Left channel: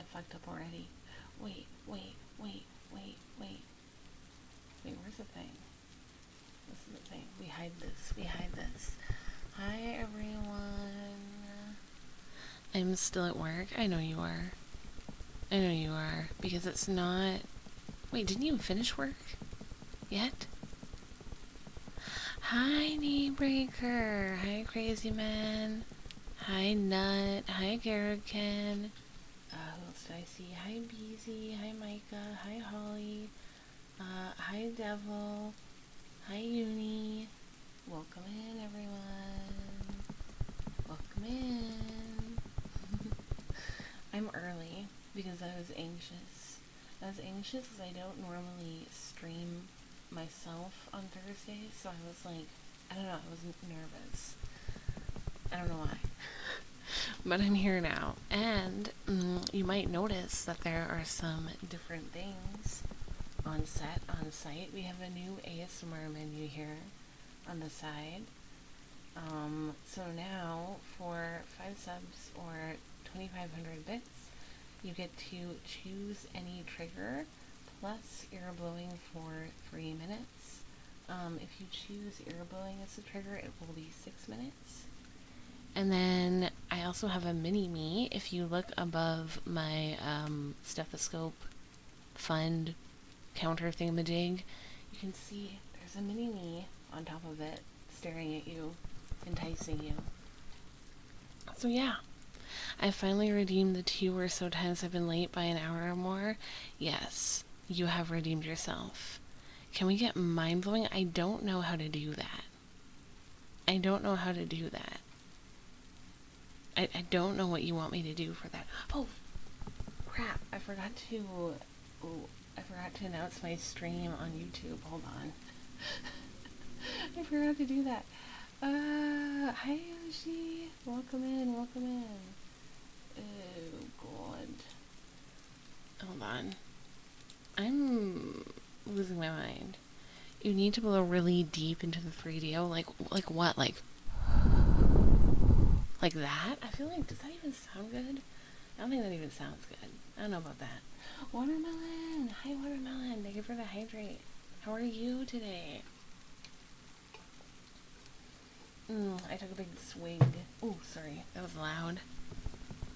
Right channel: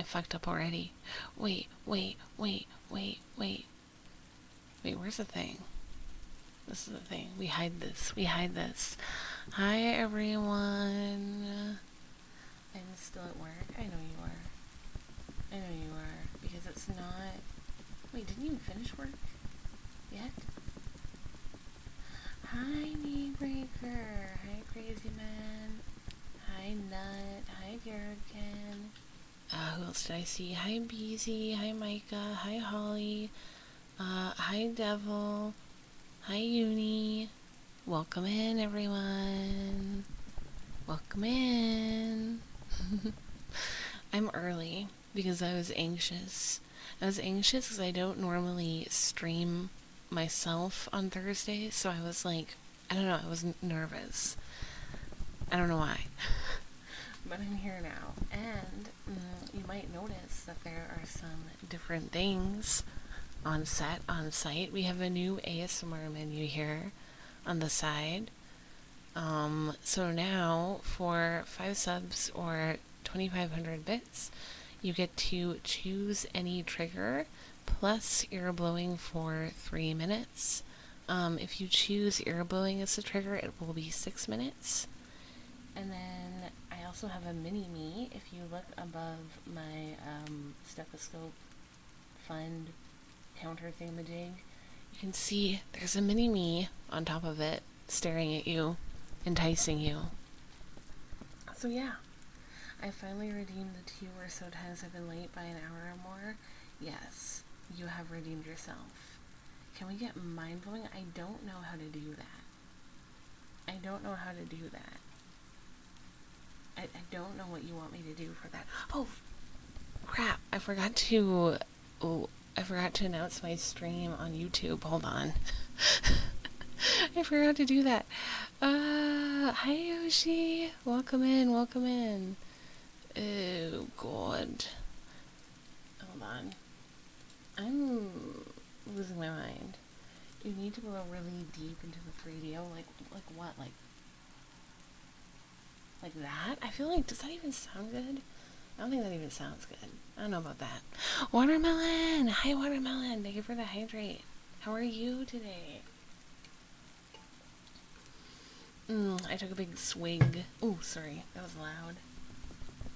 I fucked up already. Wait, wait, wait, wait, wait. Wait, where's the thing? This is the thing. We hide this. We hide this. Hi, everyone. I'm still at work. I know you are. I know you are. Because it's not... Wait, didn't you finish work? Yet? Hi, Knee Breaker. Hi, Crazy Man. Hi, Nut. Hi, Garrigan. Who else did I see? Hi, Beezy. Hi, Micah. Hi, Holly. Hi, Devil. Hi, Uni. Welcome in, everyone. Welcome in. I'm early because I was anxious. I was anxious because I don't normally stream myself on Thursdays, so I was like, I don't know, I was nervous. I don't know why. But I'm here now, and you might notice that there are some different things on site. We have a new ASMR menu here on the side. So now for 5 subs or 2,500 bits, you get to choose any trigger plus ear blowing for 3 minutes. If you choose ear blowing as the trigger, it will be 6 minutes. And then I also have a mini-me. If you look above my stethoscope fund counter thingamajig, you can see there's a mini-me on top of it, staring at you, enticing you. So yeah, I finally redeemed the 2 or so times I've been late by an hour or more. Yes, you have redeemed yourself. Can we get mind-blowing? I don't know how to do that. I don't know how to do that. I don't know what you want me to do for that. Oh, crap. I forgot to announce my stream on YouTube. Hold on. I forgot to do that. Hi Yoshi. Welcome in, welcome in. Oh, God. Hold on. I'm losing my mind. You need to blow really deep into the 3DO. Like what? Like that? I feel like, does that even sound good? I don't think that even sounds good. I don't know about that. Watermelon! Hi, Watermelon! Thank you for the hydrate. How are you today? I took a big swig. Oh, sorry. That was loud.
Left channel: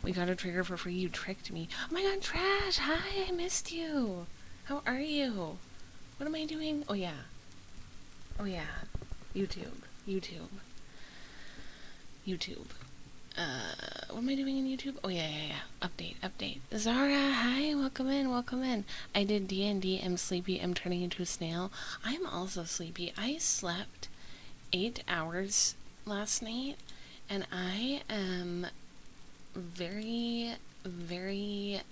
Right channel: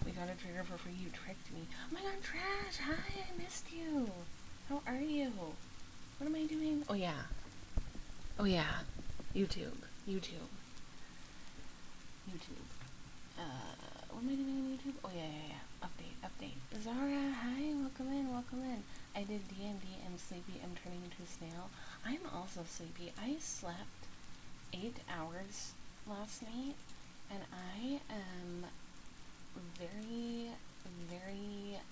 We got a trigger for free. You tricked me. Oh my god, Trash! Hi, I missed you! How are you? What am I doing? Oh, yeah. Oh, yeah. YouTube. What am I doing in YouTube? Oh, yeah. Update. Zara, hi, welcome in. I did D&D, I'm sleepy, I'm turning into a snail. I'm also sleepy. I slept 8 hours last night, and I am very, very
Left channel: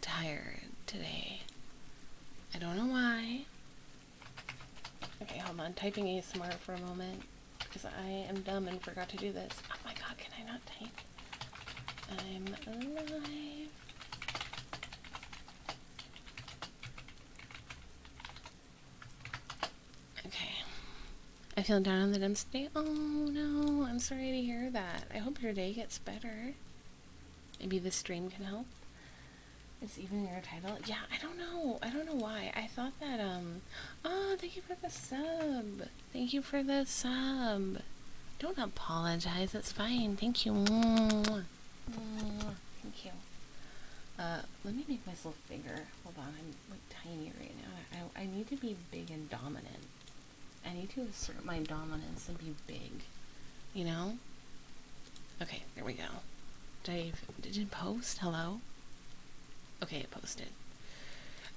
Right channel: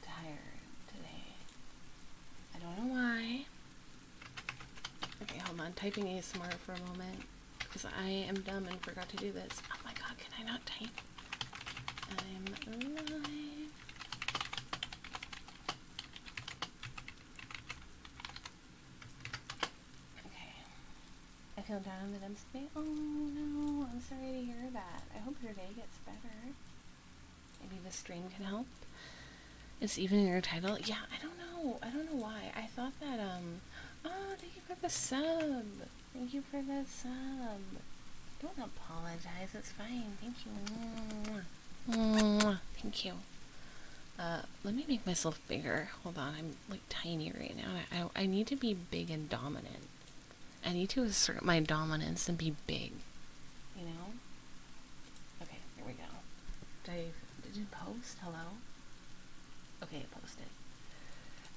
tired today. I don't know why. Okay, hold on, typing ASMR for a moment, because I am dumb and forgot to do this. Oh my god, can I not type? I'm alive. Okay. I feel down in the dumps today. Oh no, I'm sorry to hear that. I hope your day gets better. Maybe this stream can help. It's even in your title. Yeah, I don't know why. I thought that, oh, thank you for the sub. Thank you for the sub. Don't apologize. It's fine. Thank you. Thank you. Let me make myself bigger. Hold on. I'm, like, tiny right now. I need to be big and dominant. I need to assert my dominance and be big. You know? Okay, there we go. Did it post? Hello? Okay, it posted.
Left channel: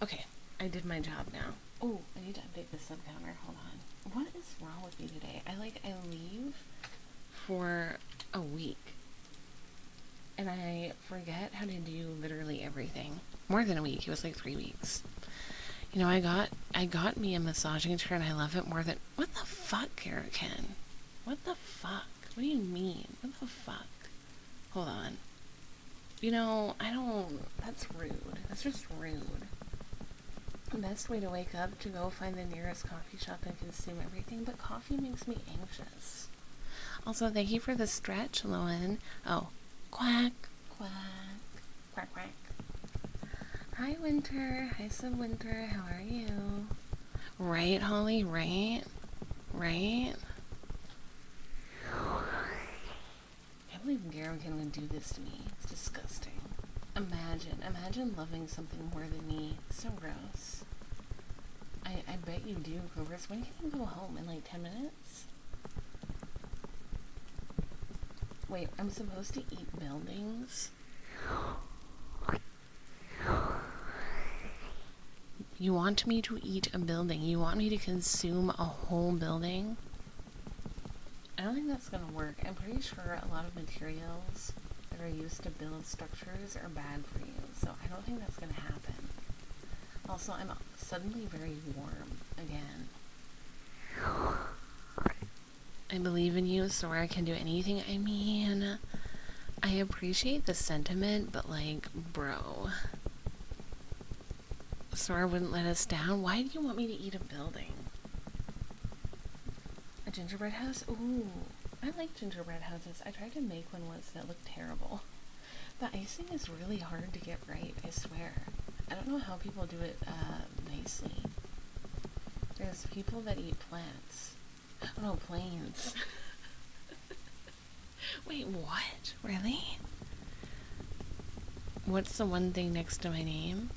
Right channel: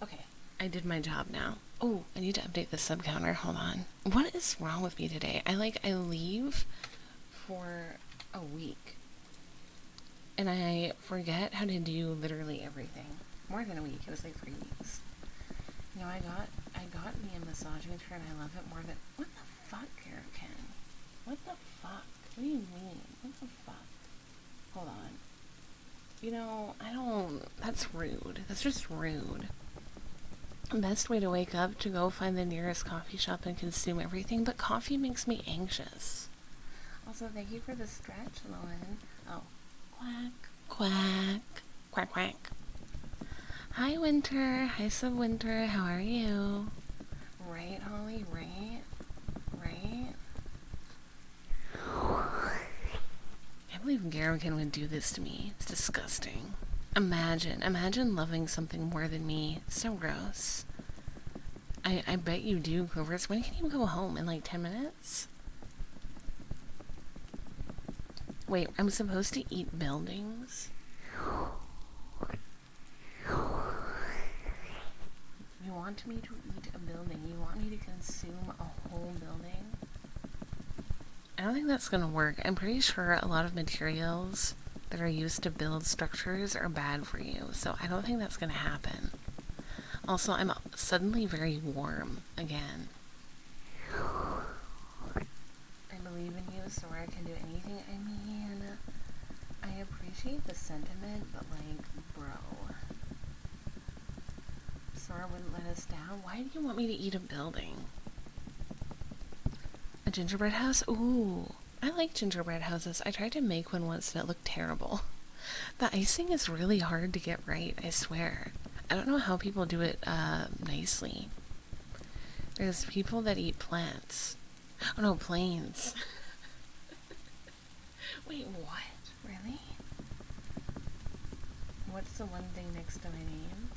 Okay, I did my job now. Oh, I need to update the sub counter. Hold on. What is wrong with me today? I leave for a week, and I forget how to do literally everything. More than a week. It was like 3 weeks. You know, I got me a massaging chair, and I love it more than... What the fuck, Karaken? What the fuck? What do you mean? What the fuck? Hold on. You know, that's rude. That's just rude. Best way to wake up, to go find the nearest coffee shop and consume everything, but coffee makes me anxious. Also, thank you for the stretch, Lowen. Oh, quack, quack, quack, quack. Hi, Winter. Hi, Subwinter. How are you? Right, Holly? Right? Right? I believe Garrigan would do this to me. It's disgusting. Imagine loving something more than me. So gross. I bet you do, Clovers. When can you go home? In like 10 minutes? Wait, I'm supposed to eat buildings? You want me to eat a building? You want me to consume a whole building? I don't think that's gonna work. I'm pretty sure a lot of materials that are used to build structures are bad for you, so I don't think that's gonna happen. Also, I'm suddenly very warm again. I believe in you, Sora can do anything. I mean, I appreciate the sentiment, but like, bro. Sora wouldn't let us down. Why do you want me to eat a building? A gingerbread house? Ooh, I like gingerbread houses. I tried to make one once and it looked terrible. The icing is really hard to get right, I swear. I don't know how people do it nicely. There's people that eat plants. Oh no, planes. Wait, what? Really? What's the one thing next to my name?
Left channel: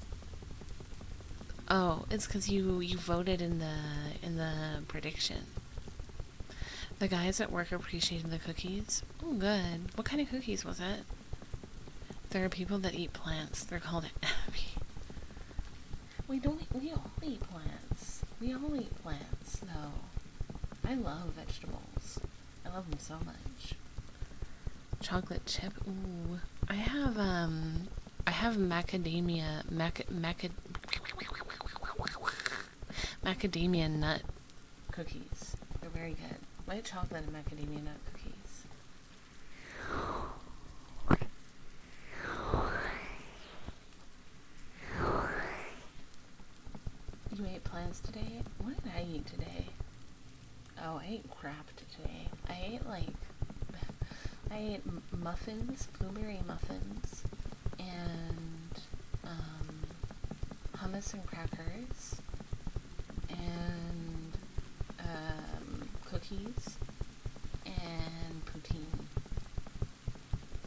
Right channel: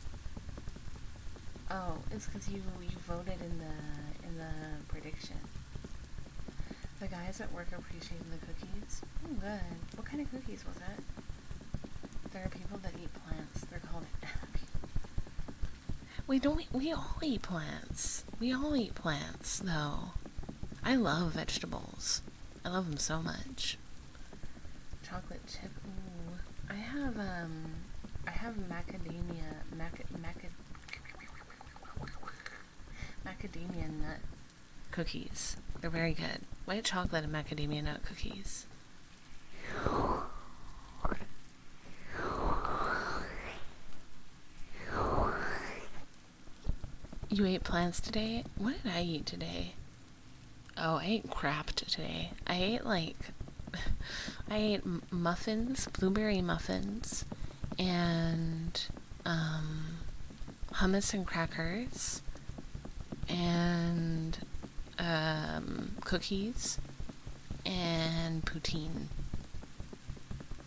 Oh, it's because you voted in the prediction. The guys at work appreciated the cookies. Oh, good. What kind of cookies was it? There are people that eat plants. They're called Abby. We all eat plants. We all eat plants, though. I love vegetables. I love them so much. Chocolate chip. Ooh. I have macadamia nut cookies. They're very good. White chocolate and macadamia nut cookies. You ate plants today? What did I eat today? Oh, I ate crap today. I ate muffins, blueberry muffins, and hummus and crackers, and cookies, and poutine.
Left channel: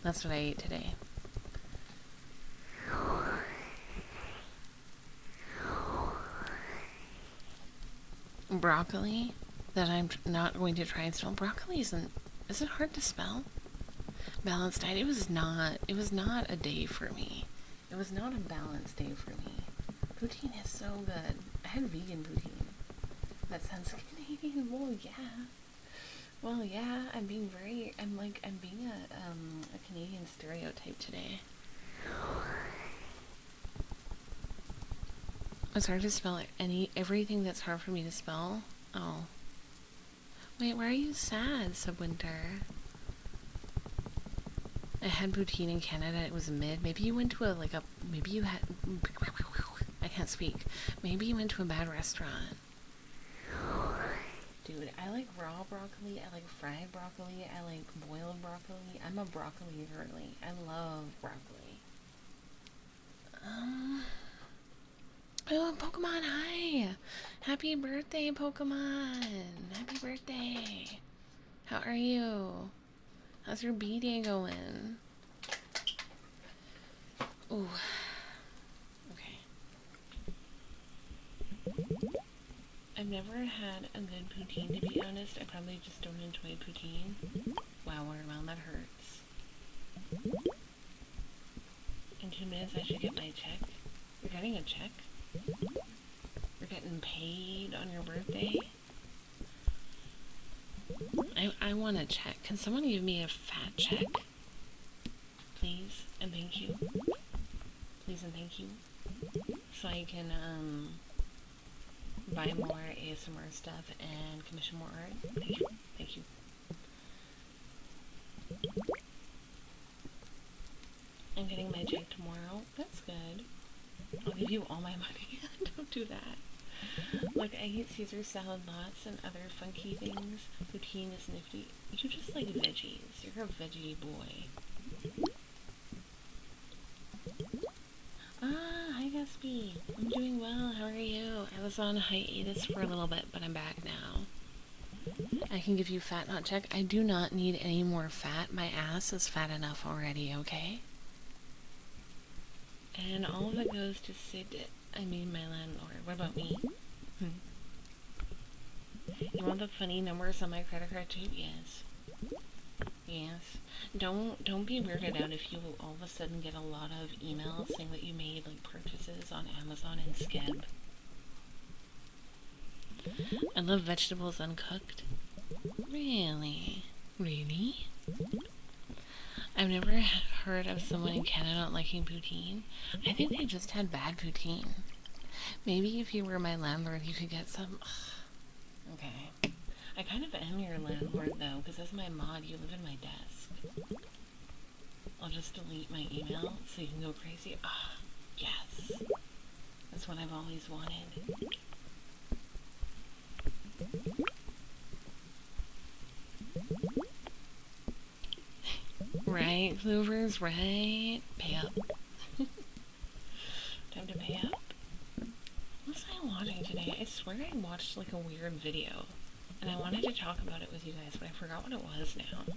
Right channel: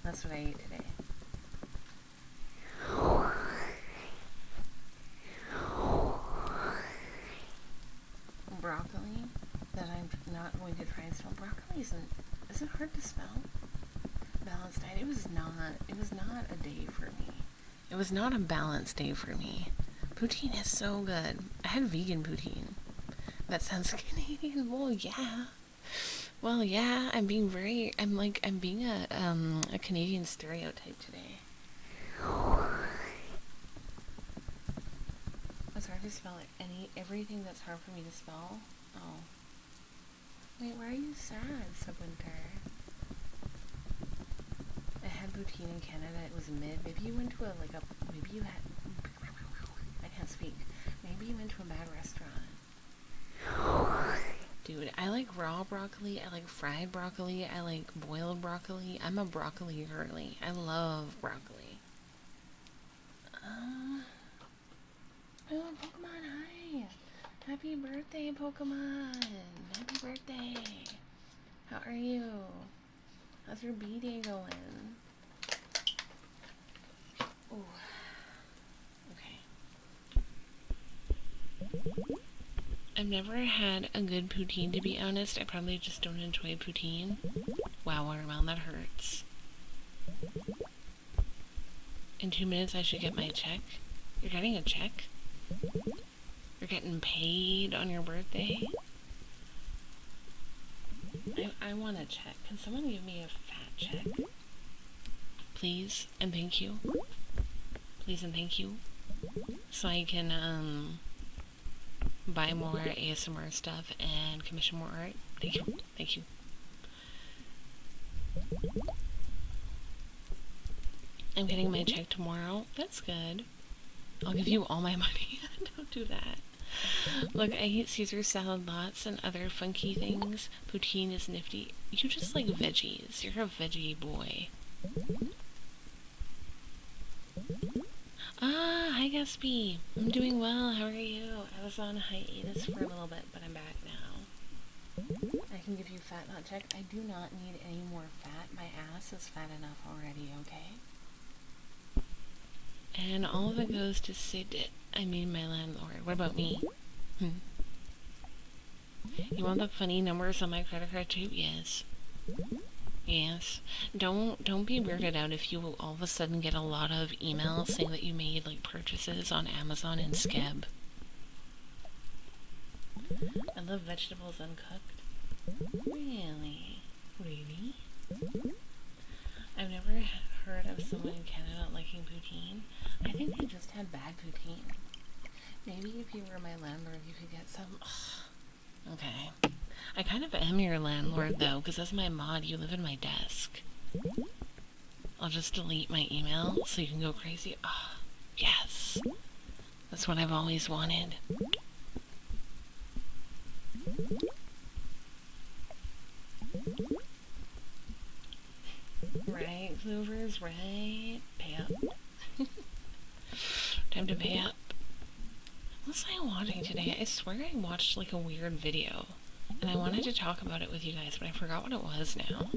That's what I ate today. Broccoli that I'm not going to try and spell. Broccoli is it hard to spell? Balanced diet. It was not a day for me. It was not a balanced day for me. Poutine is so good. I had vegan poutine. That sounds Canadian. Well, yeah. I'm being a Canadian stereotype today. It's hard to spell everything that's hard for me to spell. Oh. Wait, why are you sad, Subwinter? I had poutine in Canada. It was mid. Maybe you went to I can't speak. Maybe you went to a bad restaurant. Dude, I like raw broccoli. I like fried broccoli. I like boiled broccoli. I'm a broccoli girly. I love broccoli. Oh, Pokemon, hi! Happy birthday, Pokemon! Happy birthday! How are you? How's your B-Day going? Ooh. Okay. I've never had a good poutine, to be honest. I probably just don't enjoy poutine. Wow, watermelon, that hurts. In 2 minutes, I should get my check. You're getting a check? You're getting paid on your birthday? I want a check. Can someone give me a fat check? Please and thank you. Please and thank you. So I can, buy more ASMR stuff and commission more art. Thank you. Thank you. I'm getting my check tomorrow. That's good. I'll give you all my money. Don't do that. Look, I eat Caesar salad lots and other funky things. Poutine is nifty. You just like veggies. You're a veggie boy. Hi Gatsby. I'm doing well. How are you? I was on hiatus for a little bit, but I'm back now. I can give you fat not check. I do not need any more fat. My ass is fat enough already, okay? And all of it goes to my landlord. What about me? You want the funny numbers on my credit card too? Yes. Yes. Don't be weirded out if you all of a sudden get a lot of emails saying that you made like purchases on Amazon and Skeb. I love vegetables uncooked. Really? Really? I've never heard of someone in Canada not liking poutine. I think they just had bad poutine. Maybe if you were my landlord, you could get some. Okay. I kind of am your landlord, though, because as my mod, you live in my desk. I'll just delete my email so you can go crazy. Yes. That's what I've always wanted. Right, Clovers, right? Pay up. Time to pay up. What was I watching today? I swear I watched like a weird video. And I wanted to talk about it with you guys, but I forgot what it was now.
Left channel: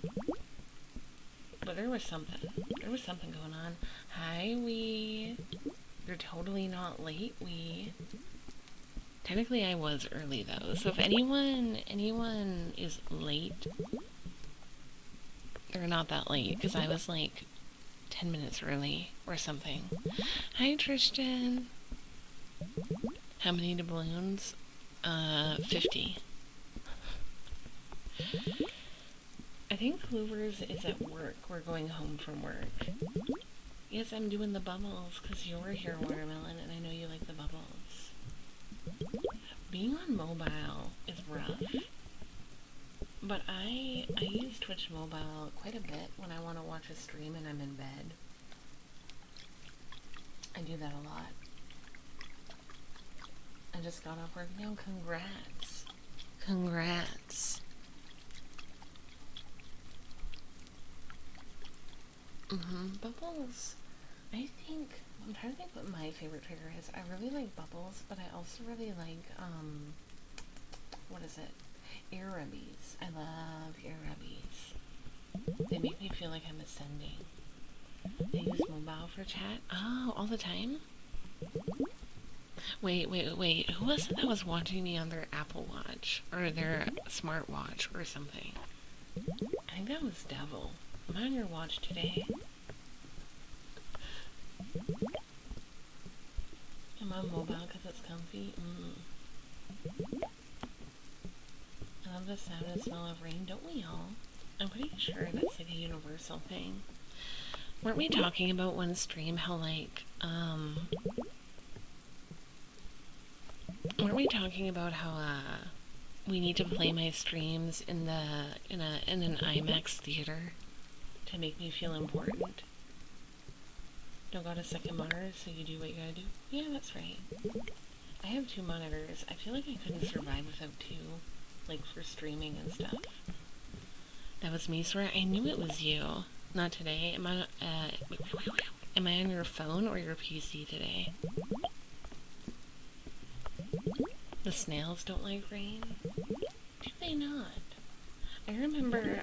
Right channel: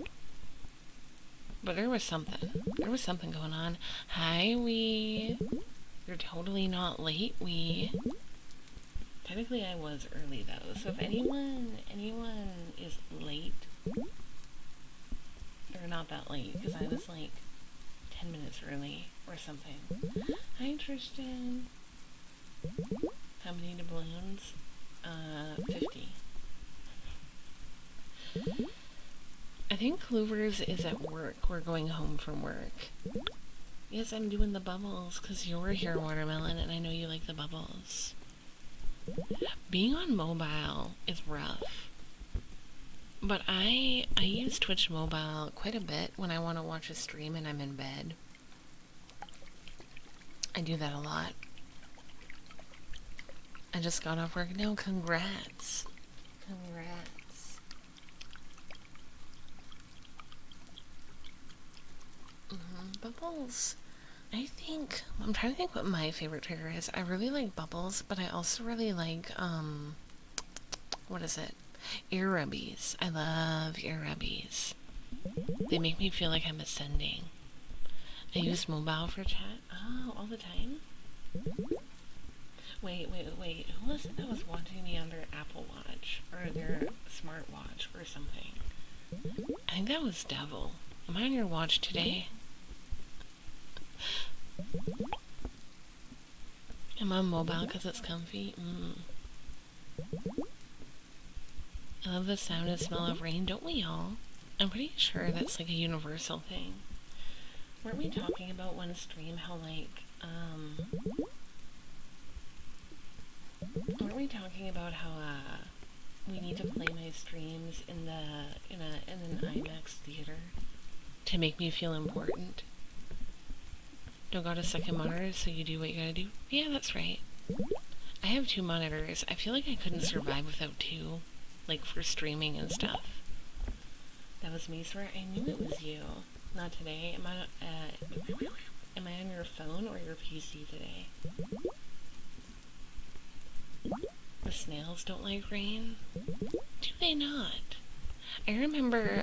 But there was something. There was something going on. Hi, Wee. You're totally not late, Wee. Technically, I was early, though. So if anyone is late, they're not that late, because I was like 10 minutes early or something. Hi, Tristan. How many doubloons? 50. I think Clovers is at work. We're going home from work. Yes, I'm doing the bubbles because you're here, Watermelon, and I know you like the bubbles. Being on mobile is rough. But I use Twitch mobile quite a bit when I want to watch a stream and I'm in bed. I do that a lot. I just got off work. No, congrats. Congrats. Bubbles. I'm trying to think what my favorite trigger is. I really like bubbles, but I also really like, what is it? Ear rubbies. I love ear rubbies. They make me feel like I'm ascending. I use mobile for chat. Oh, all the time? Wait. Who was it that was watching me on their Apple Watch? Or their smartwatch or something? I think that was Devil. Am I on your watch today? I'm on mobile because it's comfy. I love the sound and smell of rain, don't we all? I'm pretty sure that's like a universal thing. Weren't we talking about one stream how like, weren't we talking about how, we need to play my streams in an IMAX theater to make me feel important? Don't got a second monitor, so you do what you gotta do? Yeah, that's right. I have 2 monitors. I feel like I couldn't survive without 2, like for streaming and stuff. That was me, Sora. I knew it was you. Not today. Am I on your phone or your PC today? The snails don't like rain? Do they not? I remember,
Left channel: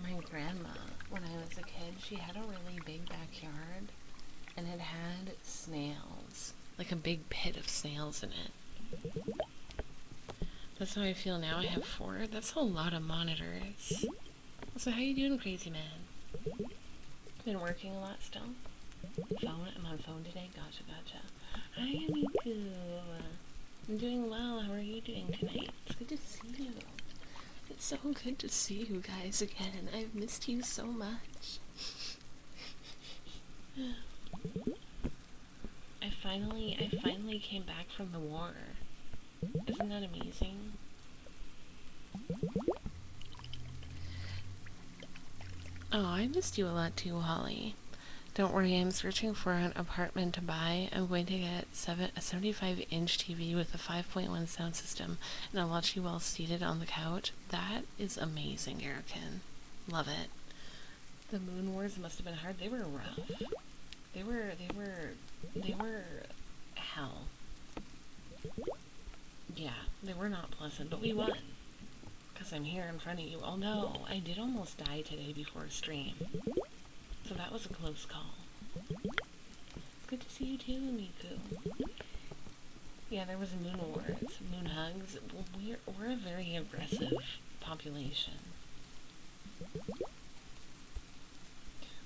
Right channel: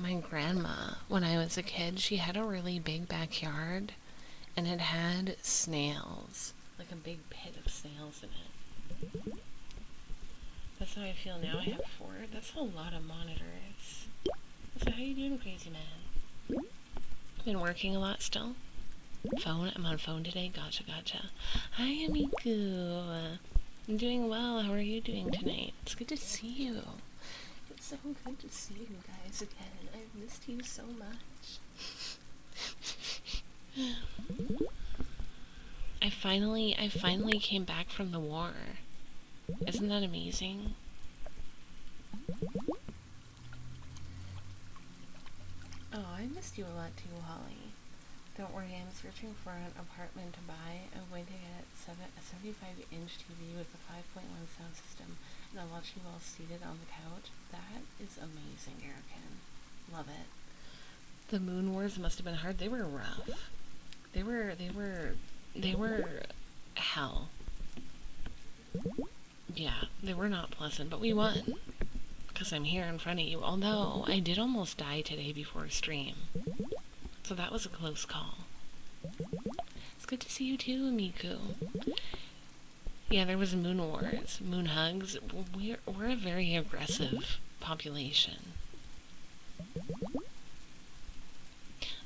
my grandma, when I was a kid, she had a really big backyard, and it had snails. Like a big pit of snails in it. That's how I feel now. I have 4. That's a lot of monitors. So how you doing, crazy man? Been working a lot still? Phone? I'm on phone today? Gotcha. Hi, Amiku. I'm doing well. How are you doing tonight? It's good to see you. It's so good to see you guys again. I've missed you so much. I finally came back from the war. Isn't that amazing? Oh, I missed you a lot too, Holly. Don't worry, I'm searching for an apartment to buy. I'm going to get a 75-inch TV with a 5.1 sound system, and I'll watch you all seated on the couch. That is amazing, Erican. Love it. The Moon Wars must have been hard. They were rough. They They were hell. Yeah, they were not pleasant, but we won. Because I'm here in front of you. Although, I did almost die today before stream. So that was a close call. It's good to see you too, Miku. Yeah, there was moon wars, moon hugs. We're a very aggressive population.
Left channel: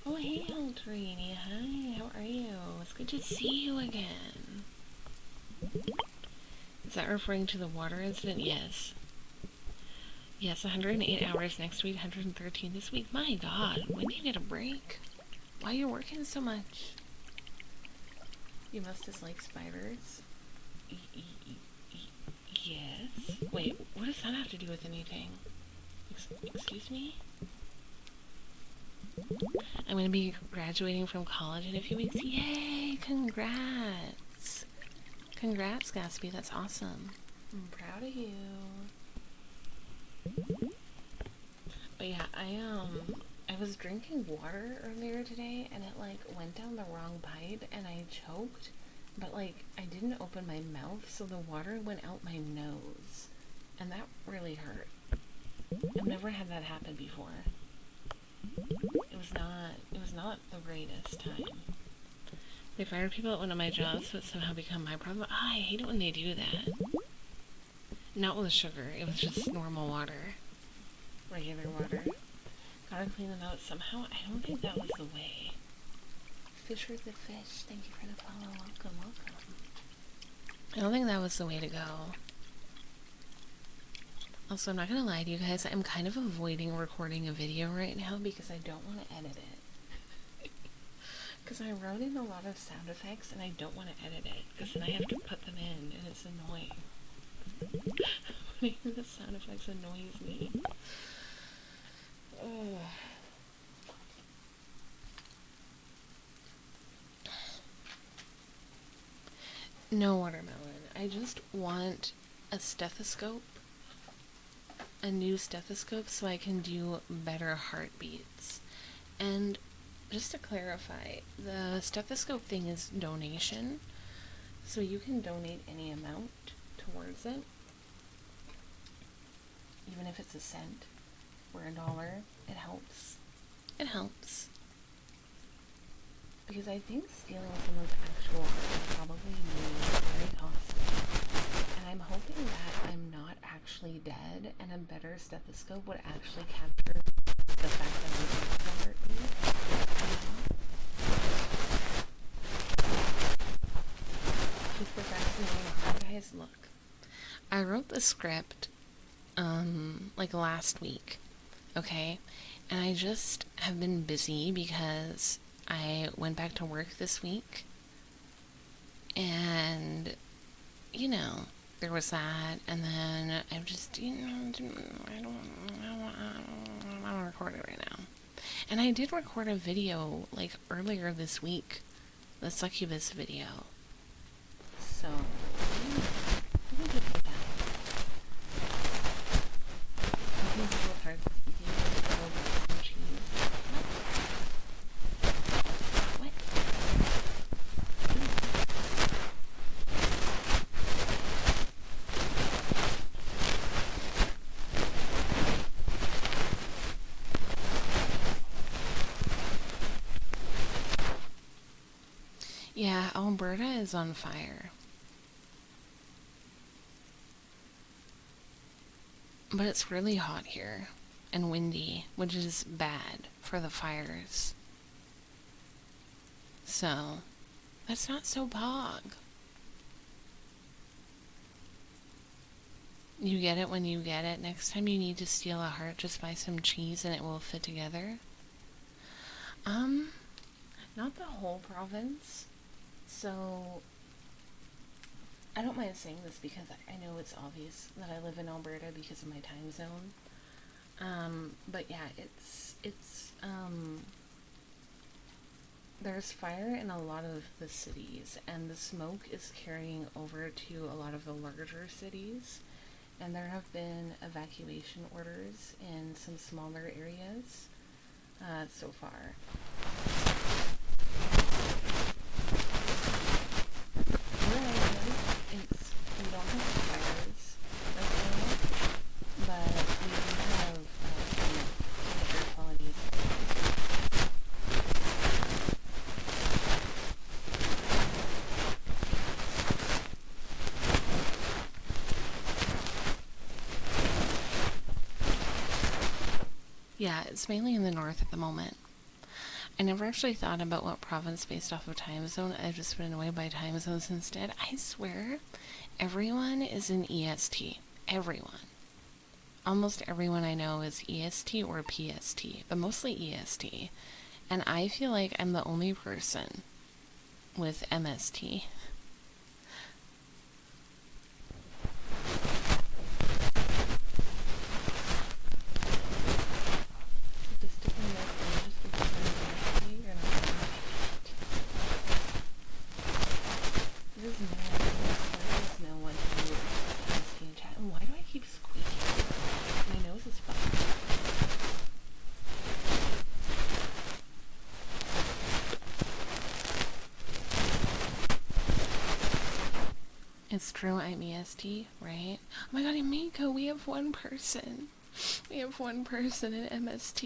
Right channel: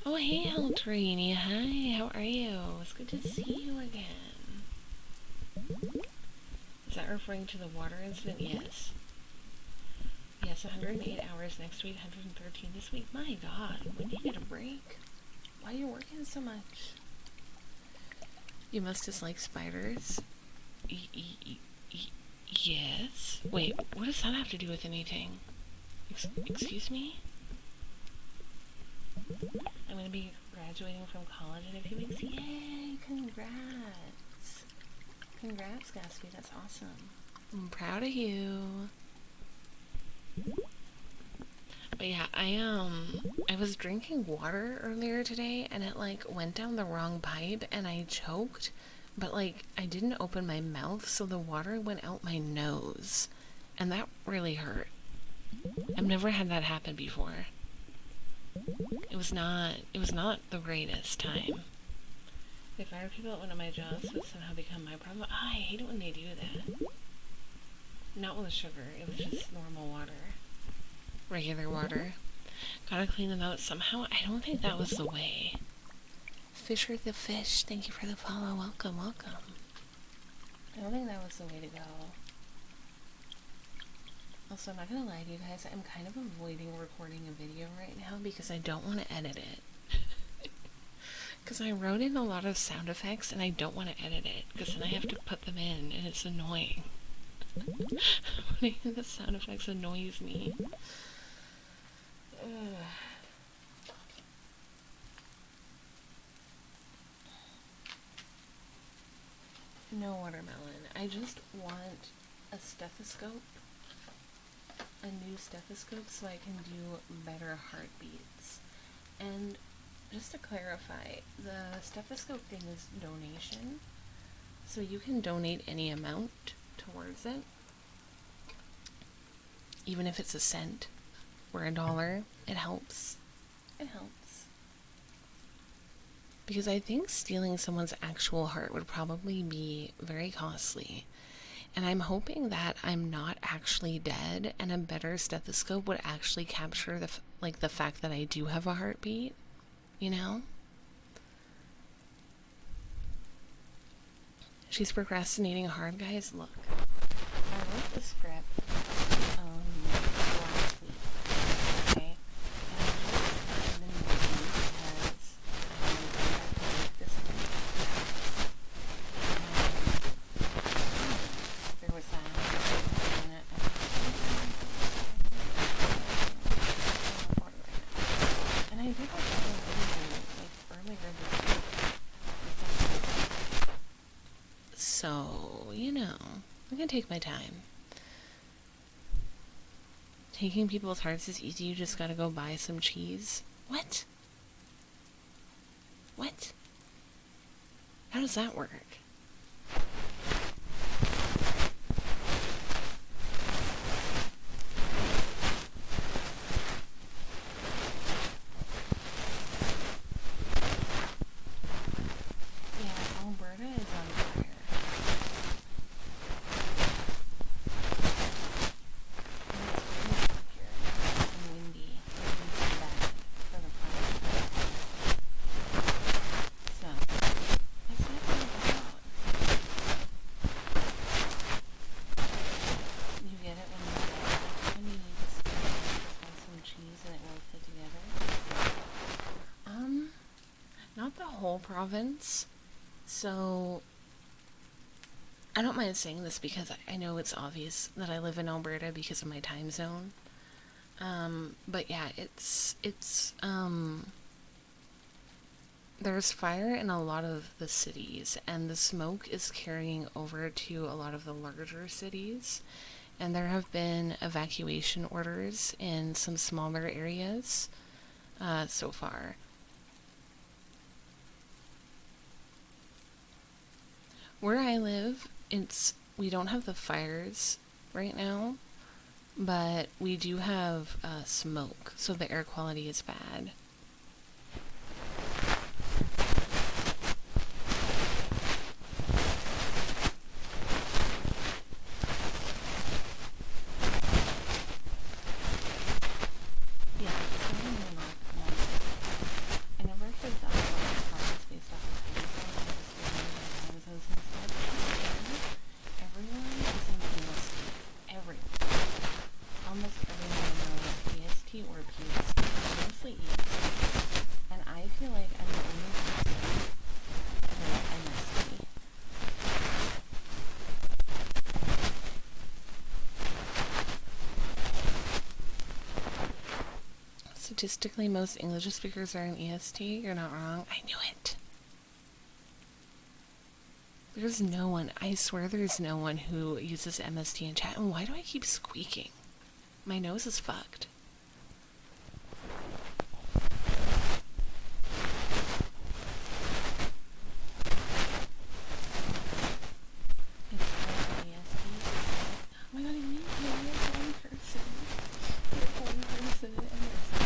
Oh, hey, Eltrini. Hi, how are you? It's good to see you again. Is that referring to the water incident? Yes. Yes, 108 hours next week, 113 this week. My god, when do you get a break? Why are you working so much? You must dislike spiders. Yes. Wait, what does that have to do with anything? Excuse me? I'm gonna be graduating from college in a few weeks. Yay! Congrats! Congrats, Gatsby. That's awesome. I'm proud of you. But yeah, I was drinking water earlier today and it like went down the wrong pipe and I choked, but like I didn't open my mouth, so the water went out my nose, and that really hurt. I've never had that happen before. It was not the greatest time. They fired people at one of my jobs, but somehow become my problem. I hate it when they do that. Not with the sugar, it was just normal water. Regular water. Gotta clean them out somehow. I don't think that was the way. Fisher the Fish, thank you for the follow. Welcome, welcome. I don't think that was the way to go. Also, I'm not gonna lie to you guys, I'm kind of avoiding recording a video right now because I don't want to edit it. Because I wrote in a lot of sound effects and I don't want to edit it because then I have to put them in and it's annoying. The sound effects annoys me. Ugh. No watermelon. I just want a stethoscope. A new stethoscope so I can do better heartbeats. And just to clarify, the stethoscope thing is donation. So you can donate any amount towards it. Even if it's a cent or $1, it helps. It helps. Because I think stealing someone's actual heart would probably be very costly. And I'm hoping that I'm not actually dead and a better stethoscope would actually capture the fact that I do have a heartbeat, you know? She's procrastinating hard, guys. Look, I wrote the script like last week, okay? And I just have been busy because I went back to work this week, and you know, there was that, and then I'm just I don't record it right now. And I did record a video like earlier this week, the succubus video. So, you know, I'm gonna take my time. Taking people's hearts is easy, you just gotta go buy some cheese. What? What? How does that work? Yeah, Alberta is on fire. But it's really hot here and windy, which is bad for the fires. So, that's not so bog. You get it when you get it. Next time you need to steal a heart, just buy some cheese and it will fit together. Not the whole province. So, I don't mind saying this because I know it's obvious that I live in Alberta because of my time zone. But yeah, there's fire in a lot of the cities, and the smoke is carrying over to a lot of the larger cities, and there have been evacuation orders in some smaller areas, so far. where I live, we don't have the fires right now, but we do have smoke, so the air quality is bad. Yeah, it's mainly in the north at the moment. I never actually thought about what province based off of time zone. I just went away by time zones instead. I swear, everyone is in EST. Everyone. Almost everyone I know is EST or PST, but mostly EST. And I feel like I'm the only person with MST. Statistically, most English speakers are in EST. You're not wrong. I knew it. There's no one. I swear there's no one who uses MST in chat. And why do I keep squeaking? My nose is fucked. It's true, I'm EST, right? Oh my god, Emiko, we have one person. We have one person in MST.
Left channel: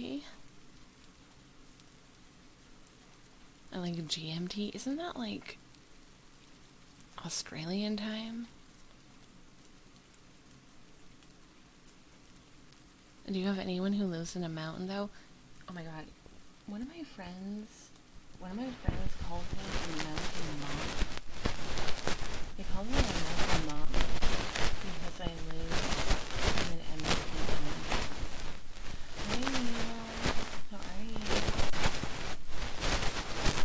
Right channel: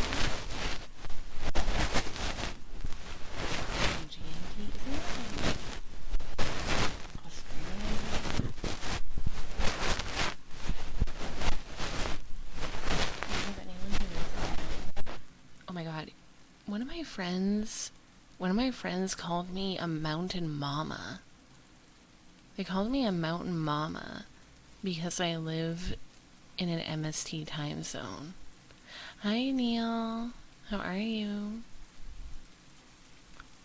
And GMT, isn't that like Australian time? Do you have anyone who lives in the mountain though? Oh my god, one of my friends called me a mountain mama. They called me a mountain mama because I live in an MST time zone. Hi Neil, how are you?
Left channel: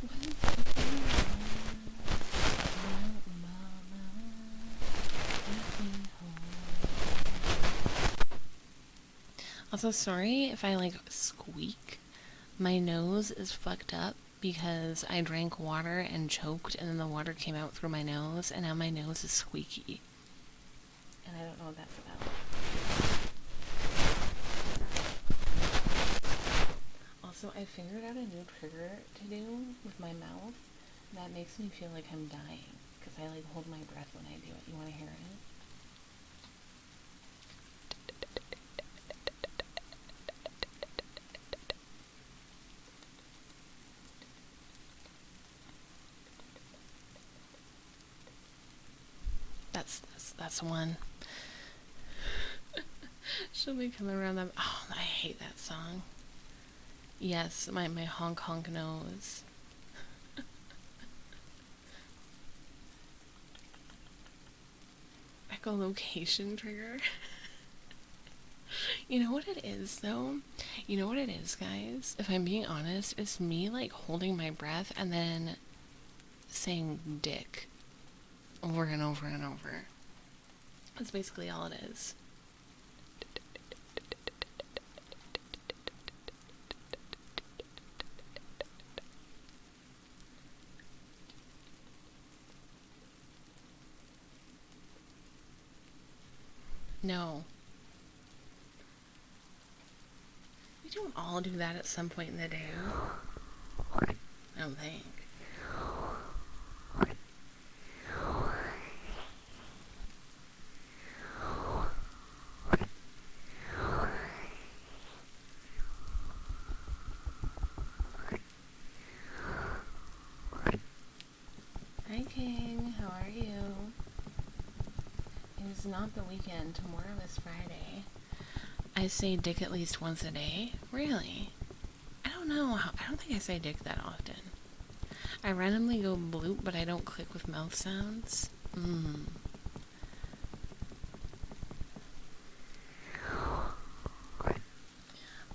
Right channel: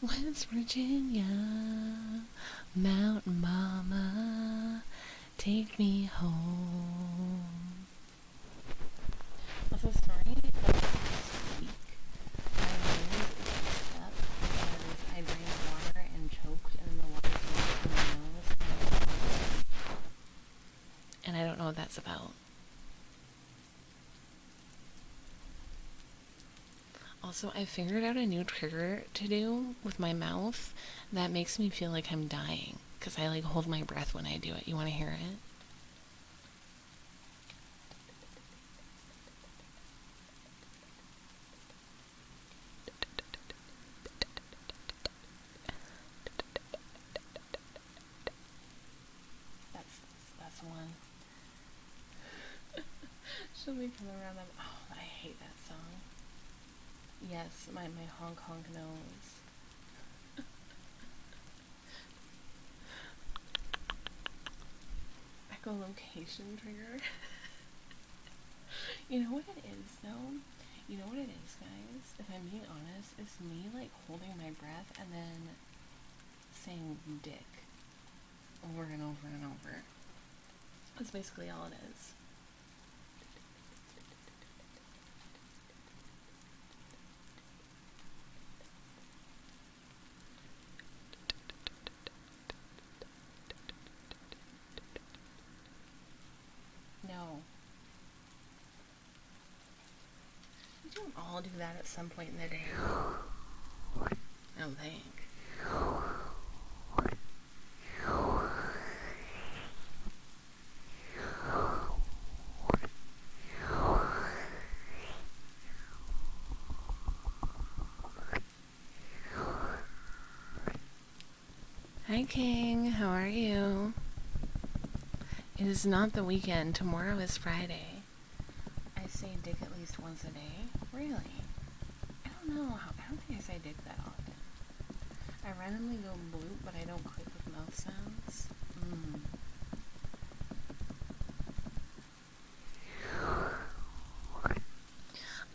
West Virginia, mountain mama, take me home. Also, sorry if I like squeak. My nose is fucked up because I drank water and choked and then the water came out through my nose and now my nose is squeaky. And I don't know what that's about. Also, I figured out a new trigger to do with my mouth that makes me feel like I'm dying. Because I like hold my breath when I do it. You want to hear it? That's one. She'll be coming around them. Oh, I hate that song. Yes, my honk honk nose. Echolocation trigger. You know what it is, though? You know what it is, guys? If I'm being honest, it's me, like, holding my breath and then saying dick over and over and over. That's basically all it is. No. We don't all do that at some point in the day. I don't think. Hi King, how are you? It is not the weekend. Tomorrow is Friday. I say dick at least once a day. Really? I don't know. I don't think I say dick that often. I randomly go bloop, but I don't click with mouth sounds.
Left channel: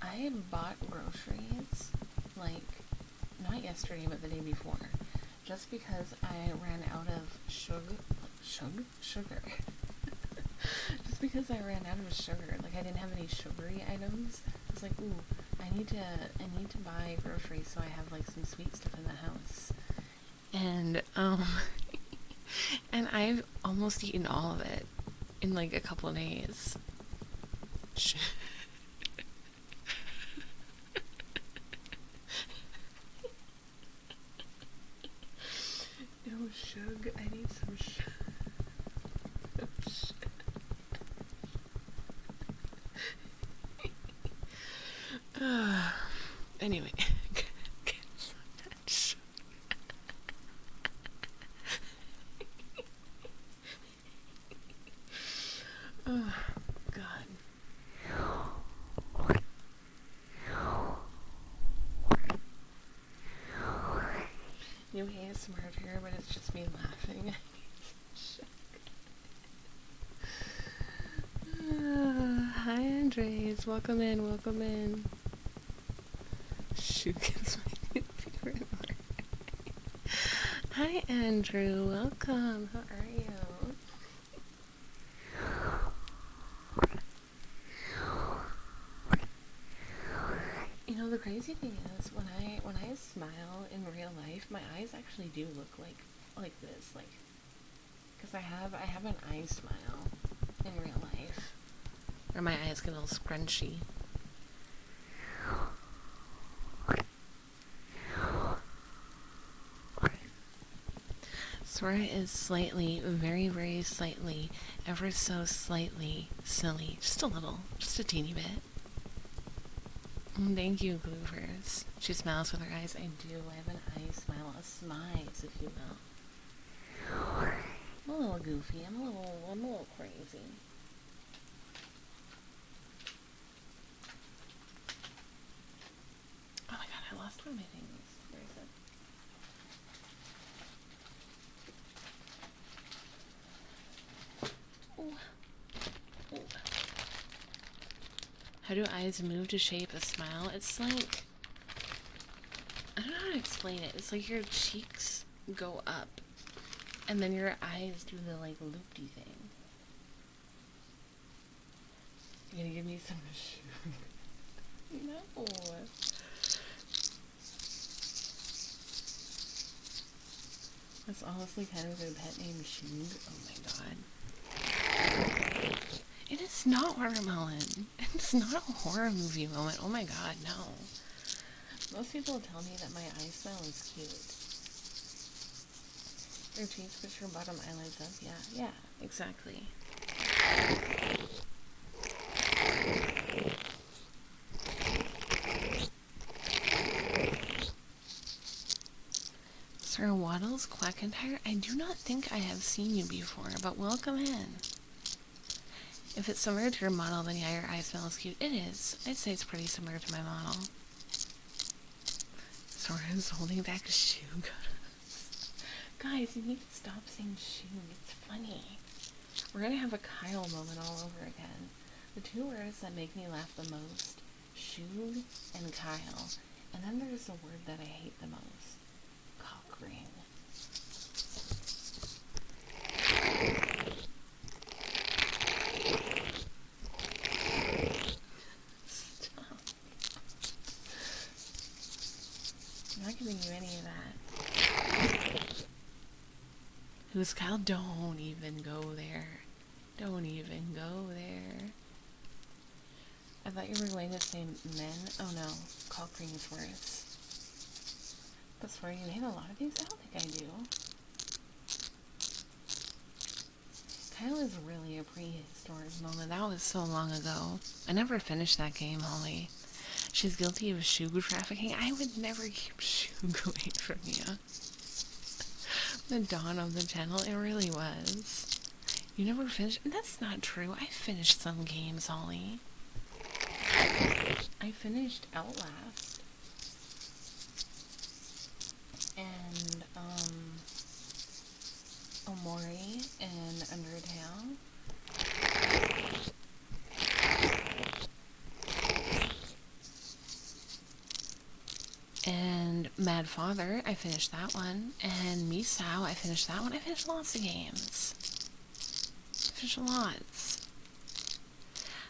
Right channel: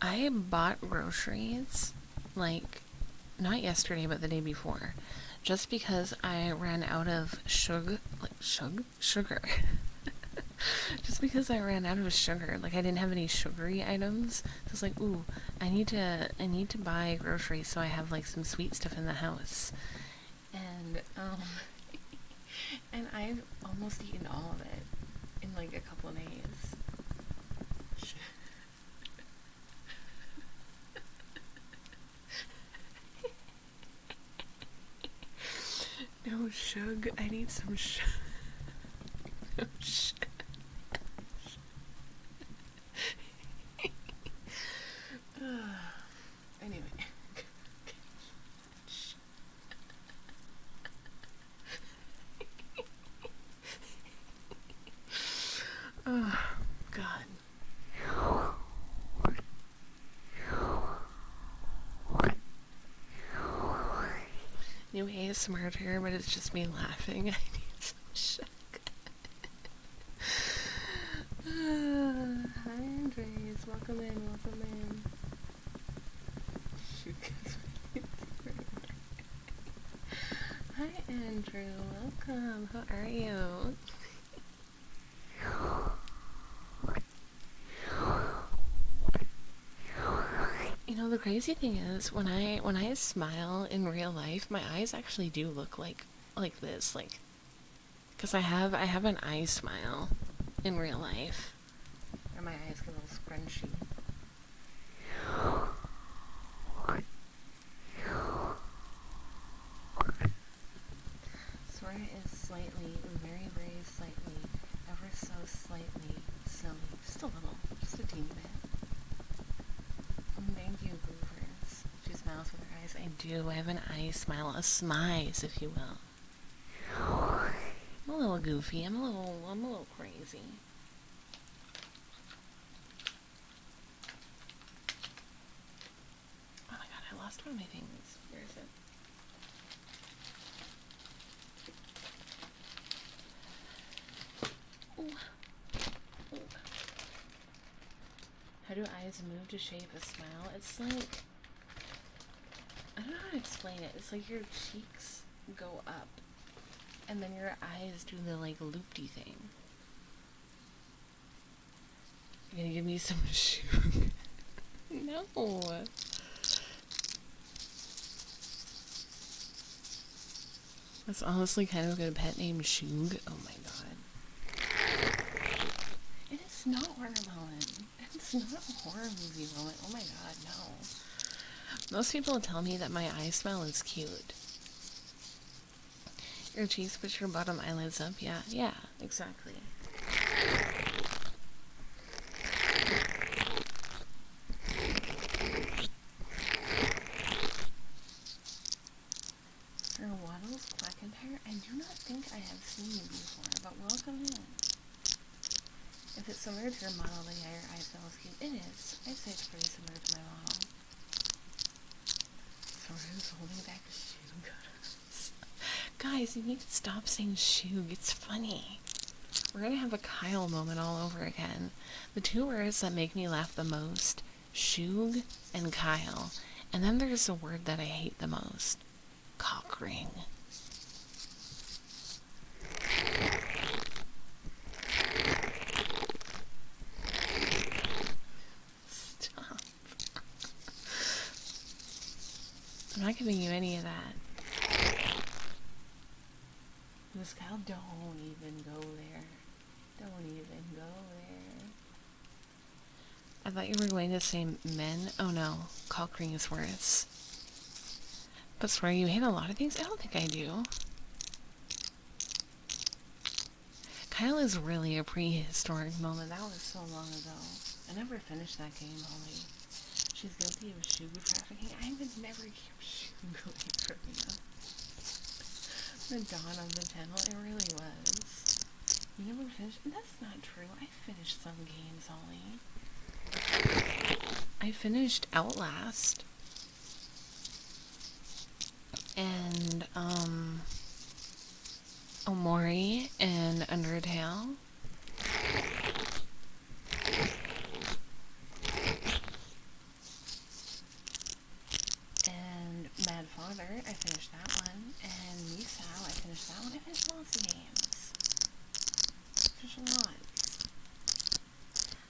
I bought groceries, like, not yesterday, but the day before. Just because I ran out of sugar. Just because I ran out of sugar. Like, I didn't have any sugary items. So I was like, ooh, I need to buy groceries so I have, like, some sweet stuff in the house. And, and I've almost eaten all of it in, like, a couple of days. No shug. I need some shug. Anyway. Oh, God. New ASMR term, but it's just me laughing. I need some shug. Hi, Andres. Welcome in, welcome in. Shook is my favorite word. Hi, Andrew. Welcome. How are you? You know, the crazy thing is, when I smile in real life, my eyes actually do look like this, like, because I have an eye smile in real life, or my eyes get a little scrunchy. Sora is slightly, very, very slightly, ever so slightly silly, just a little, just a teeny bit. Thank you, Goofers. She smiles with her eyes. I do. I have an eye smile, a smize, if you will. I'm a little goofy. I'm a little crazy. Oh my god, I lost one of my things. Where is it? Ooh. Ooh. How do eyes move to shape a smile? It's like, I don't know how to explain it. It's like your cheeks go up, and then your eyes do the, like, loopy thing. You're gonna give me some shoe? No. That's honestly kind of a good pet name, Shug. Oh my god. It is not watermelon. It's not a horror movie moment. Oh my god, no. Most people tell me that my eye smell is cute. Your cheeks push your bottom eyelids up. Yeah, exactly. Sir Waddles Quackentire, I do not think I have seen you before, but welcome in. If it's similar to your model, then yeah, your eye smell is cute. It is. I'd say it's pretty similar to my model. Soren's holding back a shoe. Guys, you need to stop saying shoe. It's funny. We're gonna have a Kyle moment all over again. The two words that make me laugh the most, Shug and Kyle. And then there's the word that I hate the most, cock ring. Stop. I'm not giving you any of that. Who's Kyle? Don't even go there. Don't even go there. I thought you were going to say men. Oh no, cock ring is worse. But swear you hate a lot of things? I don't think I do. Kyle is really a prehistoric moment. That was so long ago. I never finished that game, Holly. She's guilty of shoe trafficking. I would never keep shoe away from you. The dawn of the channel, it really was. You never finished? That's not true. I finished some games, Holly. I finished Outlast. And, Omori and Undertale. And Mad Father, I finished that one. And Misao, I finished that one. I finished lots of games. I finished lots.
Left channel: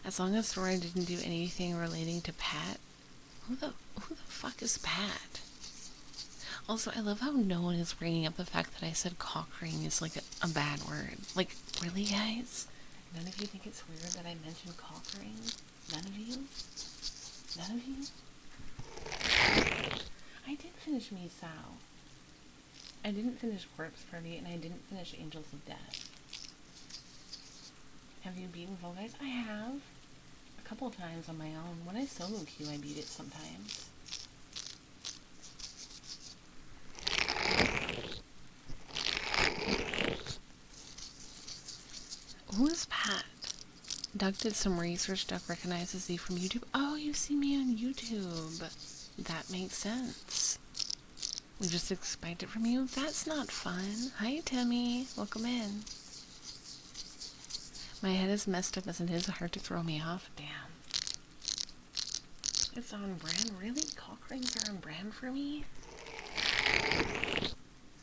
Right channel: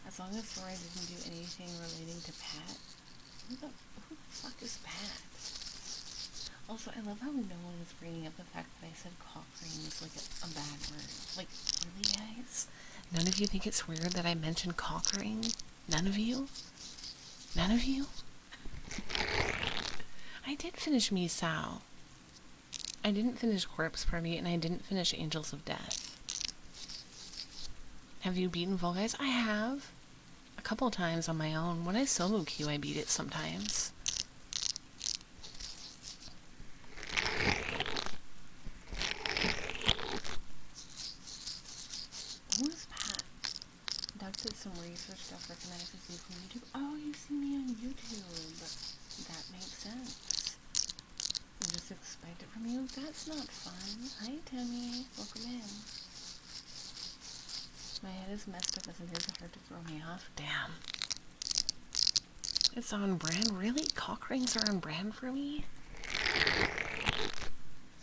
As long as Sora didn't do anything relating to Pat. Who the fuck is Pat? Also, I love how no one is bringing up the fact that I said cock ring is like a bad word. Like, really, guys? None of you think it's weird that I mentioned cock ring? None of you? None of you? I did finish Misao. I didn't finish Corpse Party, and I didn't finish Angels of Death. Have you beaten Fall Guys? I have. A couple times on my own. When I solo queue, I beat it sometimes. Who is Pat? Doug did some research. Doug recognizes you from YouTube. Oh, you see me on YouTube. That makes sense. I just expect it from you. That's not fun. Hi, Timmy. Welcome in. My head is messed up as it is hard to throw me off. Damn. It's on brand. Really? Cock rings are on brand for me?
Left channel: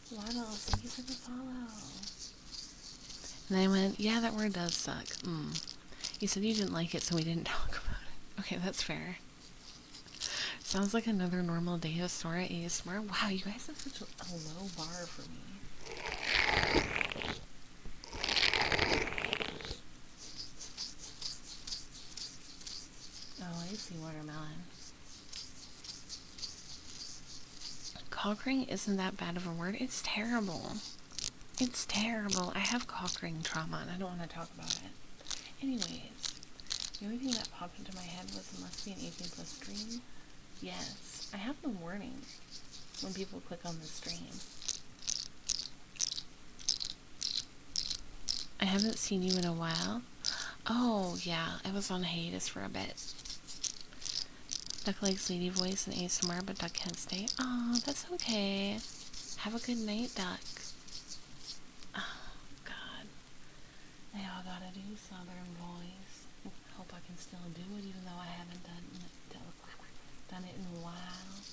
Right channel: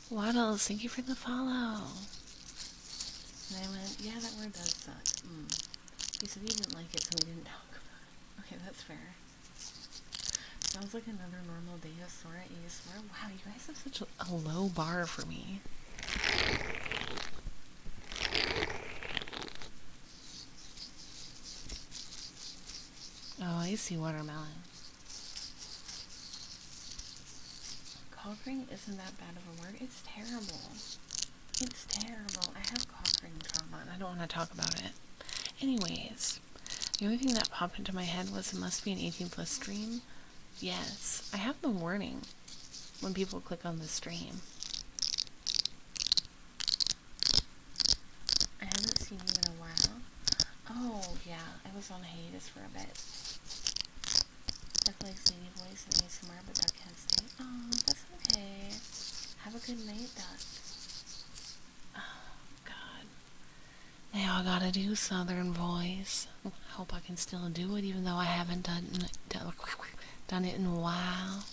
Waddles, thank you for the follow. And I went, yeah, that word does suck. You said you didn't like it, so we didn't talk about it. Okay, that's fair. Sounds like another normal day of Sora ASMR. Wow, you guys have such a low bar for me. Oh, I see watermelon. Cockring isn't that bad of a word. It's terrible. It's terrible. I have cockring trauma and I don't want to talk about it. Anyways, the only thing that popped into my head was it must be an 18+ stream. Yes, I have the warning when people click on the stream. I haven't seen you in a while. Oh, yeah, I was on hiatus for a bit. Duck likes lady voice and ASMR, but Duck can't stay. Oh, that's okay. Have a good night, Duck. Oh, God. Now I gotta do Southern voice. I hope I can still do it, even though I haven't done it in a while.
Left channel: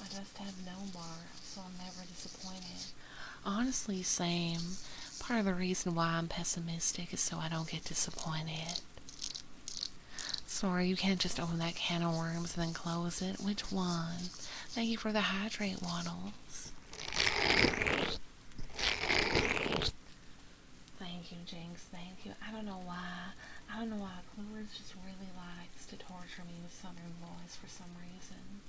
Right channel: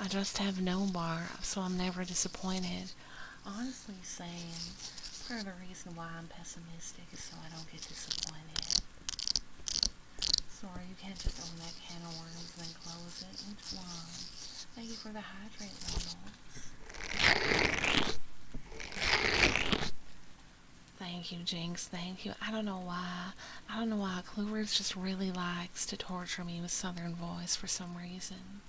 I just have no bar, so I'm never disappointed. Honestly, same. Part of the reason why I'm pessimistic is so I don't get disappointed. Sorry, you can't just open that can of worms and then close it. Which one? Thank you for the hydrate, Waddles. Thank you, Jinx. Thank you. I don't know why. Clovers just really likes to torture me with Southern voice for some reason.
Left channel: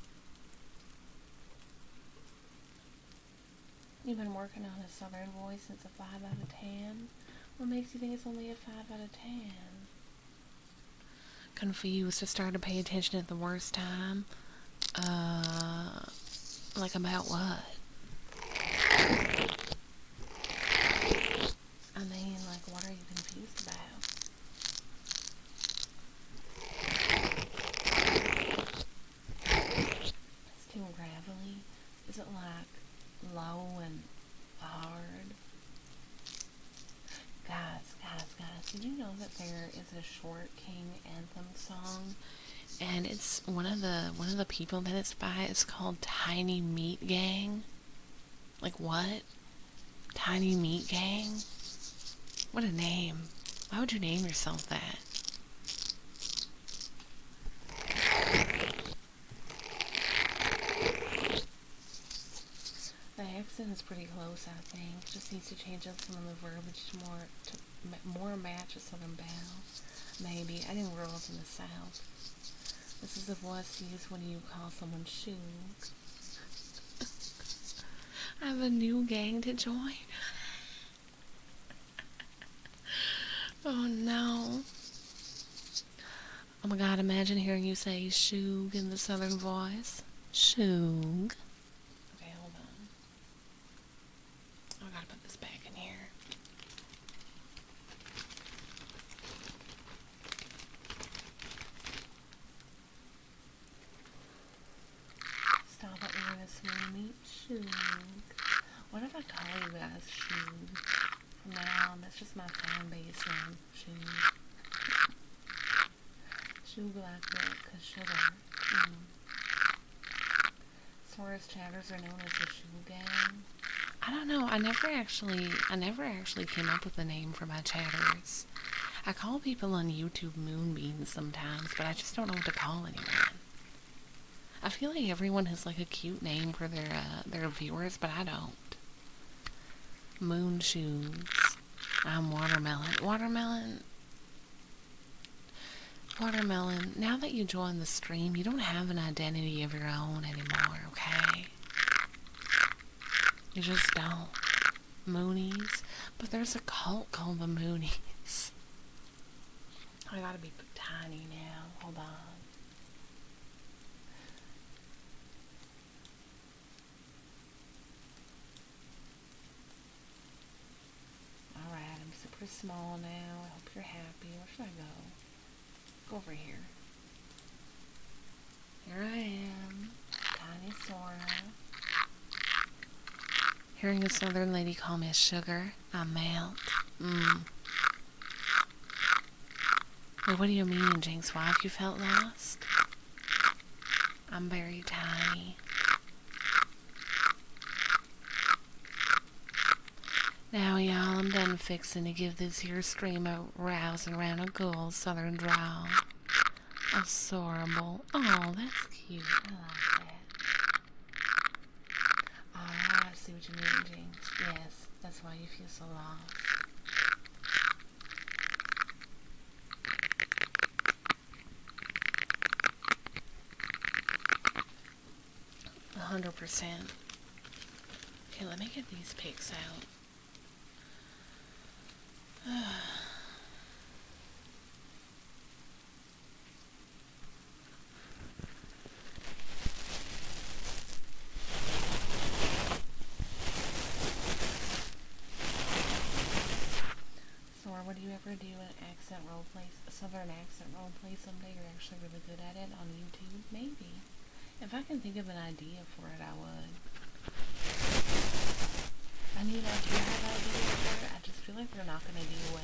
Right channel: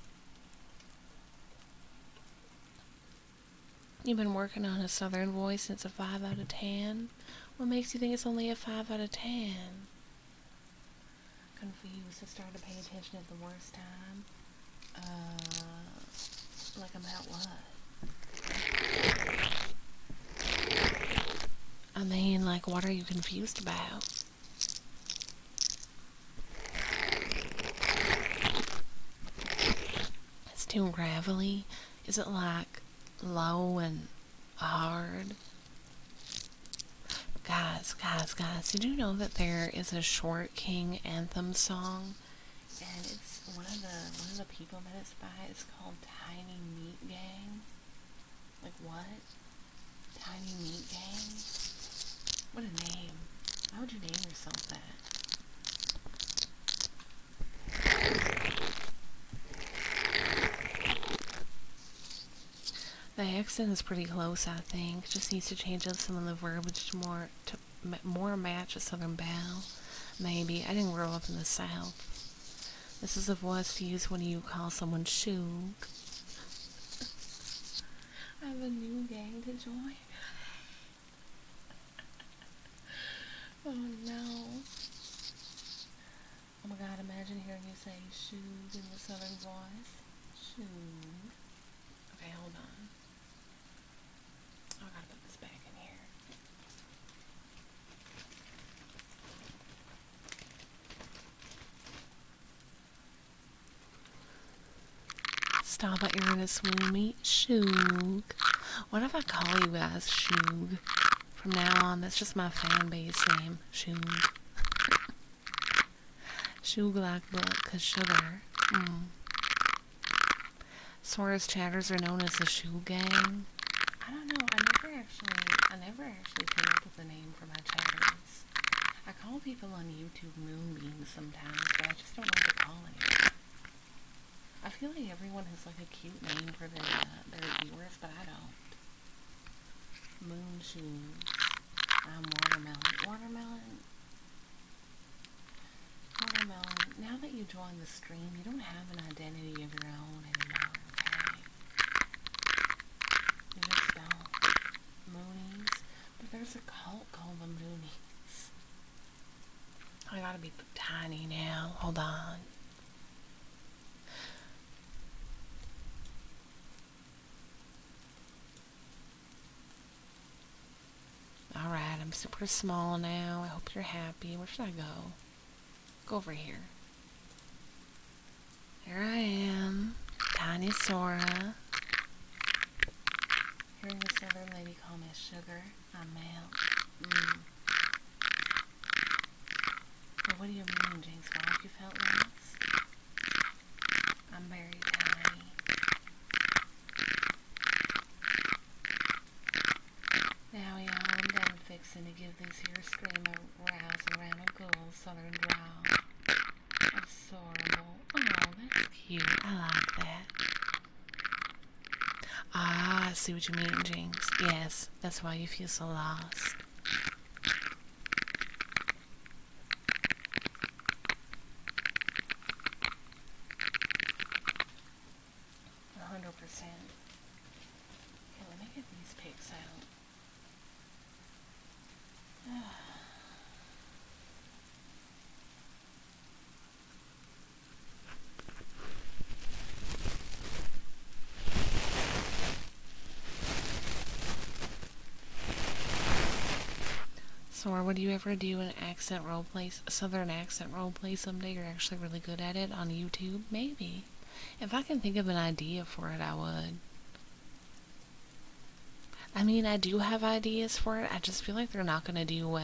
You've been working on a Southern voice since a 5 out of 10? What makes you think it's only a 5 out of 10? Confused. I started to pay attention at the worst time. Like about what? I mean, like, what are you confused about? It's too gravelly. Is it like low and hard? Guys, did you know that there is a Short King anthem song? And it's one of the people that it's by is called Tiny Meat Gang. Like what? Tiny Meat Gang? What a name. Why would you name yourself that? The accent is pretty close, I think. Just needs to change up some of the verbiage to more match a Southern belle. Maybe. I didn't grow up in the South. This is the voice to use when you call someone shoog. I have a new gang to join. Oh no. Oh my god, imagine hearing you say shoog in the Southern voice. Shoog. Okay, hold on. Oh, I gotta put this back in here. Stop it, you're gonna swoon me. Shoog. What if I call you guys Shoog? From now on, that's just my fan base name. Shoog. Shoog like milk, 'cause sugar. Sora's chatters are known as the Shoog Gang. I don't know, I never actually came up with a name for my chatters. I call people on YouTube moonbeams sometimes, but I just don't know what to call anyone. I feel like everyone has like a cute name for their viewers, but I don't. Moon shoes. I'm watermelon. Watermelon. Now that you join the stream, you don't have an identity of your own anymore, okay? You just don't. Moonies. But there's a cult called the Moonies. I gotta be tiny now. Hold on. Alright, I'm super small now. I hope you're happy. Where should I go? Go over here. Here I am. Tiny Sora. Hearing this southern lady call me sugar, I melt. Wait, what do you mean, Jinx? Why have you felt lost? I'm very tiny. Now, y'all, I'm done fixing to give this here stream a rousing around a ghoul southern drawl. Adorable. Oh, that's cute. I like that. Ah, I see what you mean, Jinx. Yes, that's why you feel so lost. 100%. Okay, let me get these pics out. So, or would you ever do an accent roleplay, a southern accent roleplay someday? You're actually really good at it on YouTube? Maybe. If I can think of an idea for it, I would. I mean, I do have ideas for it. I just feel like they're not going to do well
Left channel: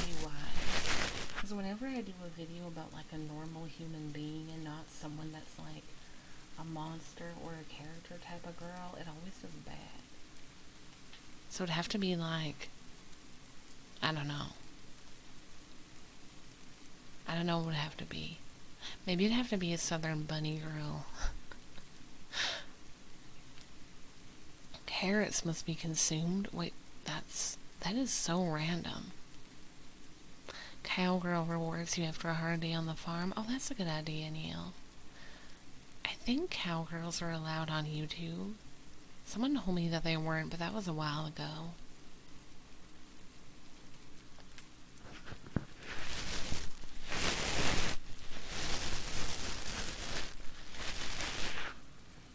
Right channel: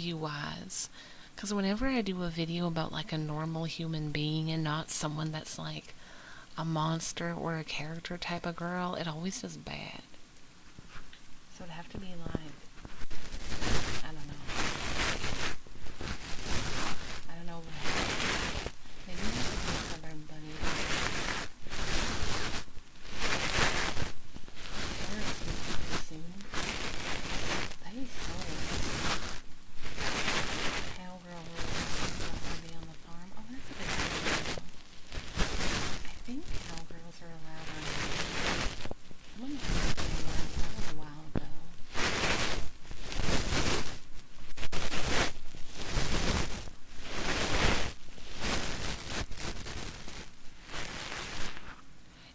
view-wise. Because whenever I do a video about, like, a normal human being and not someone that's, like, a monster or a character type of girl, it always does bad. So it'd have to be, like, I don't know. I don't know what would have to be. Maybe it'd have to be a southern bunny rabbit. Carrots must be consumed. Wait, that is so random. Cowgirl rewards you for a hard day on the farm. Oh, that's a good idea, Neil. I think cowgirls are allowed on YouTube. Someone told me that they weren't, but that was a while ago.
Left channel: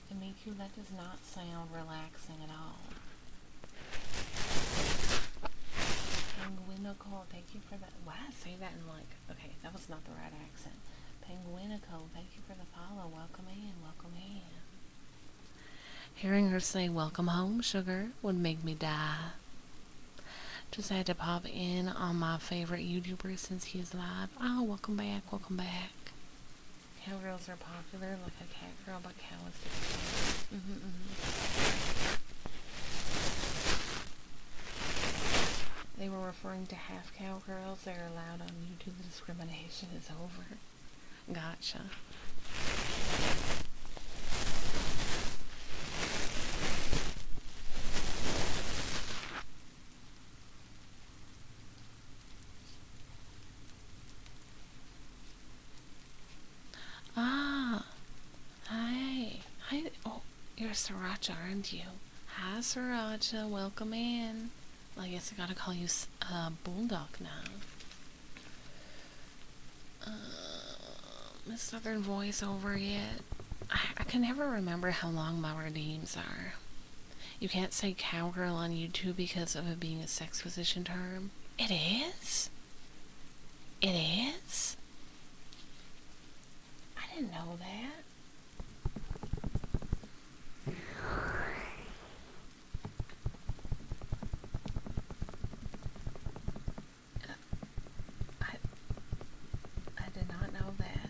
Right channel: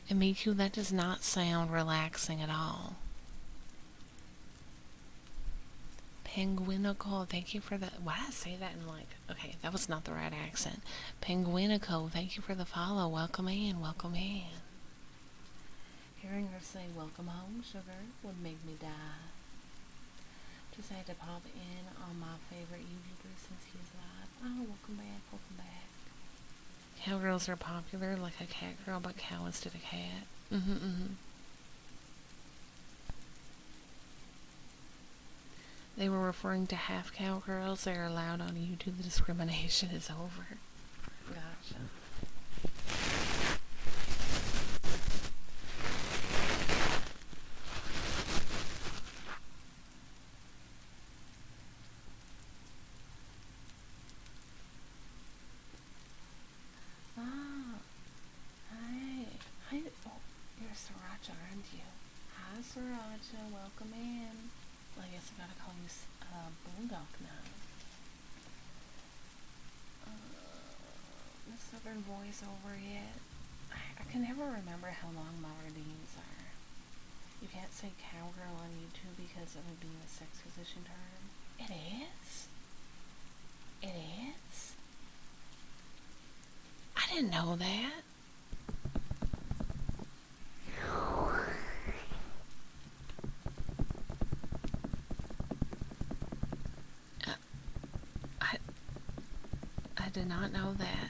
And Miku, that does not sound relaxing at all. Penguinico, thank you for the... Why did I say that in like... Okay, that was not the right accent. Penguinico, thank you for the follow. Welcome in, welcome in. Hearing her say, welcome home, sugar, would make me die. Just had to pop in on my favorite YouTuber since he's live. Oh, welcome back, welcome back. Cowgirls are popular, like a cat girl, but cow instead of cat. They were referring to half cowgirls. They're allowed on YouTube. The discrimination is over. Gotcha. Ah, hi. Hi. Oh, you're Sriracha, aren't you? Hi, Sriracha. Welcome in. Well, I guess I gotta call you Bulldog now. The Southern voice over yet? I can never remember how long my redeems are. You can't say cowgirl on YouTube because of it being a sex position term. It is? It is? I didn't know that. I did not know that.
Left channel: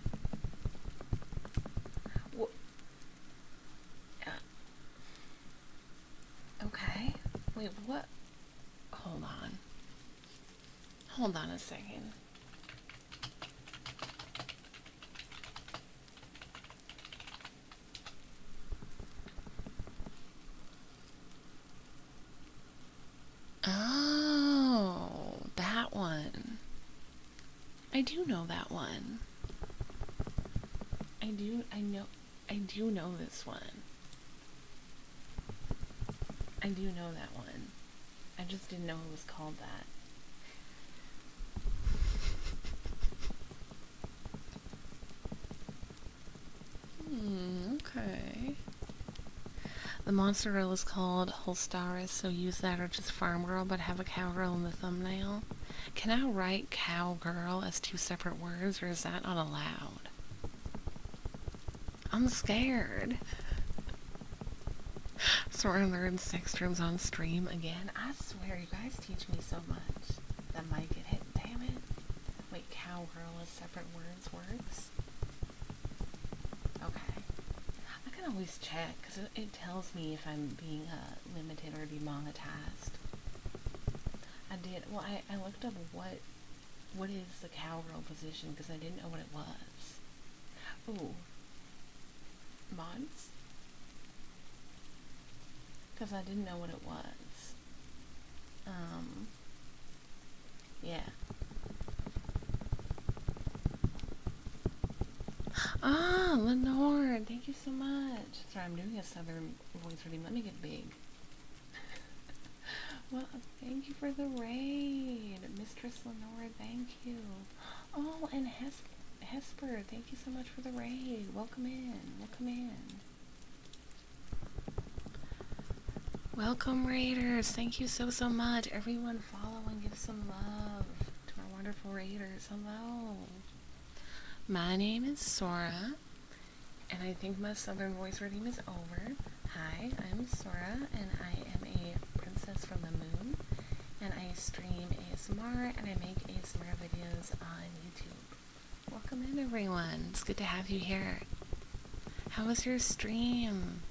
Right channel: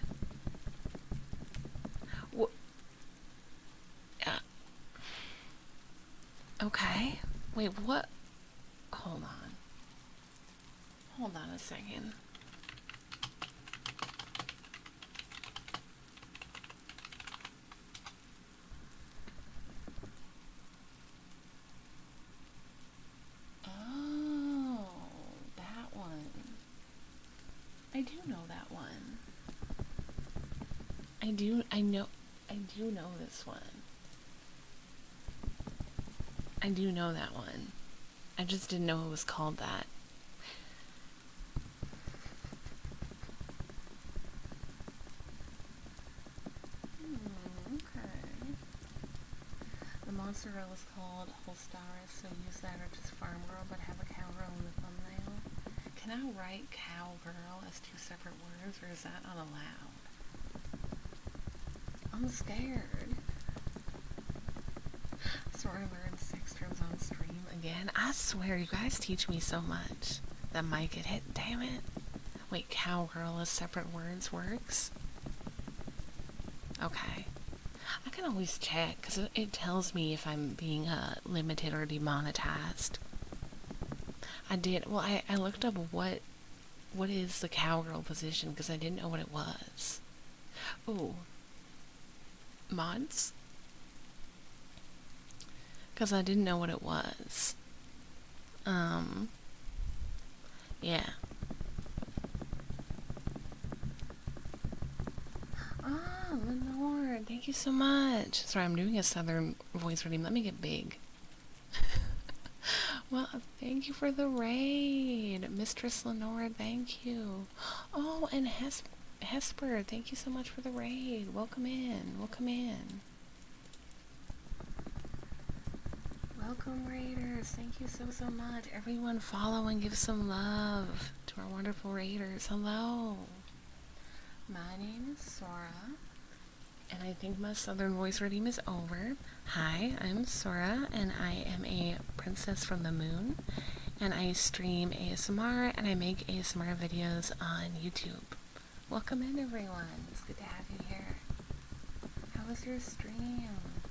Okay. Wait, what? Hold on. Hold on a second. Oh, that one. I do know that one. I do know this one. I do know that one. I just didn't know it was called that. Okay. The monster girl is called Holstaris, so use that or just farm girl, but have a cowgirl in the thumbnail. Can I write cowgirl as 2 separate words, or is that not allowed? I'm scared. Sora learns sex terms on stream again. I swear, you guys teach me so much. That might get hit, damn it. Wait, cowgirl as separate words works? Okay. I can always check, because it tells me if I'm being limited or demonetized. I did, well, I looked up what is the cowgirl position, because I didn't know what it was. Ooh. Mods? Because I didn't know what it was. Yeah. Ah, Lenore, thank you so much. Sorry, I'm doing a southern voice reading. Let me get big. Well, thank you for the raid. Mistress Lenore, thank you. Oh, and Hesper, thank you so much for the raid. Welcome in, welcome in. Welcome, raiders. Thank you so much. Everyone follow and give some love to our wonderful raiders. Hello. My name is Sora, and I think my southern voice redeem is over. Hi, I'm Sora, and I am a princess from the moon, and I stream ASMR, and I make ASMR videos on YouTube. Welcome in, everyone. It's good to have you here. How was your stream?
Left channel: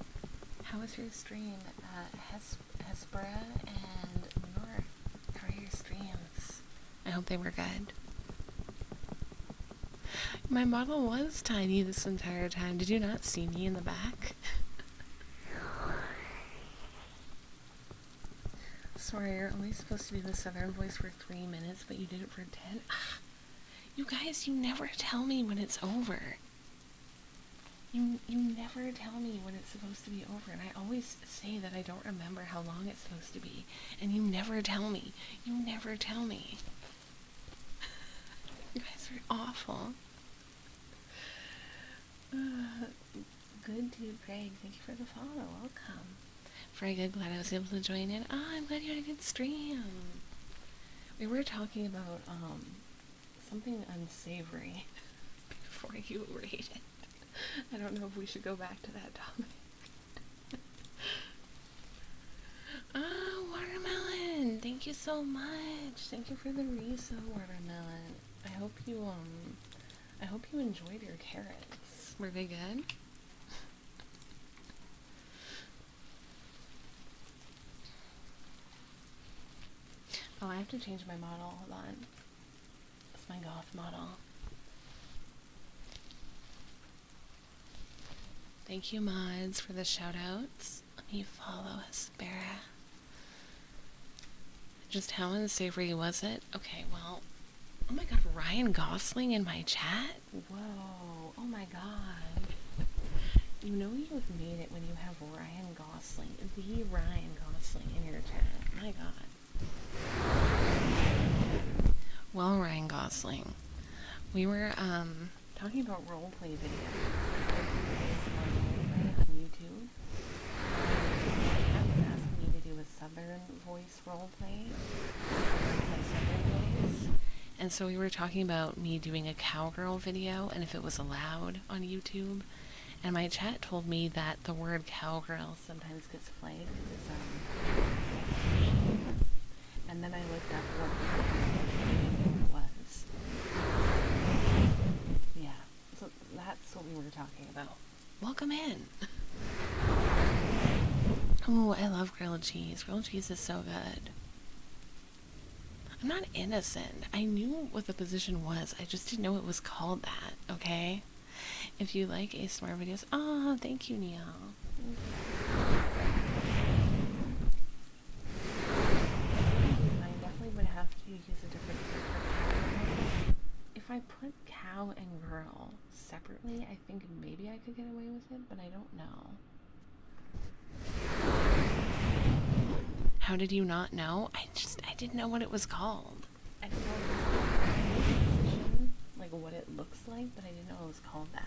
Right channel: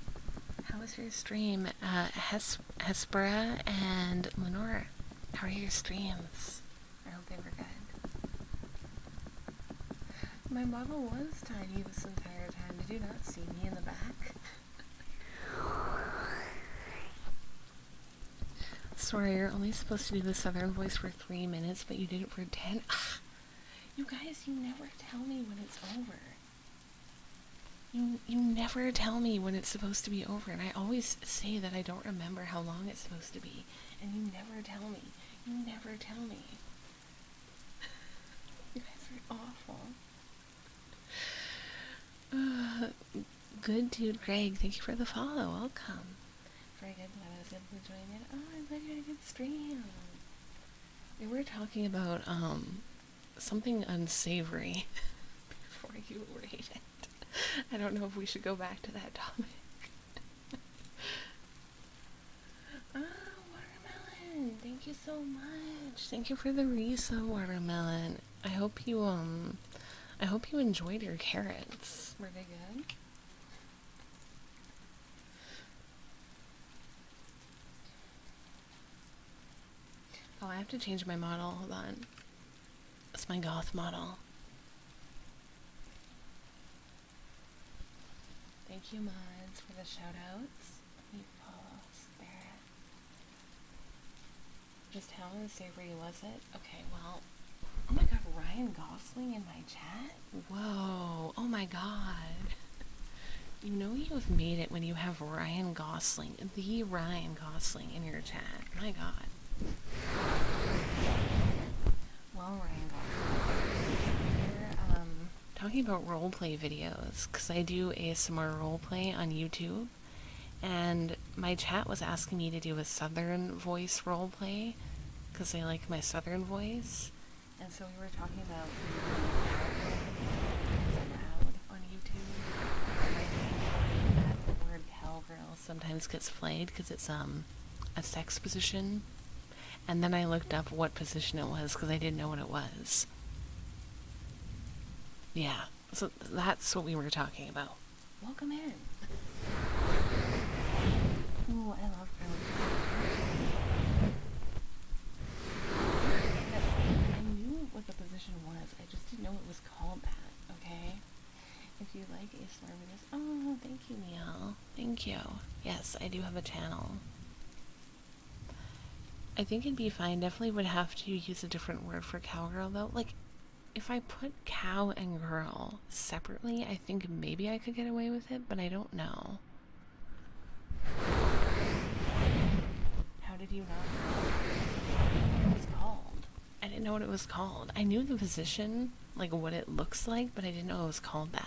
How was your stream? Hespera and Lenore, how are your streams? I hope they were good. My model was tiny this entire time. Did you not see me in the back? Sorry, you're only supposed to do the southern voice for 3 minutes, but you did it for 10. You guys, you never tell me when it's over. You never tell me when it's supposed to be over, and I always say that I don't remember how long it's supposed to be, and you never tell me. You never tell me. You guys are awful. Good dude, Greg, thank you for the follow. Welcome. Very good, glad I was able to join in. I'm glad you had a good stream. We were talking about something unsavory before you rated. I don't know if we should go back to that topic. Watermelon! Thank you so much. Thank you for the resub, watermelon. I hope you enjoyed your carrots. Were they good? Oh, I have to change my model. Hold on. It's my goth model. Thank you, mods, for the shoutouts. Let me follow Hespera. Just how unsavory was it? Okay, well, oh my god, Ryan Gosling in my chat? Whoa, oh my god. You know you've made it when you have Ryan Gosling, the Ryan Gosling in your chat. My god. Well, Ryan Gosling, we were, talking about roleplay videos, because I do ASMR roleplay on YouTube, and my chat was asking me to do a southern voice roleplay, because I like my southern voice, and so we were talking about me doing a cowgirl video, and if it was allowed on YouTube, and my chat told me that the word cowgirl sometimes gets played, because it's, a sex position, and then I looked up what position it was, because I didn't know what it was. Yeah, so that's what we were talking about. Welcome in. Oh, I love grilled cheese. Grilled cheese is so good. I'm not innocent. I knew what the position was. I just didn't know it was called that, okay? If you like ASMR videos... Oh, thank you, Neil. Thank you. Yes, I do have a channel. I think it'd be fine. Definitely would have to use a different word for cow. Like, if I put cow and girl separately, I think maybe I could get away with it, but I don't know. How did you not know? I didn't know what it was called. I didn't know what it was called. I knew the position, like what it looks like, but I didn't know it was called that.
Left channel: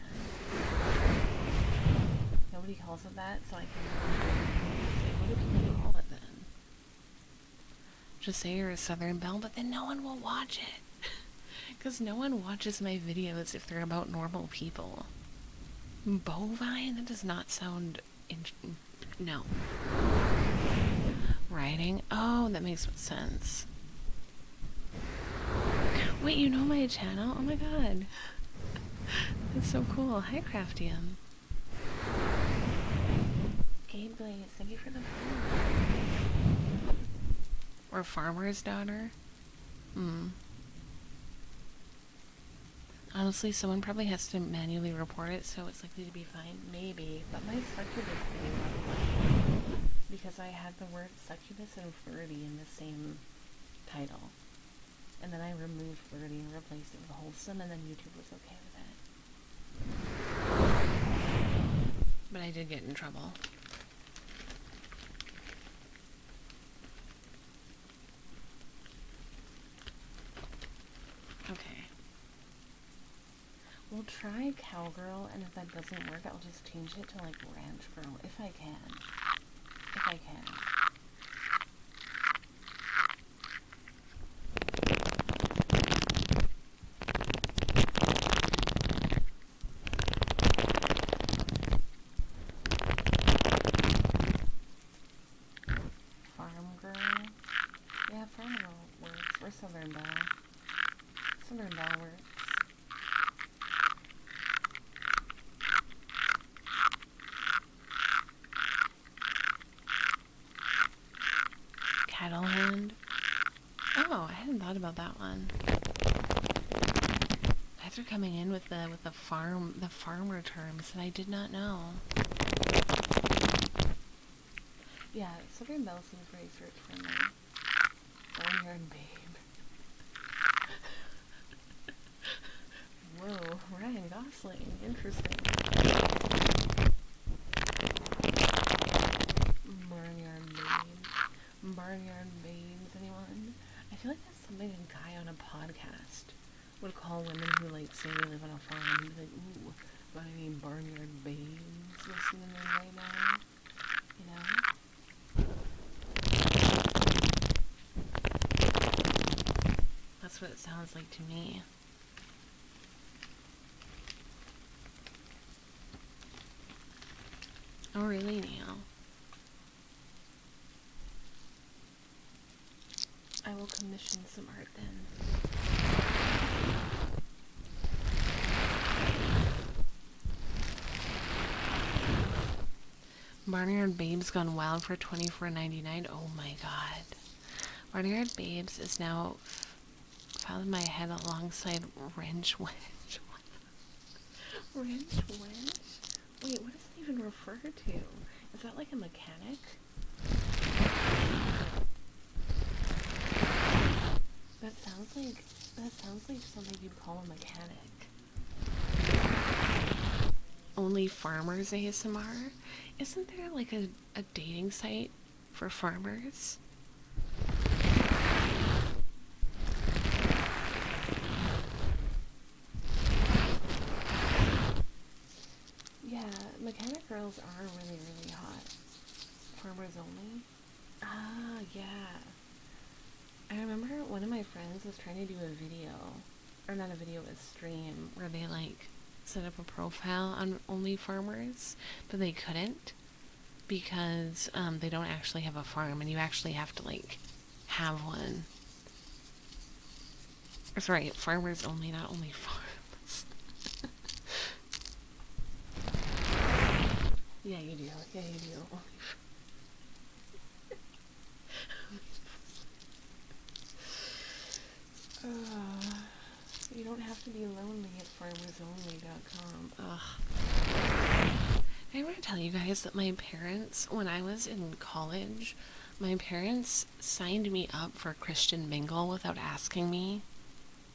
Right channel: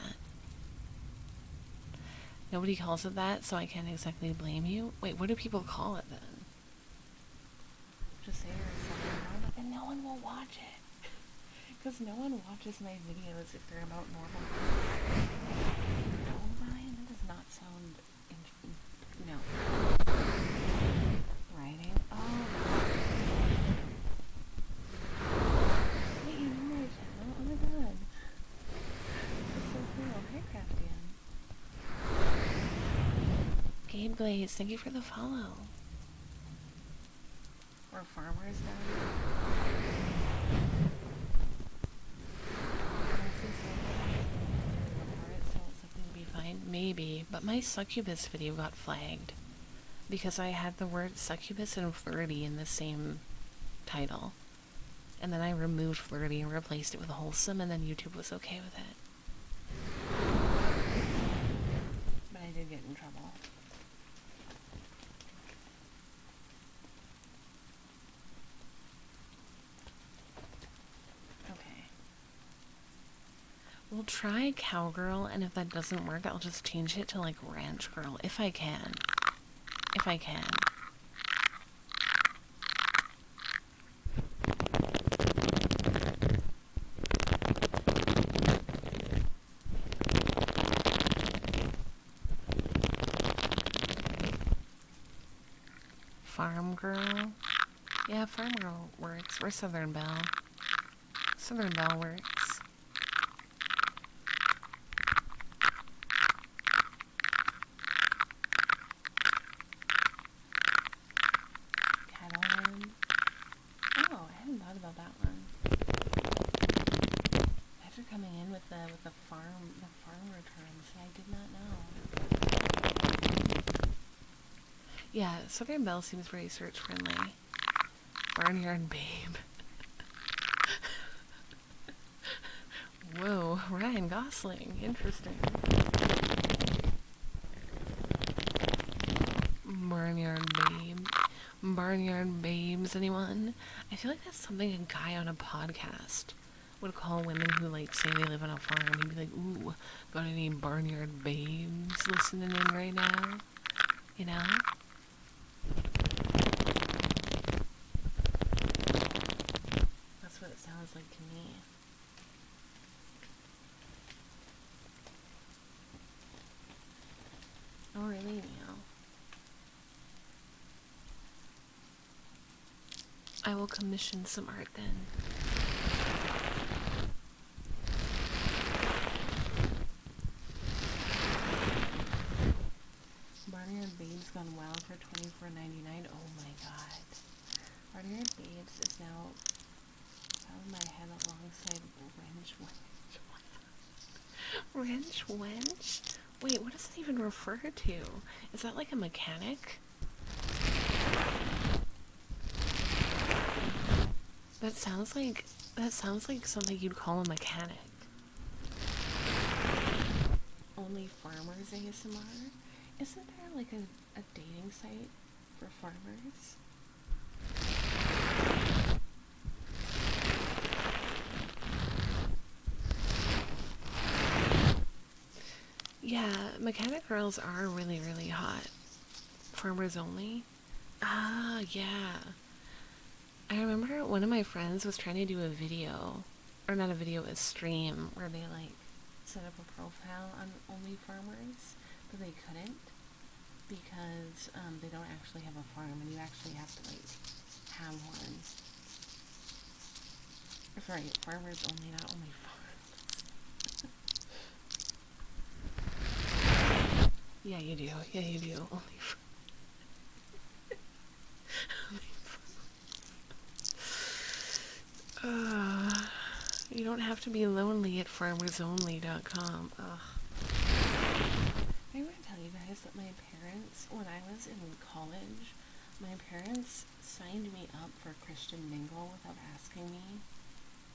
Nobody calls it that, so I can't exactly blame you. Wait, what do people call it then? Just say you're a Southern Belle, but then no one will watch it. Because no one watches my videos if they're about normal people. Bovine? That does not sound... no. Writing? Oh, that makes sense. Wait, you know my channel? Oh my god. That's so cool. Hi, Craftium. Gabe Blaze, thank you for the follow. Or Farmer's Daughter. Honestly, someone probably has to manually report it, so it's likely to be fine. Maybe, but my succubus video got flagged because I had the word succubus and flirty in the same title. And then I removed flirty and replaced it with wholesome, and then YouTube was okay with it. But I did get in trouble. Okay. We'll try cowgirl, and if that doesn't work, I'll just change it to like ranch girl, if I can. If I can. Farm girl? Yeah, farm girl works. We're Southern Belle. Southern Belle works. Cattle hand? Oh, I hadn't thought about that one. Guys are coming in with the farmer terms, and I did not know. Yeah, Southern Belle seems very search friendly. Barnyard babe. Whoa, Ryan Gosling. Interesting. Barnyard babe. Barnyard babes, anyone? I feel like that's something a guy on a podcast would call women who like say they live on a farm and be like, ooh, got any barnyard babes listening in right now? You know? That's what it sounds like to me. Oh, really, Neil? I will commission some art then. Barnyard Babes gone wild for $24.99. Oh my god. Barnyard Babes is now found in my head alongside Wrench Wench. Wrench Wench? Wait, what does it even refer to? Is that like a mechanic? That sounds like something you'd call a mechanic. Only Farmers ASMR? Isn't there like a dating site for farmers? Yeah, mechanic girls are really, really hot. Farmers only? Ah, yeah. I remember one of my friends was trying to do a video, or not a video, a stream, where they like set up a profile on only farmers, but they couldn't because they don't actually have a farm, and you actually have to like have one. Or sorry, farmers only, not only farms. Yeah, you do. Yeah, you do. You don't have to be lonely at farmersonly.com. Ugh. I want to tell you guys that my parents, when I was in college, my parents signed me up for Christian Mingle without asking me,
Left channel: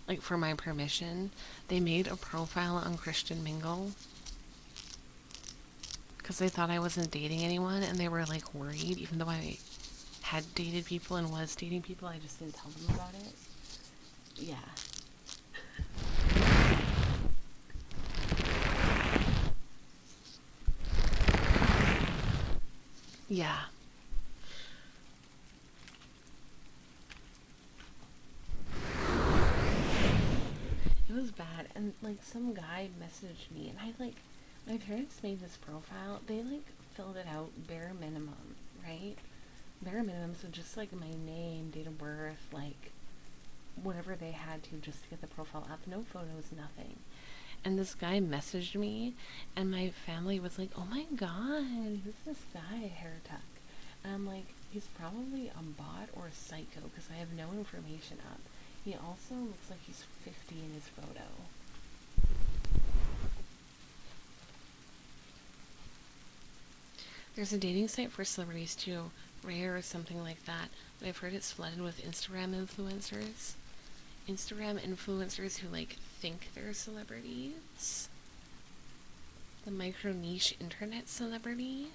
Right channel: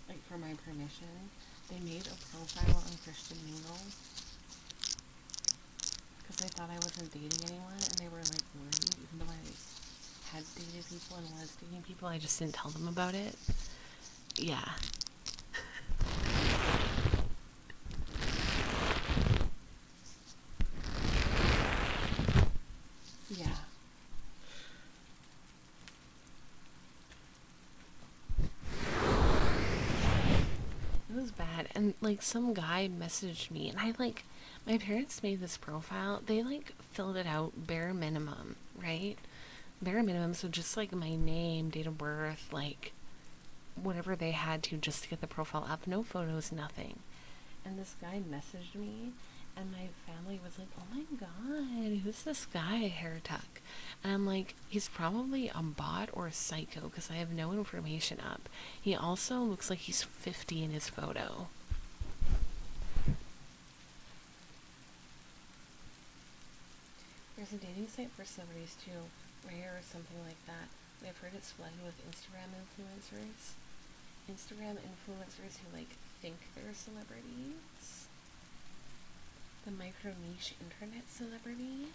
like for my permission. They made a profile on Christian Mingle because they thought I wasn't dating anyone, and they were like worried, even though I had dated people and was dating people, I just didn't tell them about it. Yeah. Yeah. It was bad. And, like, some guy messaged me, and my parents made this profile. They, like, filled it out bare minimum, right? Bare minimum, so just, like, my name, date of birth, like, whatever they had to just to get the profile up. No photos, nothing. And this guy messaged me, and my family was like, oh my god, who's this guy, hair tuck? And I'm like, he's probably a bot or a psycho because I have no information up. He also looks like he's 50 in his photo. There's a dating site for celebrities too, Rare or something like that. But I've heard it's flooded with Instagram influencers. Instagram influencers who, like, think they're celebrities. The micro niche internet celebrities.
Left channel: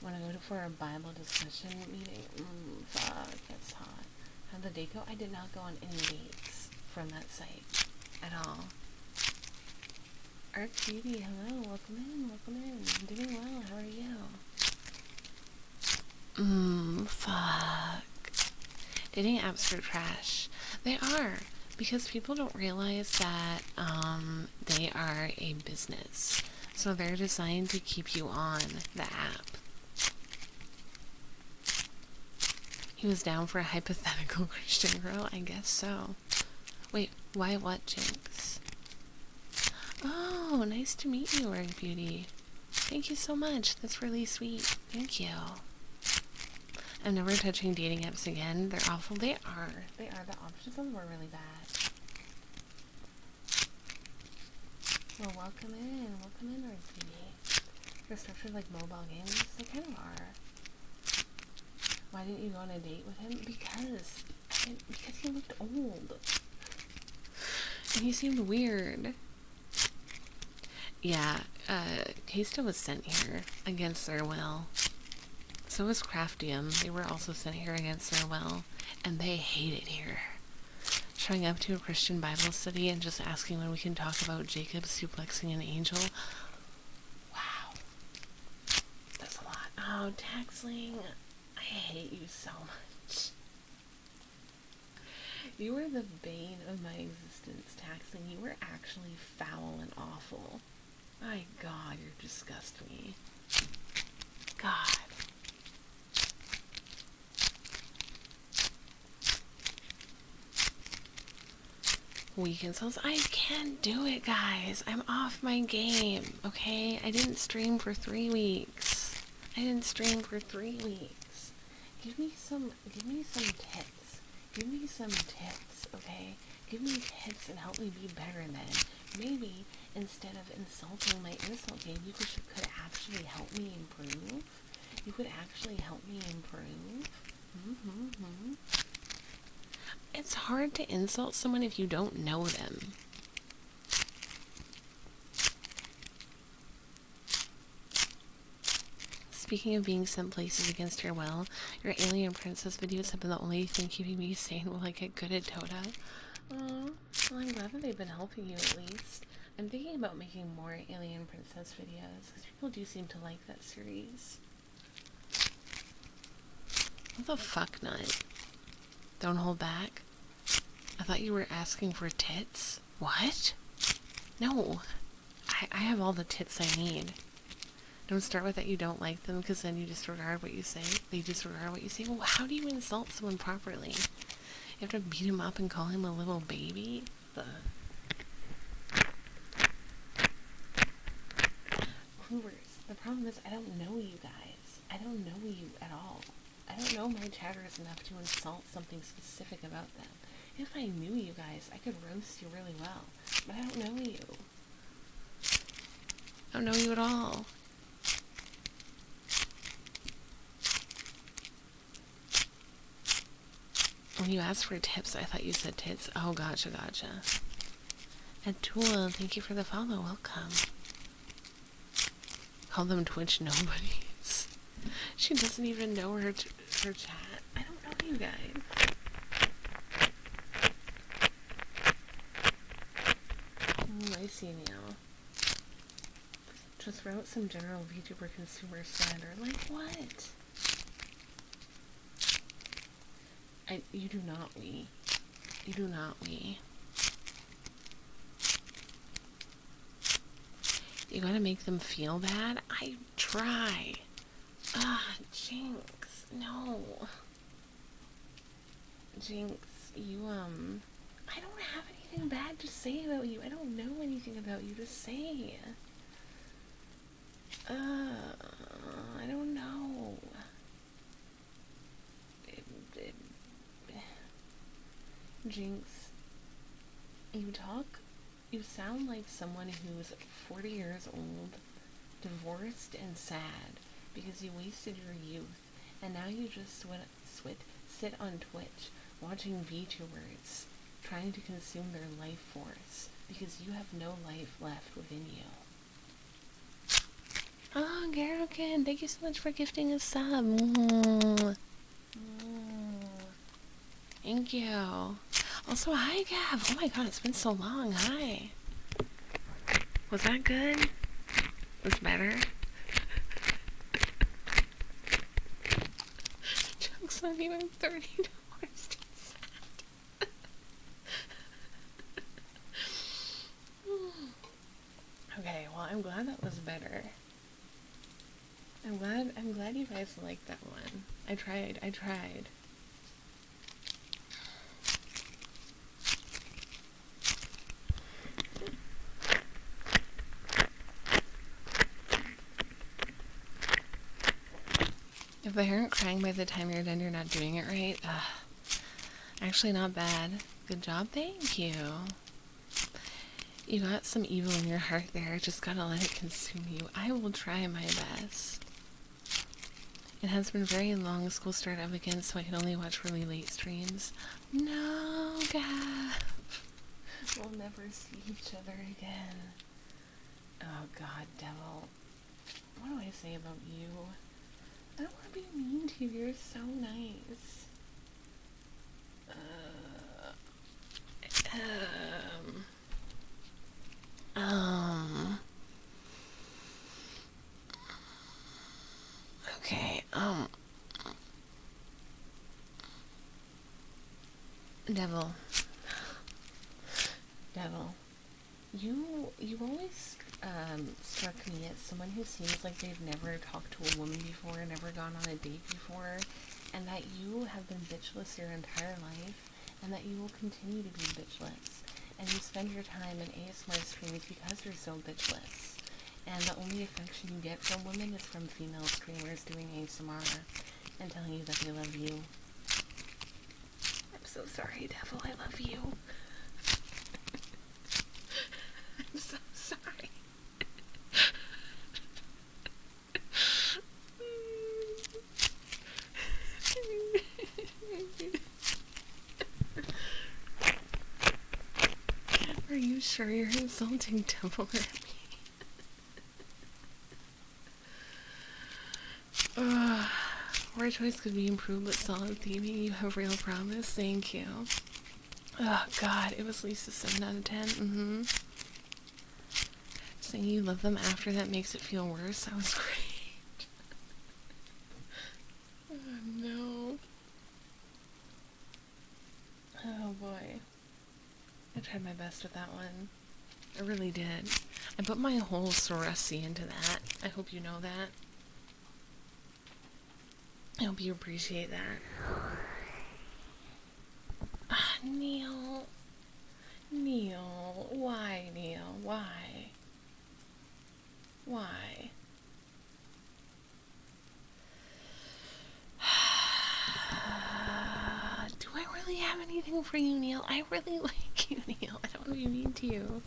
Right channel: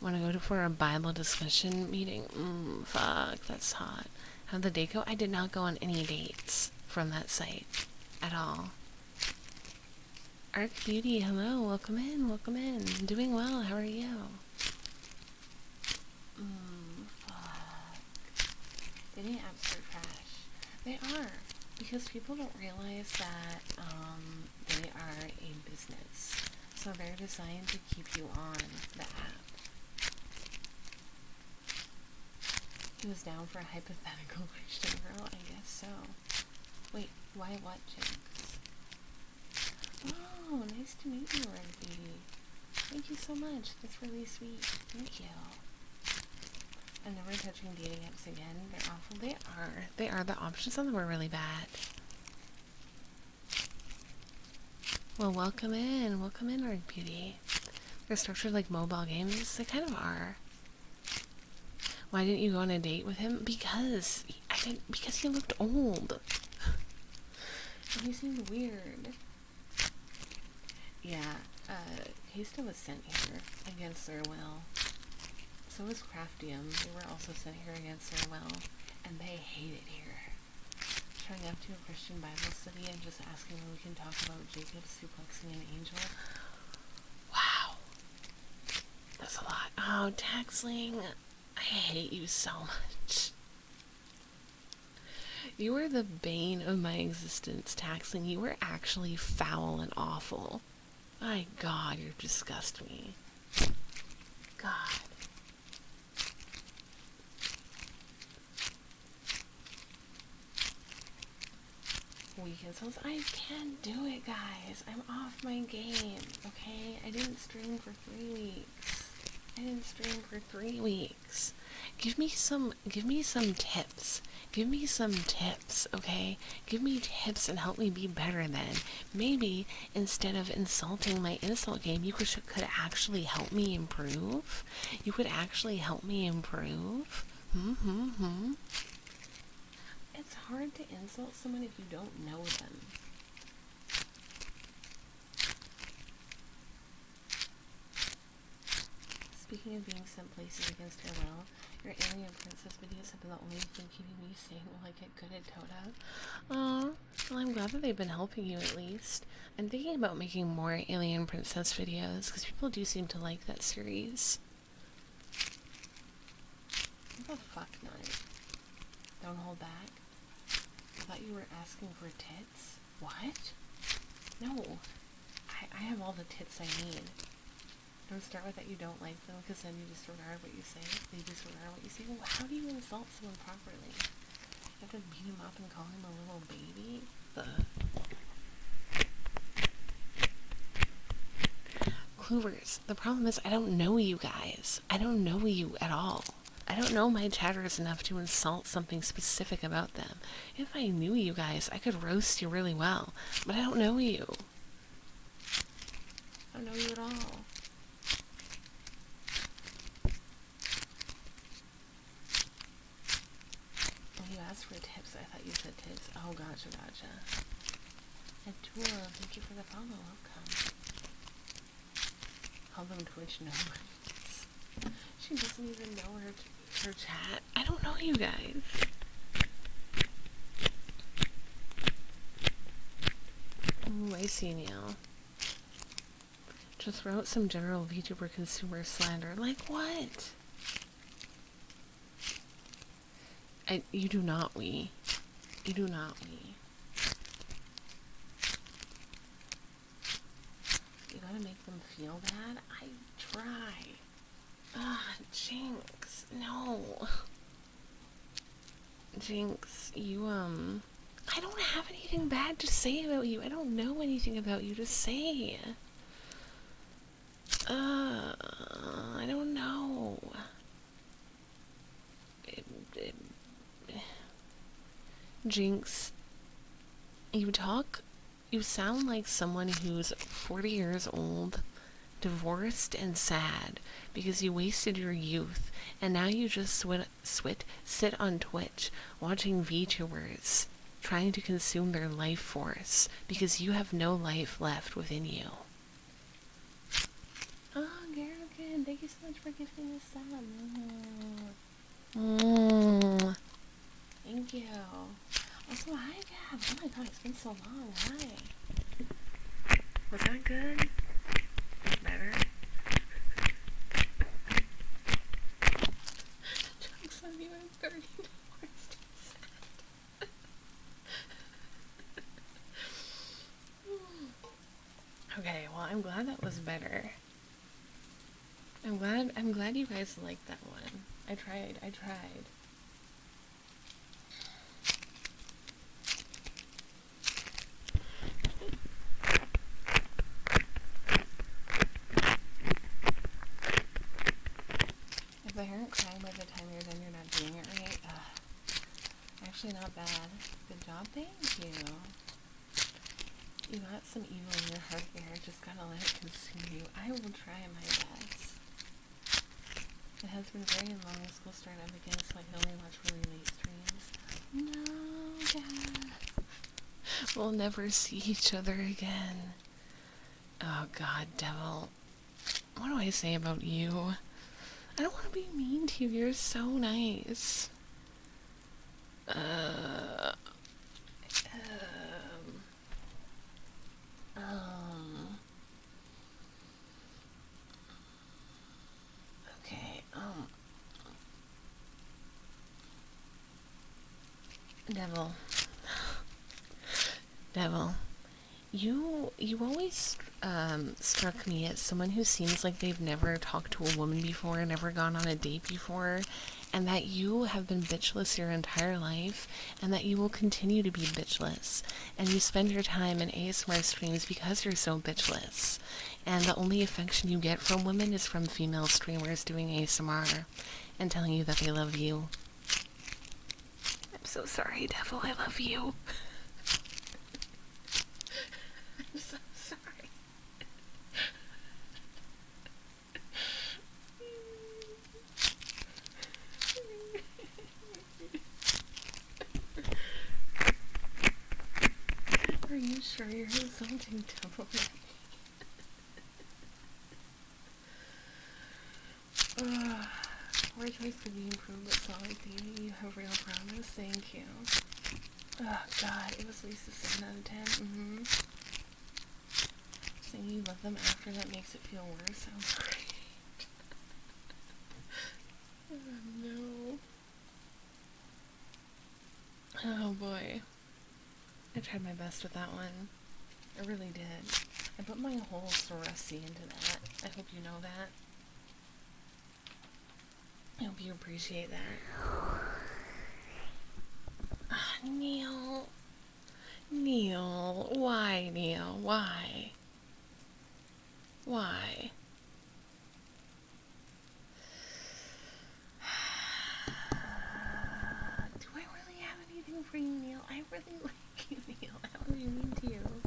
Want to go for a Bible discussion meeting? Fuck, that's hot. How'd the date go? I did not go on any dates from that site at all. Arc Beauty, hello, welcome in, welcome in. I'm doing well, how are you? Fuck. Dating apps are trash. They are, because people don't realize that, they are a business. So they're designed to keep you on the app. He was down for a hypothetical Christian girl? I guess so. Wait, why what, Jinx? Oh, nice to meet you, Arc Beauty. Thank you so much. That's really sweet. Thank you. I'm never touching dating apps again. They're awful. They are. They are. The options on them are really bad. Well, welcome in. Welcome in, Arc Beauty. They're structured like mobile games. They kind of are. Why didn't you go on a date with him? Because he looked old. And he seemed weird. Yeah, Kesta was sent here against their will. So was Craftium. They were also sent here against their will. And they hate it here. Showing up to a Christian Bible study and just asking when we can talk about Jacob suplexing an angel. Wow. That's a lot. Oh, Taxling. I hate you so much. You were the bane of my existence, Taxling. You were actually foul and awful. My god, you disgust me. God. Weak insults? I can't do it, guys. I'm off my game, okay? I didn't stream for 3 weeks. Give me some tips. Give me some tips, okay? Give me tips and help me be better then. Maybe instead of insulting my insult game, you could actually help me improve. You could actually help me improve. It's hard to insult someone if you don't know them. Speaking of being sent places against your will, your alien princess videos have been the only thing keeping me sane while I get good at Dota. Oh, well, I'm glad that they've been helping you at least. I'm thinking about making more alien princess videos because people do seem to like that series. What the fuck, Nut? Don't hold back. I thought you were asking for tits. What? No. I have all the tits I need. Don't start with that you don't like them, because then you disregard what you say. They disregard what you say. Well, how do you insult someone properly? You have to beat him up and call him a little baby? Cloovers, the problem is I don't know you guys. I don't know you at all. I don't know my chatters enough to insult something specific about them. If I knew you guys, I could roast you really well. But I don't know you. I don't know you at all. When you asked for tips, I thought you said tits. Oh, gotcha. Atul, thank you for the follow. Welcome. Call them Twitch nobodies. She doesn't even know her chat. I don't know you guys. I see now. Just wrote some general VTuber consumer slander. Like what? You do not we. You do not we. You gotta make them feel bad? I try. Jinx. No. Jinx, you, I don't have anything bad to say about you. I don't know anything about you to say. I don't know. Jinx, you sound like someone who's 40 years old, divorced and sad because you wasted your youth, and now you just sit on Twitch watching VTubers trying to consume their life force because you have no life left within you. Oh, Garokin, thank you so much for gifting a sub. Thank you. Also, hi, Gav. Oh my god, it's been so long. Hi. Was that good? Was better? Jokes on you, I'm $30 Okay, well, I'm glad that was better. I'm glad you guys liked that one. I tried. If they aren't crying by the time you're done, you're not doing it right. Actually, not bad. Good job, thank you. You got some evil in your heart there. Just gotta let it consume you. I will try my best. It has been very long. School started up again, so I can only watch really late streams. No, Gav. We'll never see each other again. Oh god, devil. What do I say about you? I don't want to be mean to you. You're so nice. Okay, Devil. Devil. You always, struck me as someone who seems like they've never talked to a woman before, never gone on a date before, and that you have been bitchless your entire life, and that you will continue to be bitchless, and you spend your time in ASMR streams because you're so bitchless, and the only affection you get from women is from female streamers doing ASMR, and telling you that they love you. I'm so sorry, Devil, I love you. I'm so sorry. Are you sure you're insulting Devil? Word choice could be improved, but solid theming, you have real promise. Thank you. Oh god, it was at least a 7 out of 10. Saying you love them after that makes it feel worse. That was great. Oh no. Oh boy. I tried my best with that one. I really did. I put my whole Soresi into that. I hope you know that. I hope you appreciate that. Neil. Neil. Why, Neil? Why? Why? Do I really have anything for you, Neil? I really like you, Neil. I don't really mean to you.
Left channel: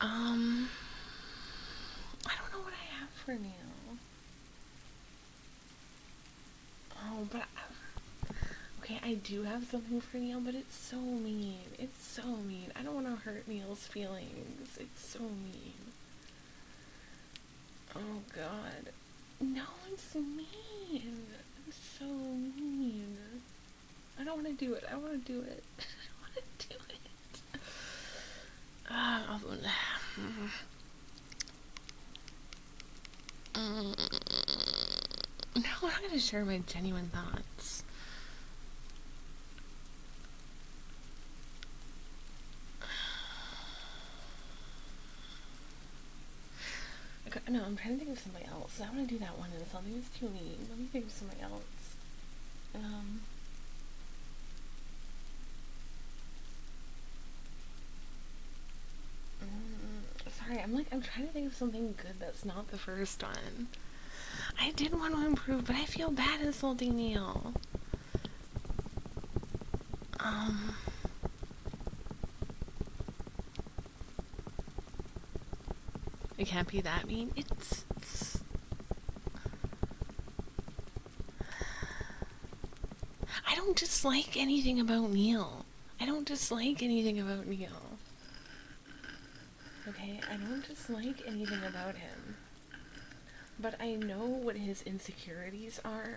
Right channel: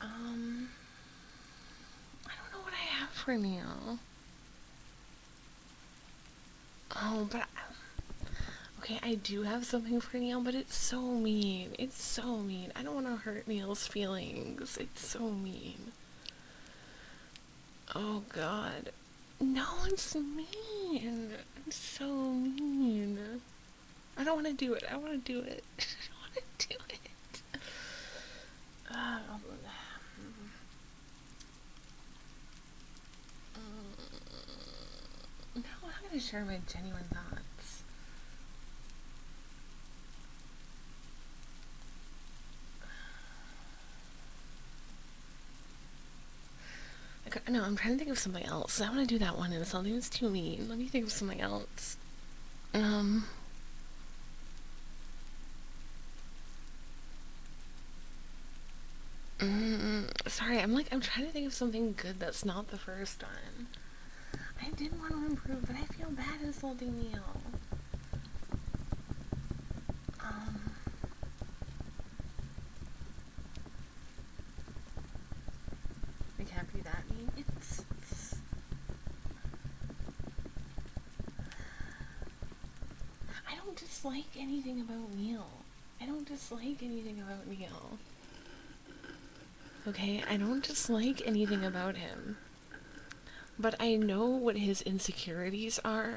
I don't know what I have for Neil. Oh, but okay, I do have something for Neil, but it's so mean. It's so mean. I don't want to hurt Neil's feelings. It's so mean. Oh god. No, it's mean. It's so mean. I don't want to do it. I want to do it. I don't want to do it. No, I'm not going to share my genuine thoughts. No, I'm trying to think of something else. I want to do that one and something that's too mean. Let me think of something else. Sorry, I'm trying to think of something good that's not the first one. I did want to improve, but I feel bad insulting Neil. It can't be that mean. It's I don't dislike anything about Neil. I don't dislike anything about Neil. Okay, I don't dislike anything about him. But I know what his insecurities are,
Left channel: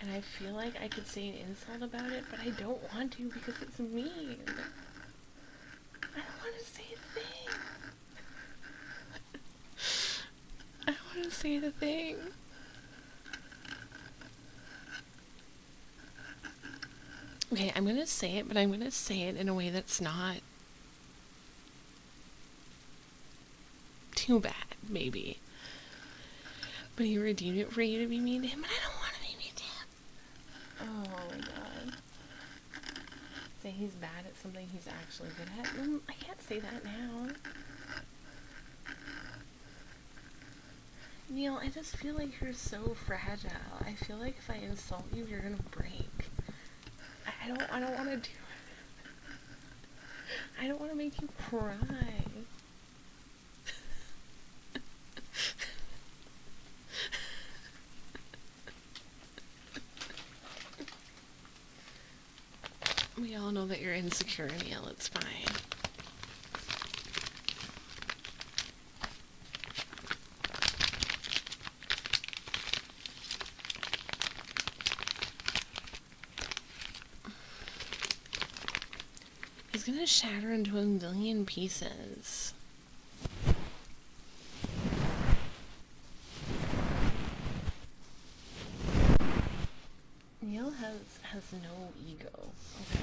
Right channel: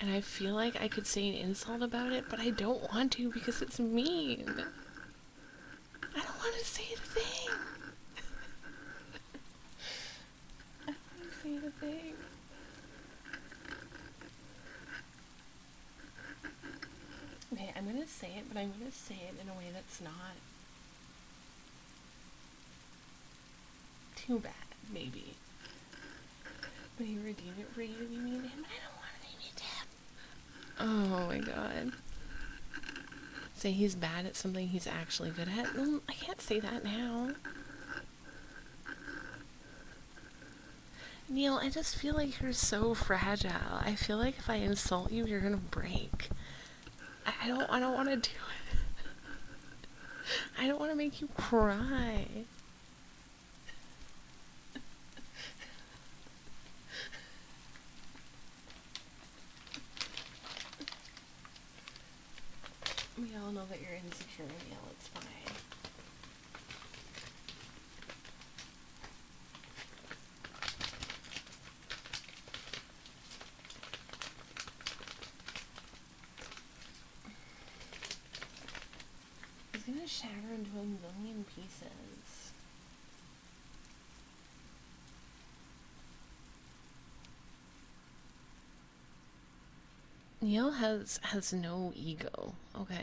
and I feel like I could say an insult about it, but I don't want to because it's mean. I don't want to say the thing. I don't want to say the thing. Okay, I'm gonna say it, but I'm gonna say it in a way that's not too bad, maybe. But he redeemed it for you to be mean to him, and I don't want to be mean to him. Oh my god. Say he's bad at something he's actually good at? I can't say that now. Neil, I just feel like you're so fragile. I feel like if I insult you, you're gonna break. I don't want to do it. I don't want to make you cry. We all know that you're insecure, Neil. It's fine. He's gonna shatter into a million pieces. Neil has no ego, okay?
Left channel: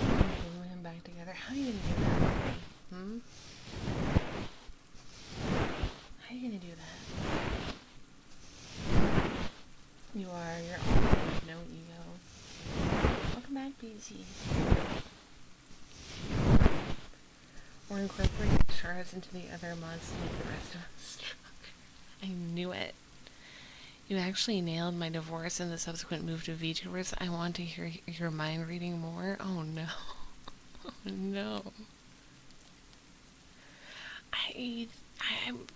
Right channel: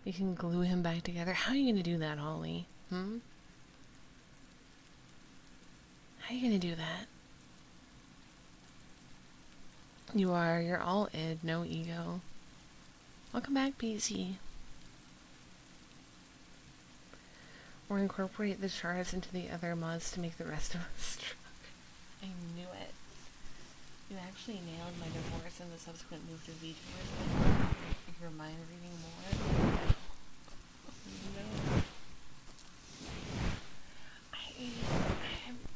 You can glue him back together. How are you gonna do that, Robbie? How are you gonna do that? You're all in, no ego. Welcome back, BC. Or incorporate the shards into the other mods to make the rest of us stronger. I knew it. You actually nailed my divorce and the subsequent move to VTubers. I want to hear your mind reading more. Oh no. Oh no.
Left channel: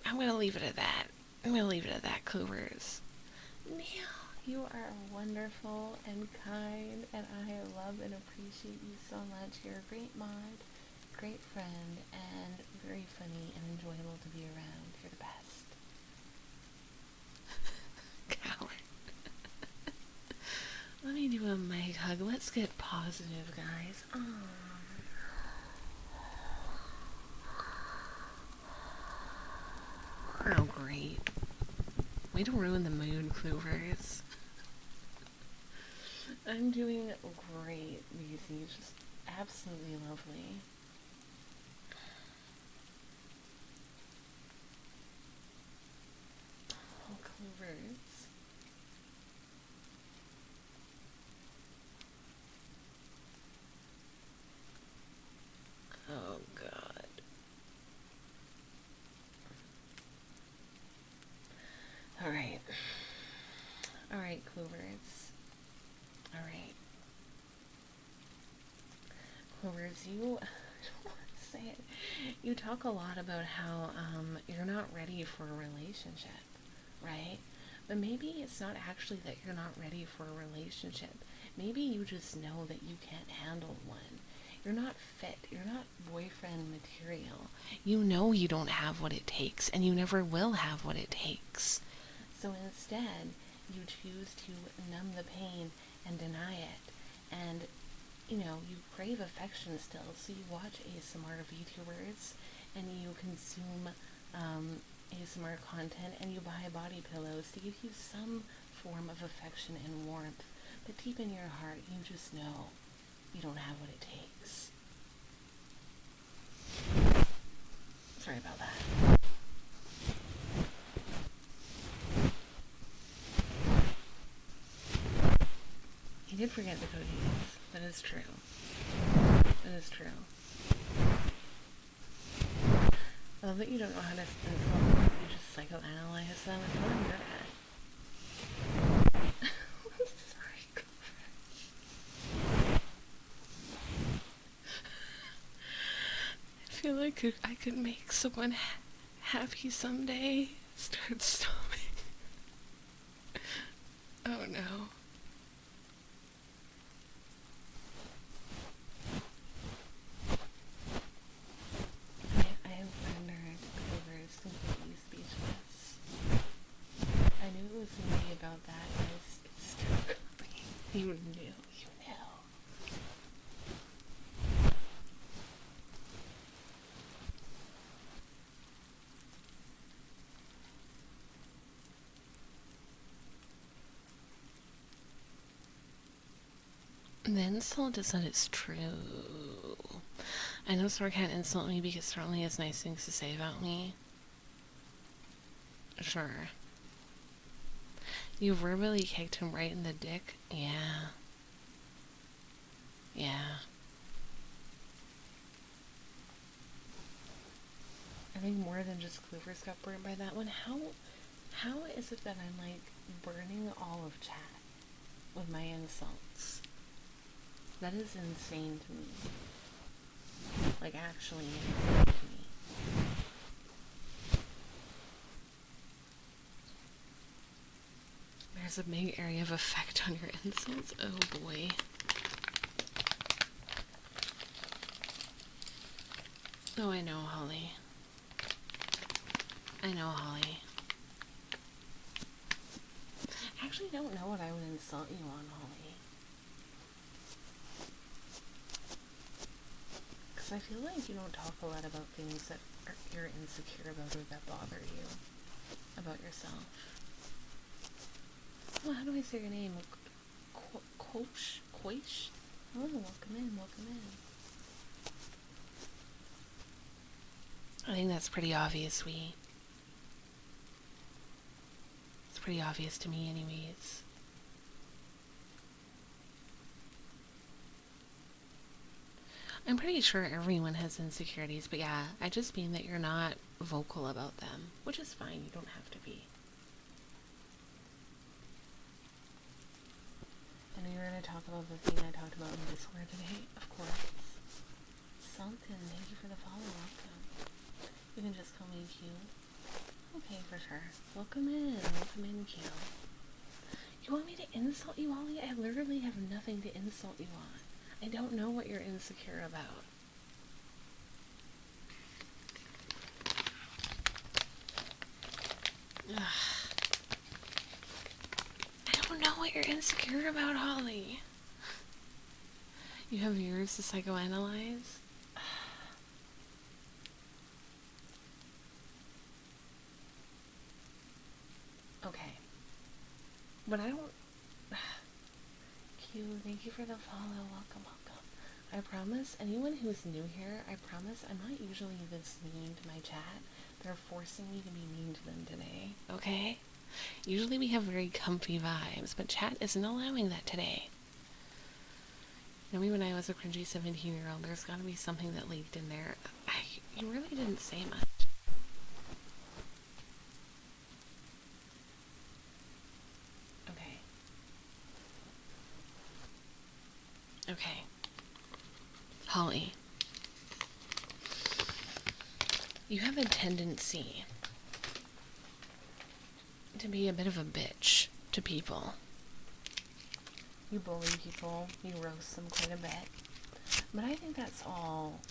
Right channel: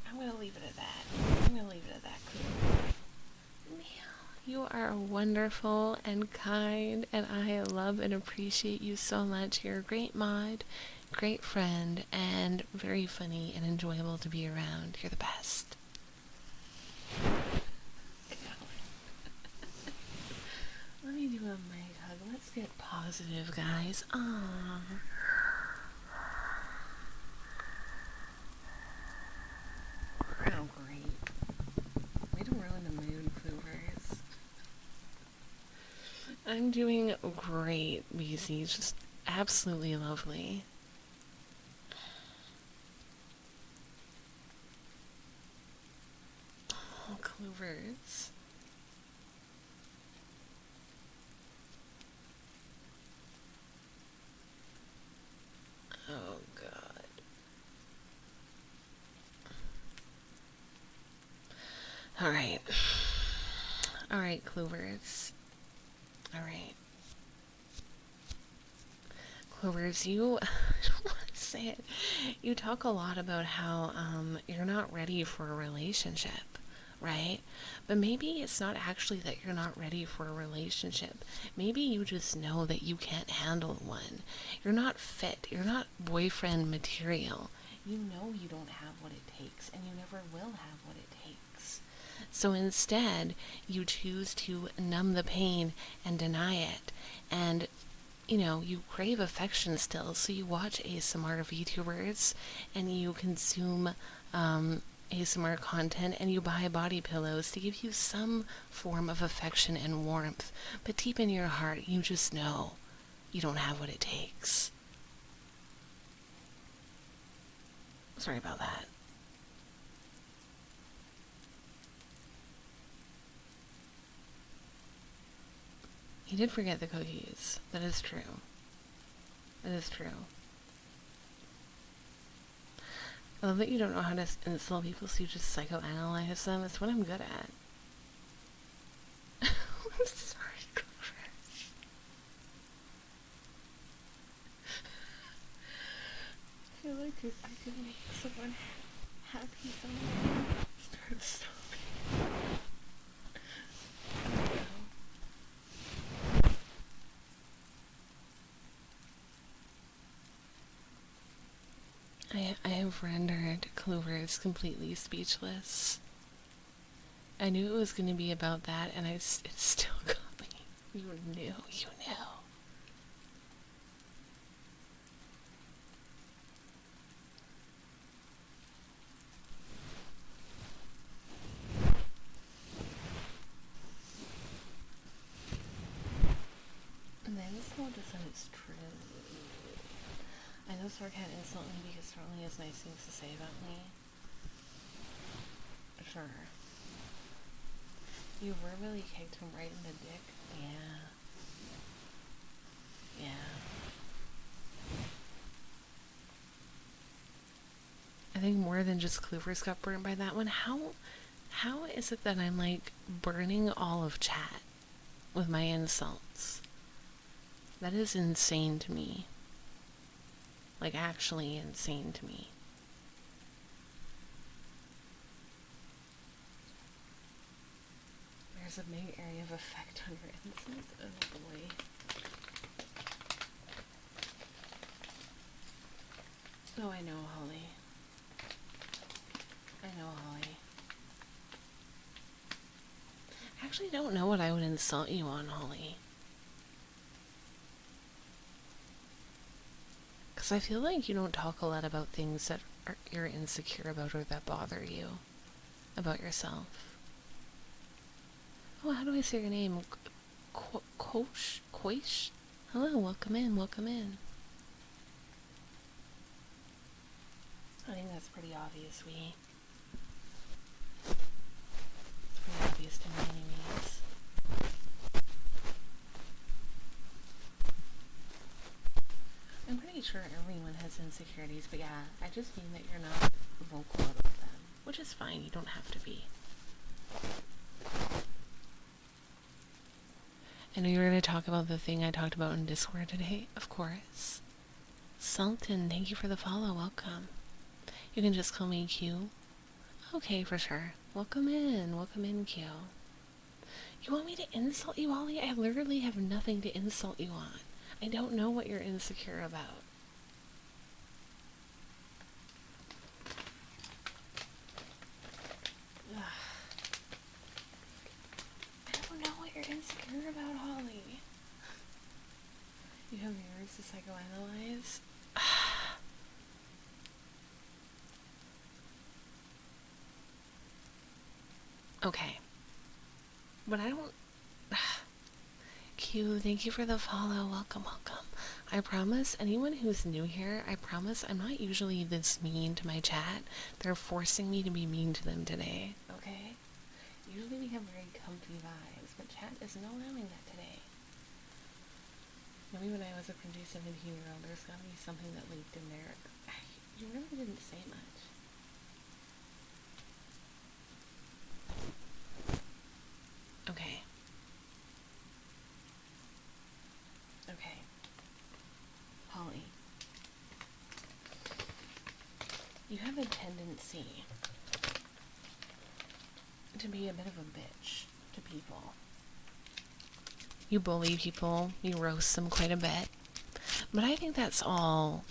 I'm gonna leave it at that. I'm gonna leave it at that, Cougars. Neil, you are wonderful and kind, and I love and appreciate you so much. You're a great mod, great friend, and very funny and enjoyable to be around. You're the best. Let me do a mic hug. Let's get positive, guys. Oh. Oh, great. Way to ruin the mood, Clovers. I'm doing great, BC. Just absolutely lovely. Oh, Clovers. Oh, God. Alright. Alright, Clovers. Alright. Clovers, you... I don't want to say it. You talk a lot about how, you're not ready for a relationship. right? But maybe it's not actually that you're not ready for a relationship. Maybe you just know that you can't handle one. You're not fit. You're not boyfriend material. You know you don't have what it takes, and you never will have what it takes. So instead, you choose to numb the pain and deny it. And, you crave affection still, so you watch ASMR VTubers, and you consume ASMR content, and you buy body pillows to give you some form of affection and warmth. But deep in your heart, you just know you don't have what it takes. Sorry about that. You did forget the cookies. That is true. That is true. I love that you don't know how to insult people, so you just psychoanalyze them. That's what I'm good at. I'm sorry, Cooper. I feel like I could make someone happy someday. Start stopping. Oh no. I have rendered Clover's completely speechless. I knew it was going to be about that, and it's still coming. You knew. The insult is that it's true. I know Sora can't insult me because Sora only has nice things to say about me. Sure. You verbally kicked him right in the dick? Yeah. I think more than just Clover's got burnt by that one. How is it that I'm like burning all of chat with my insults? That is insane to me. Like, actually insane to me. There's a big area of effect on your insults. Oh boy. Oh, I know, Holly. I actually don't know what I would insult you on, Holly. Because I feel like you don't talk a lot about things that you're insecure about or that bother you about yourself. Oh, how do I say your name? Koish? Hello, welcome in. I think that's pretty obvious, sweetie. It's pretty obvious to me anyways. I'm pretty sure everyone has insecurities, but yeah, I just mean that you're not vocal about them, which is fine, you don't have to be. I know you were going to talk about the thing I talked about in Discord today, of course. Sultan, thank you for the follow, welcome. You can just call me Q. Okay, for sure. Welcome in, Q. You want me to insult you, Ollie? I literally have nothing to insult you on. I don't know what you're insecure about. Ugh. I don't know what you're insecure about, Holly. You have yours to psychoanalyze? Okay. But I don't... Q, thank you for the follow. Welcome. I promise, anyone who's new here, I promise I'm not usually this mean to my chat. They're forcing me to be mean to them today, okay? Usually we have very comfy vibes, but chat isn't allowing that today. You know me when I was a cringy 17-year-old, there's gotta be something that leaked in there. You really didn't say much. Okay. Holly. You have a tendency to be a bit of a bitch to people. You bully people, you roast them quite a bit. But I think that's all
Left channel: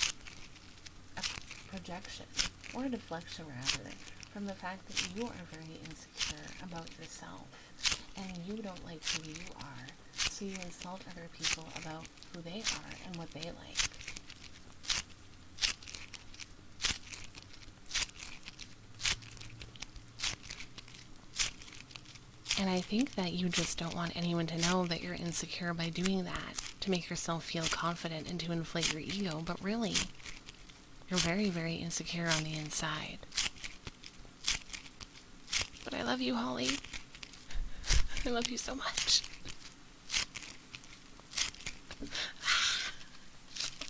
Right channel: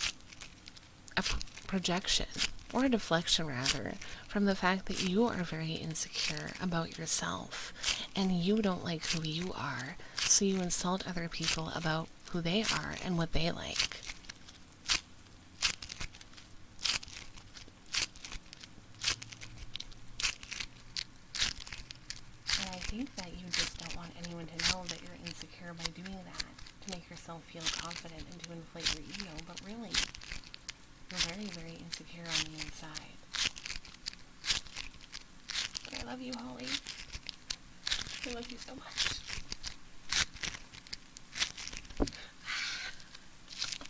a projection, or a deflection rather, from the fact that you are very insecure about yourself and you don't like who you are, so you insult other people about who they are and what they like. And I think that you just don't want anyone to know that you're insecure by doing that, to make yourself feel confident and to inflate your ego, but really, you're very, very insecure on the inside. But I love you, Holly. I love you so much.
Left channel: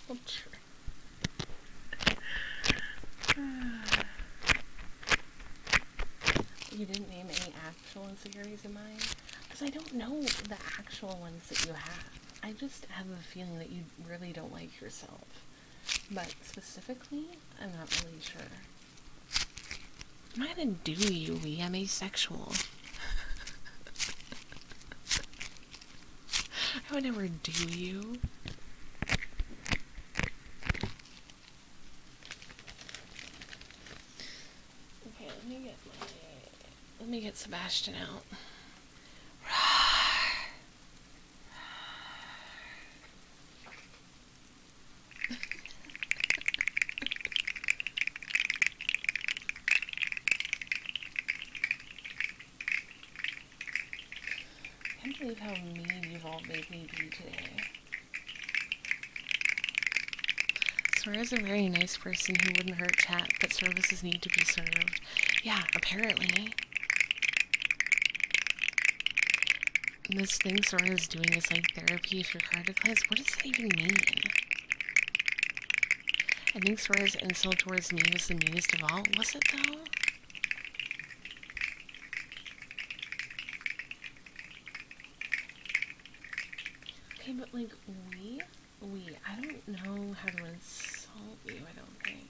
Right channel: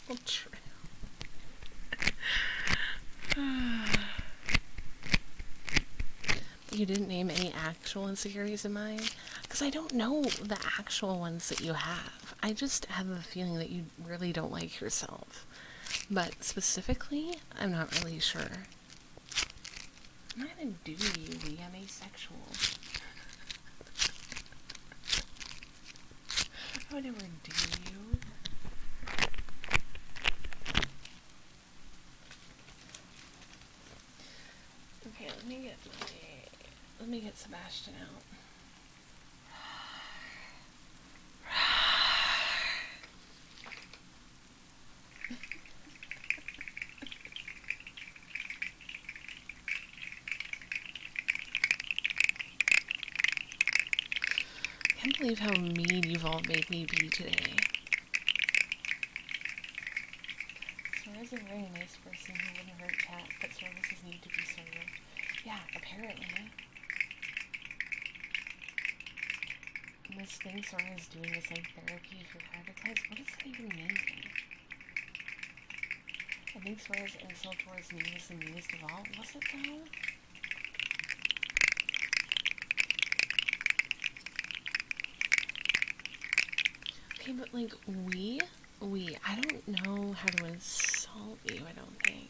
Oh, true. You didn't name any actual insecurities of mine? Because I don't know the actual ones that you have. I just have a feeling that you really don't like yourself. But specifically, I'm not really sure. I'm not gonna do you, Lee. I'm asexual. I would never do you. Okay, let me get Sebastian out. I can't believe how mean you've all made me be today. Swear is a very nice person who wouldn't hurt chat, but services need to be served. Yeah, apparently. This thing Sora is doing is like therapy if your card declines. What does that even mean? I think Sora's insult towards me was the meanest of all. Was it though? Okay, but like, I don't know how to insult you, I don't think.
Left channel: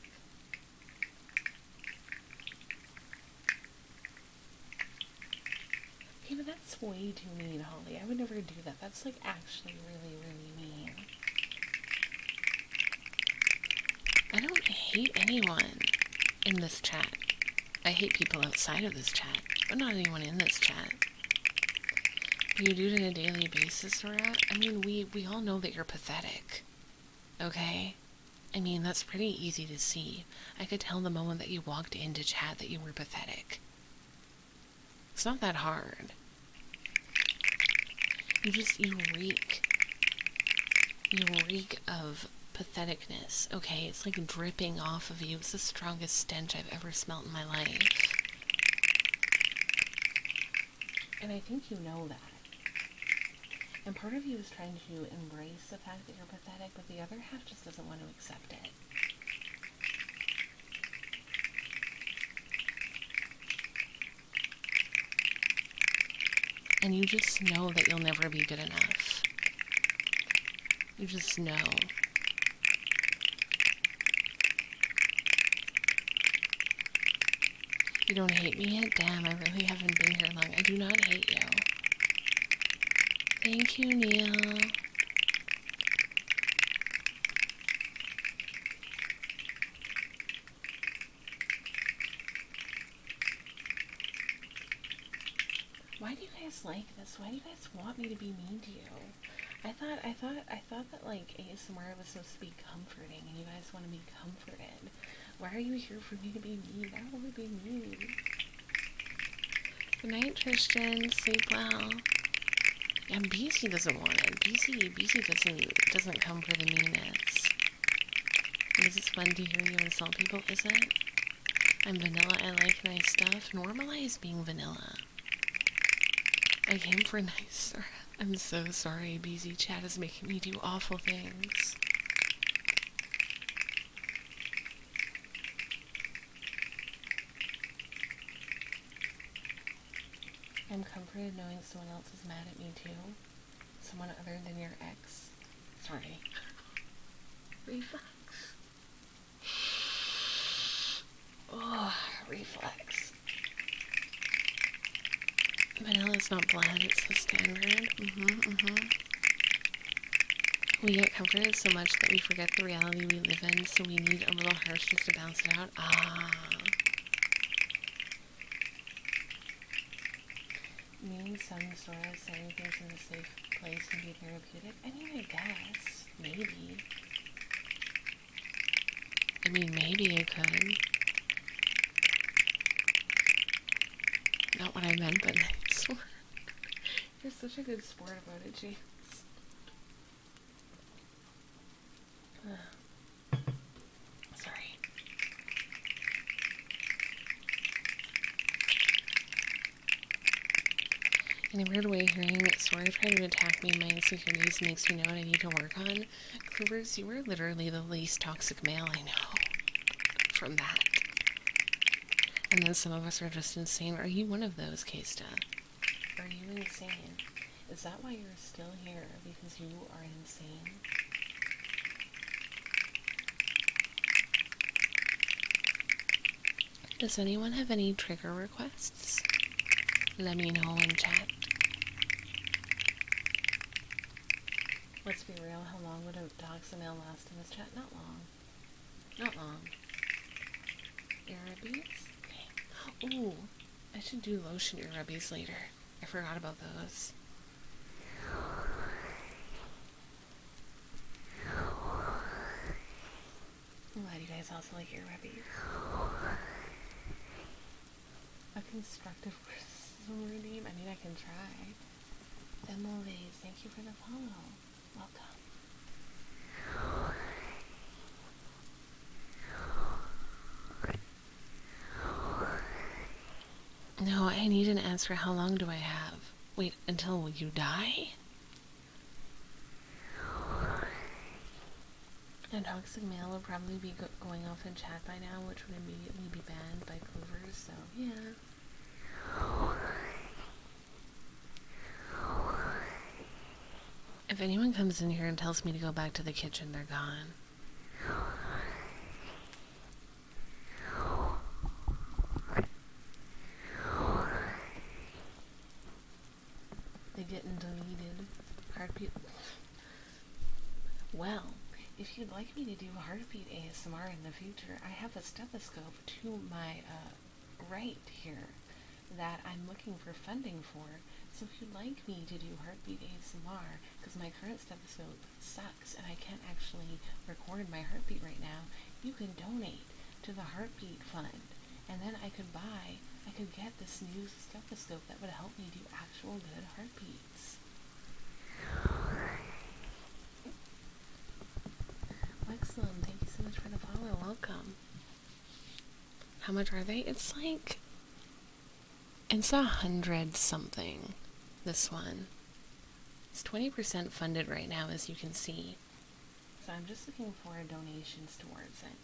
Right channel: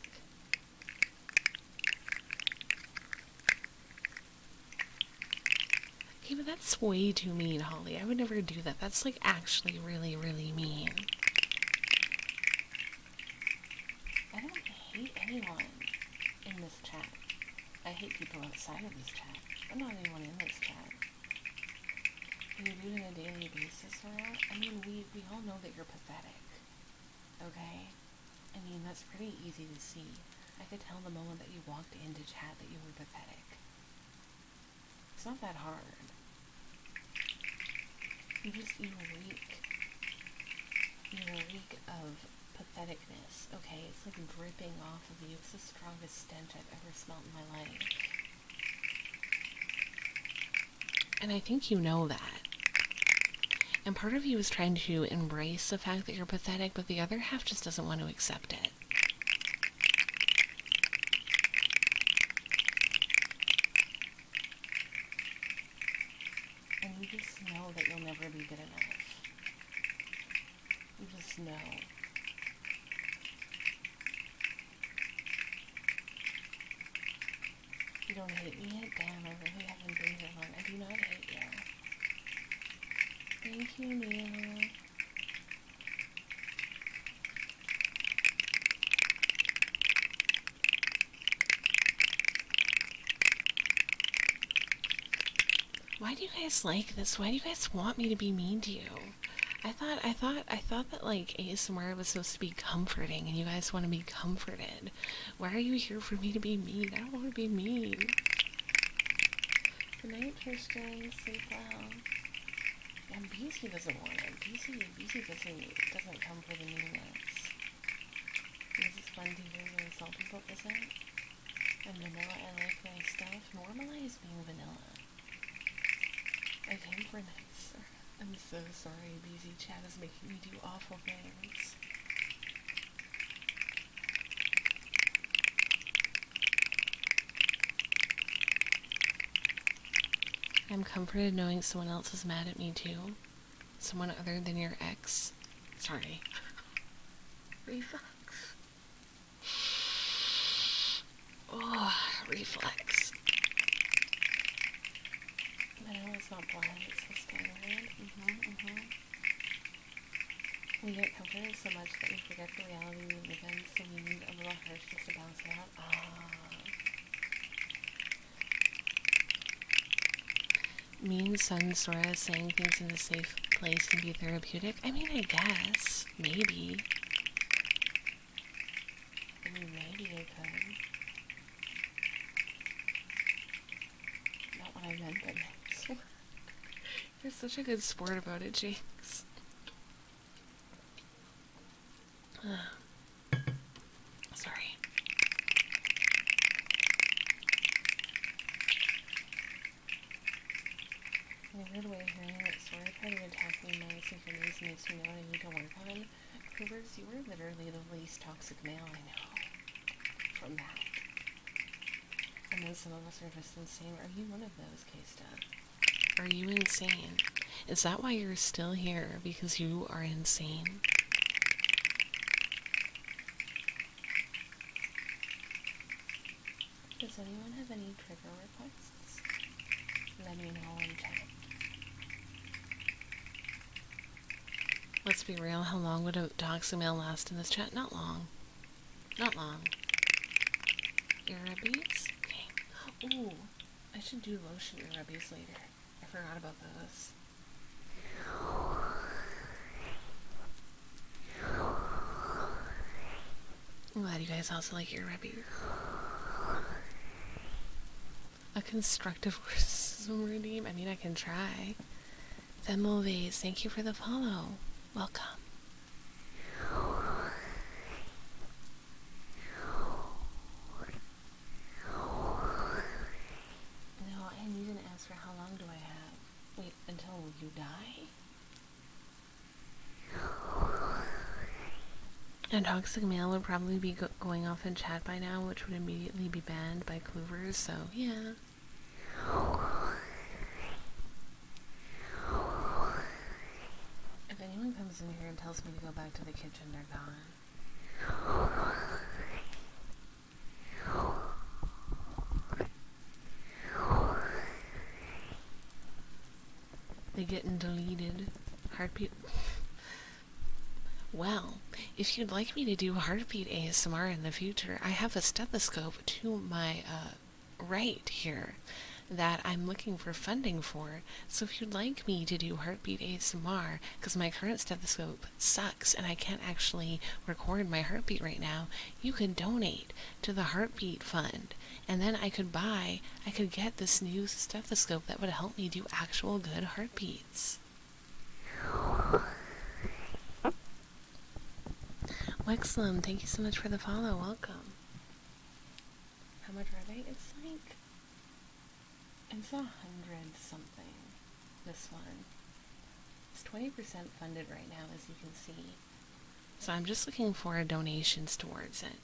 Okay, but that's way too mean, Holly. I would never do that. That's like actually really, really mean. I don't hate anyone in this chat. I hate people outside of this chat, but not anyone in this chat. You do it on a daily basis, Sora? I mean, we all know that you're pathetic. Okay? I mean, that's pretty easy to see. I could tell the moment that you walked into chat that you were pathetic. It's not that hard. You reek. You reek of patheticness, okay? It's like dripping off of you. It's the strongest stench I've ever smelt in my life. And I think you know that. And part of you is trying to embrace the fact that you're pathetic, but the other half just doesn't want to accept it. And you just know that you'll never be good enough. You just know. You don't hate me yet? Damn, I really haven't been here long. I do not hate you. Thank you, Neil. Why do you guys like this? Why do you guys want me to be mean to you? I thought that like ASMR was supposed to be comforting and you guys want to be comforted. Why are you here for me to be mean? I don't want to be mean. Good night, Tristan. Sleep well. And BC doesn't want it. BC doesn't come for the meanness. Because it's fun to hear you insult people, is it? I'm vanilla, I like nice stuff. Normalize being vanilla. I came for nice. I'm so sorry, BZ chat is making me do awful things. I'm comforted knowing someone else is mad at me too. Someone other than your ex. Sorry. Reflex. Oh, reflex. Vanilla is not blood, it's the standard. We get comforted so much that we forget the reality we live in, so we need a little harsh just to bounce it out. Me and Sun Sora saying things in a safe place can be therapeutic? I mean, I guess. Maybe. Maybe it could. Not what I meant, but you're such a good sport about it, Jinx. Sorry. In a weird way, hearing Sora trying to attack me in my insecurities makes me know what I need to work on. Clovers, you are literally the least toxic male I know. From that. And then some of us are just insane. Are you one of those, Kesta? Are you insane? Is that why you're still here? Because you are insane? Does anyone have any trigger requests? Let me know in chat. Let's be real, how long would a toxic male last in this chat? Not long. Not long. Earrubbies? Okay. Ooh, I should do lotion earrubbies later. I forgot about those. I'm glad you guys also like earrubbies. A constructive criticism redeem? I mean, I can try. Femovays, thank you for the follow. Welcome. No, I need an answer. How long do I have? Wait, until you die? A toxic male would probably be going off in chat by now, which would immediately be banned by Clovers, so yeah. If anyone comes in here and tells me to go back to the kitchen, they're gone. They getting deleted. Heartbeat. Well, if you'd like me to do heartbeat ASMR in the future, I have a stethoscope to my right here that I'm looking for funding for. So if you'd like me to do heartbeat ASMR, because my current stethoscope sucks and I can't actually record my heartbeat right now, you could donate to the Heartbeat Fund. And then I could get this new stethoscope that would help me do actual good heartbeats. Wexlam, thank you so much for the follow. Welcome. How much are they? It's 100 something. This one. It's 20% funded right now, as you can see. So I'm just looking for donations towards it.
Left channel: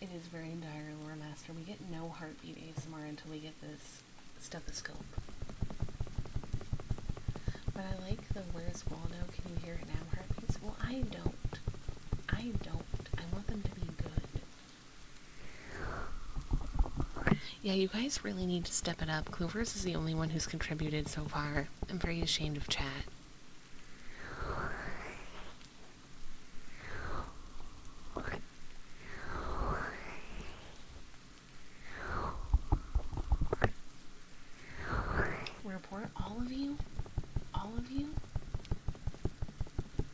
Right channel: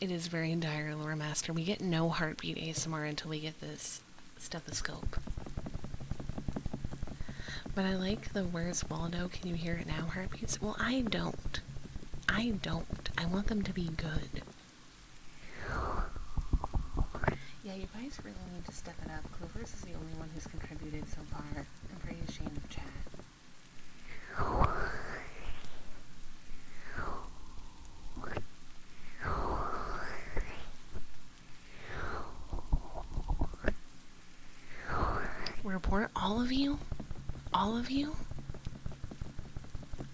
It is very dire, Lore Master. We get no heartbeat ASMR until we get this stethoscope. But I like the "Where's Waldo? Can you hear it now?" heartbeats. Well, I don't. I want them to be good. Yeah, you guys really need to step it up. Clovers is the only one who's contributed so far. I'm very ashamed of chat. Report all of you? All of you?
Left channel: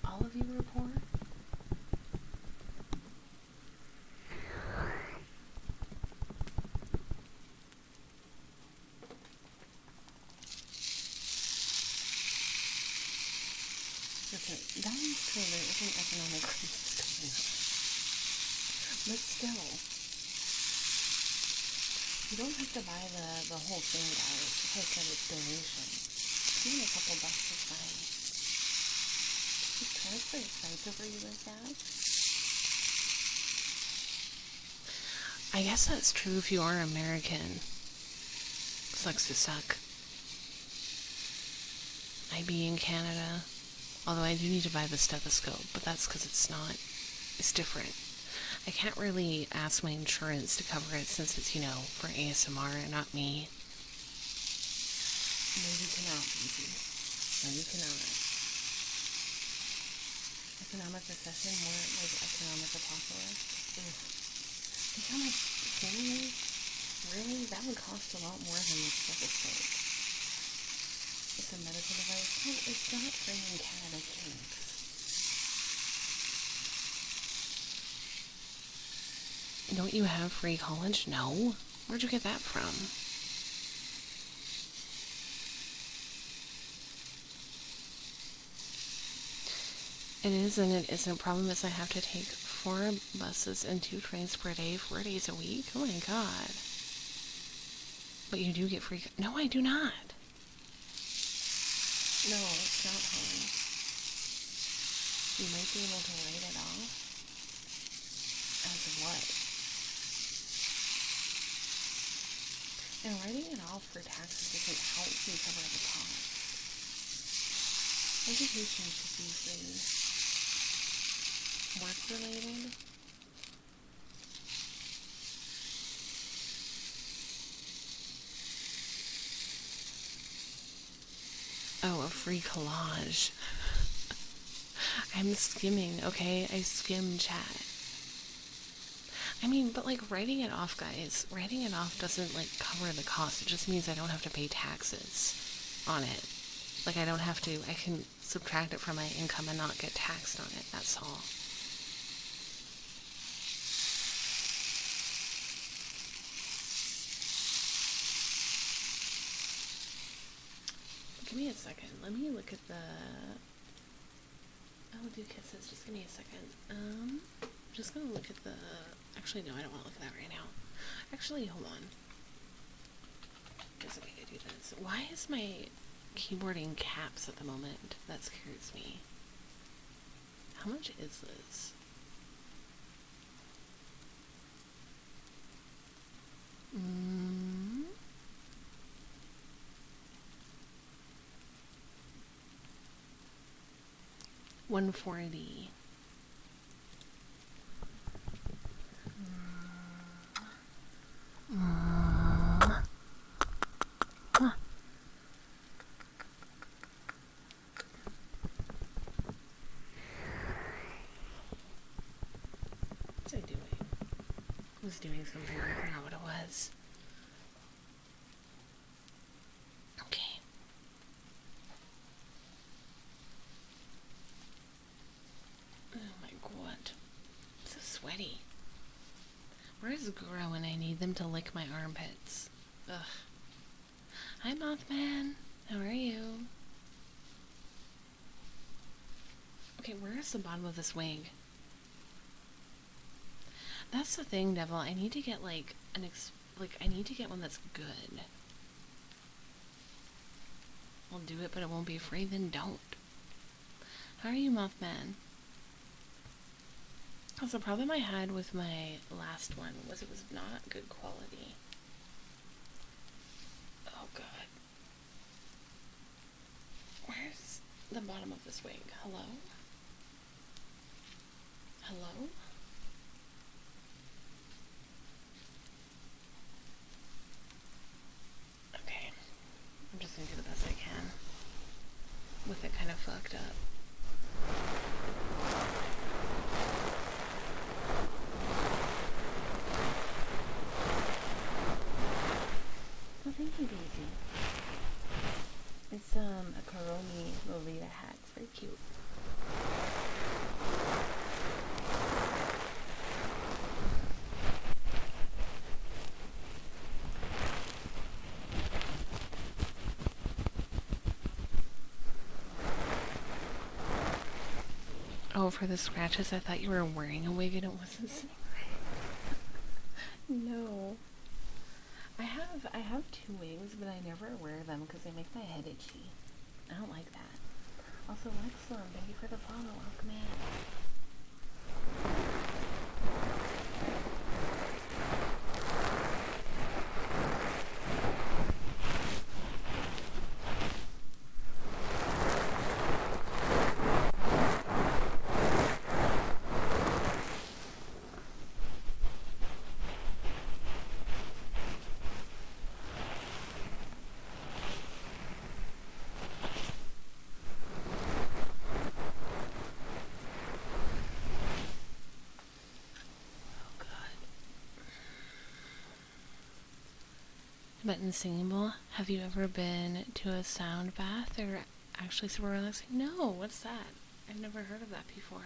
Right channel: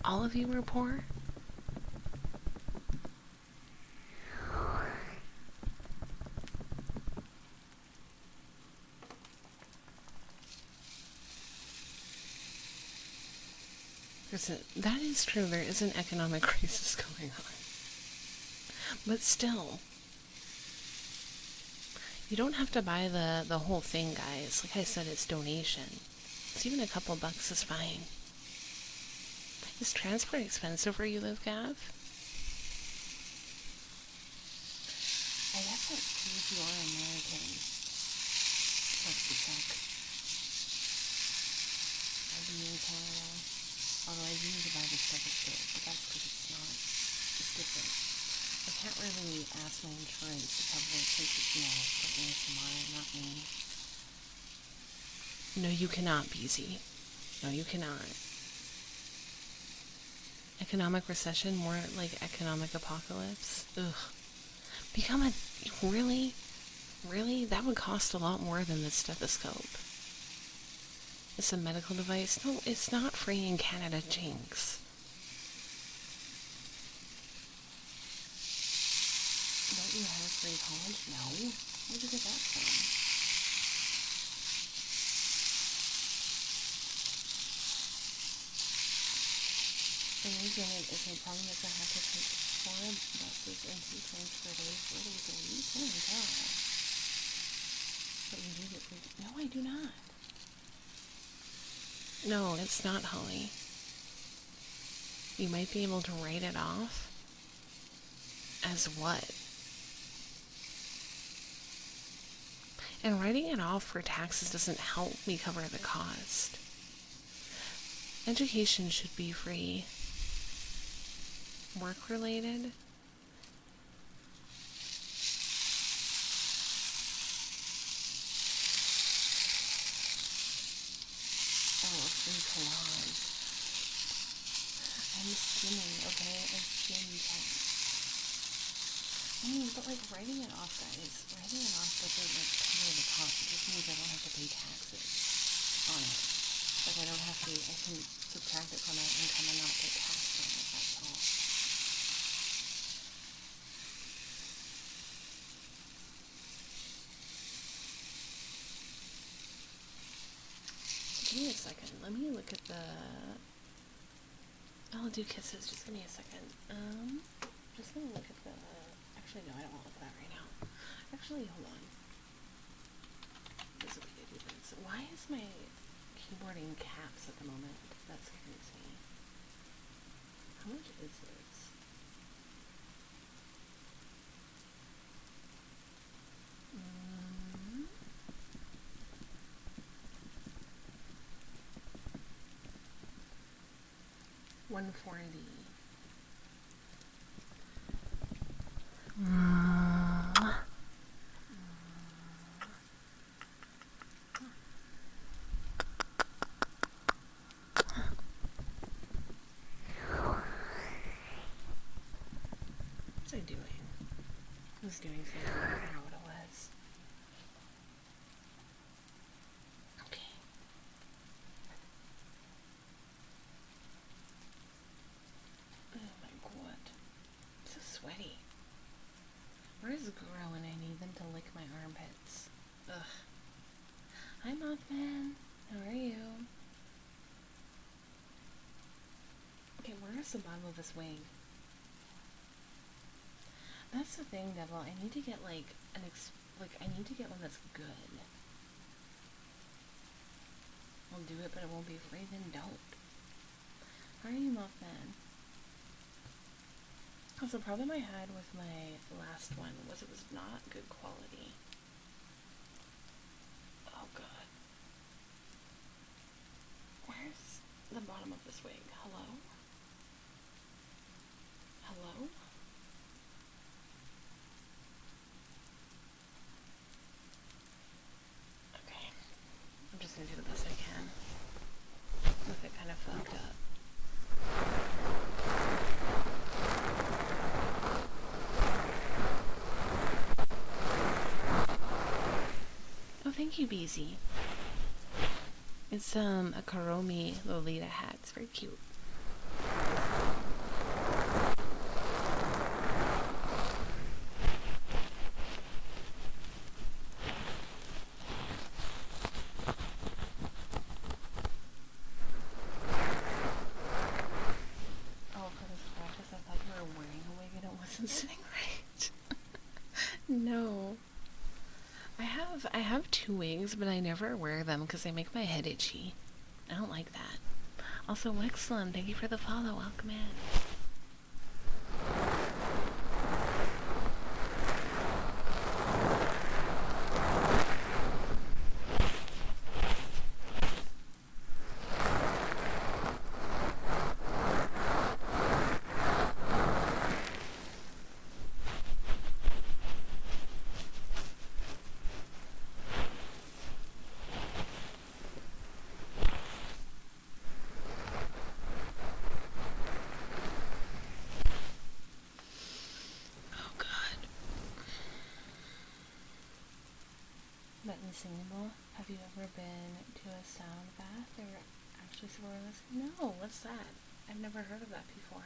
All of you report? Listen, that is true. There is an economic crisis going on. But still, you don't have to buy the whole thing, guys. Like I said, it's donation. So even a couple bucks is fine. Is transport expensive where you live, Gav? I guess that's true if you are American. Sucks to suck. I be in Canada. Although I do need to buy the stethoscope, but that's because it's different. I can't really ask my insurance to cover it since it's, for ASMR and not me. No, you cannot, BZ. No, you cannot. Economic recession, more like economic apocalypse. Ugh. Become like, really? Really? That would cost a lot more than the stethoscope. It's a medical device. No, it's not free in Canada, Jinx. Don't you have free college? No. Where'd you get that from? It is, and it isn't. Problem is I have to take 4 buses and 2 trains per day, 4 days a week. Oh my god. But you do get free. No, I do not. No, it's not, Holly. You might be able to write it off. As what? And writing it off for taxes doesn't help me cover the cost. Education should be free. Work-related? Oh, a free collage. I'm skimming, okay? I skim chat. I mean, but like writing it off, guys, writing it off doesn't like cover the cost. It just means I don't have to pay taxes on it. Like I can subtract it from my income and not get taxed on it, that's all. Give me a second. Let me look at the... I'll do kisses. Just give me a second. I'm just gonna look at the... Actually, no, I don't want to look at that right now. Actually, hold on. There's a way to do this. Why is my keyboard in caps at the moment? That scares me. How much is this? $140. What's I doing? I was doing something, I forgot what it was. Okay. Oh my god. I'm so sweaty. Where's Gro when I need them to lick my armpits? Ugh. Hi, Mothman. How are you? Okay, where's the bottom of this wig? That's the thing, Devil. I need to get like I need to get one that's good. I'll do it, but it won't be free. Then don't. How are you, Mothman? Because the problem I had with my last one was it was not good quality. Oh god. Where's the bottom of this wig? Hello? Hello? Okay. I'm just gonna do the best I can with it kind of fucked up. Oh, thank you, Beezy. It's a Karomi Lolita hat. It's very cute. Oh, for the scratches, I thought you were wearing a wig and it wasn't sitting right. No. I have 2 wigs, but I never wear them because they make my head itchy. I don't like that. Also, Wexlum, thank you for the follow. Welcome in. but in singable, have you ever been to a sound bath or actually super relaxing? No, what's that? I've never heard of that before.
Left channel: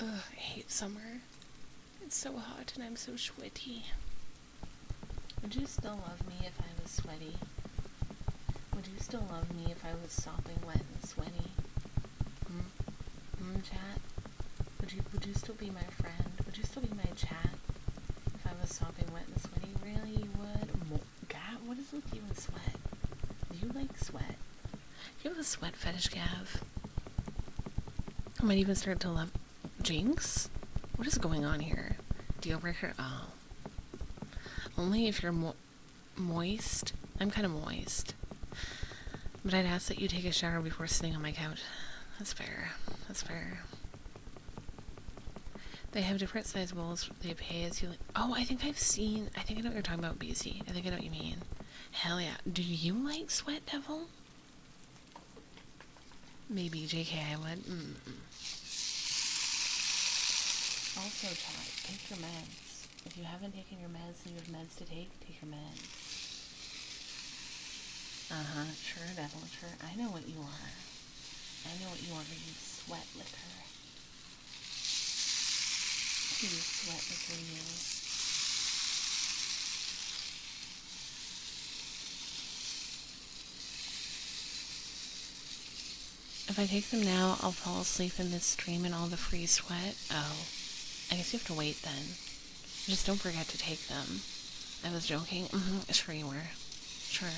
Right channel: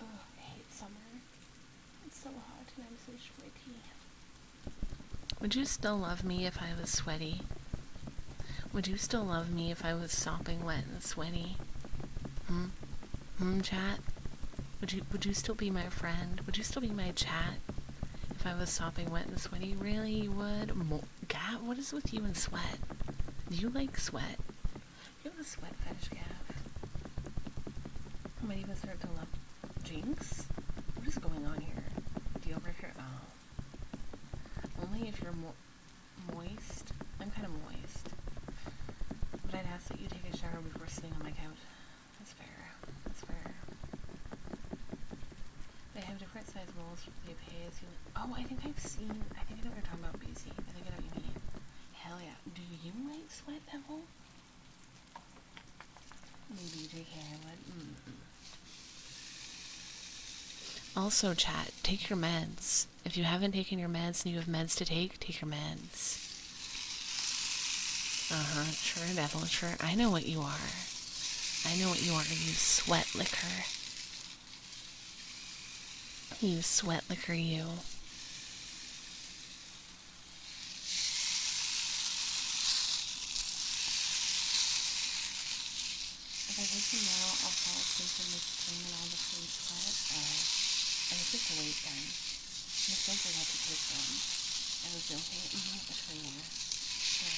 Ugh, I hate summer. It's so hot and I'm so sweaty. Would you still love me if I was sweaty? Would you still love me if I was sopping wet and sweaty? Chat? Would you still be my friend? Would you still be my chat if I was sopping wet and sweaty? Really, you would? Gav, what is with you and sweat? Do you like sweat? You have a sweat fetish, Gav. I might even start to love Jinx? What is going on here? Deal breaker? Oh. Only if you're moist. I'm kind of moist. But I'd ask that you take a shower before sitting on my couch. That's fair. That's fair. They have different size bowls. They pay as you like. Oh, I think I know what you're talking about, BC. I think I know what you mean. Hell yeah. Do you like sweat, Devil? Maybe, JK, I would. Also, chat, take your meds. If you haven't taken your meds and you have meds to take your meds. Sure, Devil, sure. I know what you are. I know what you are, you sweat liquor. You sweat liquor, you. If I take them now, I'll fall asleep in this stream and all the free sweat. Oh. I guess you have to wait then. Just don't forget to take them. I was joking. Sure you were. Sure.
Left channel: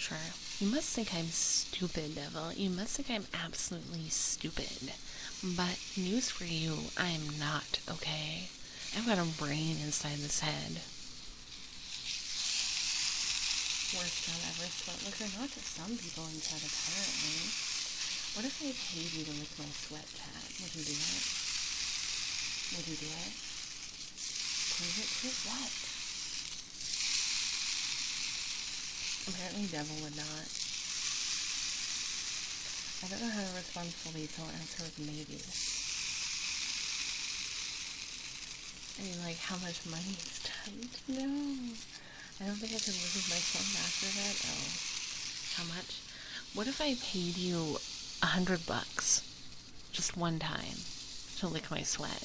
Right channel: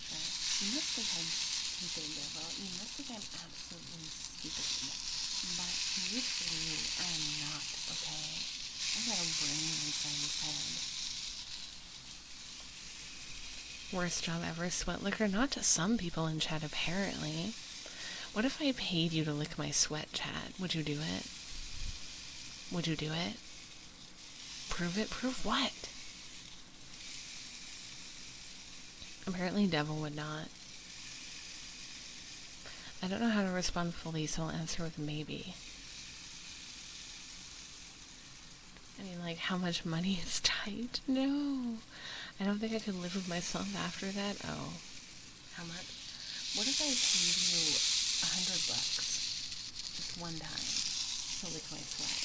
Sure. You must think I'm stupid, Devil. You must think I'm absolutely stupid. But news for you, I'm not, okay? I've got a brain inside this head. Worst job ever, sweat liquor? Not to some people in chat, apparently. What if I paid you to lick my sweat, chat? Would you do it? Would you do it? Prove it? Prove what? Apparently Devil would not. I don't know how to respond fully, so I'll answer with maybe. I mean, like, how much money is tight? No. I don't think I could live with myself after that. Oh. How much? What if I paid you $100 just one time to lick my sweat?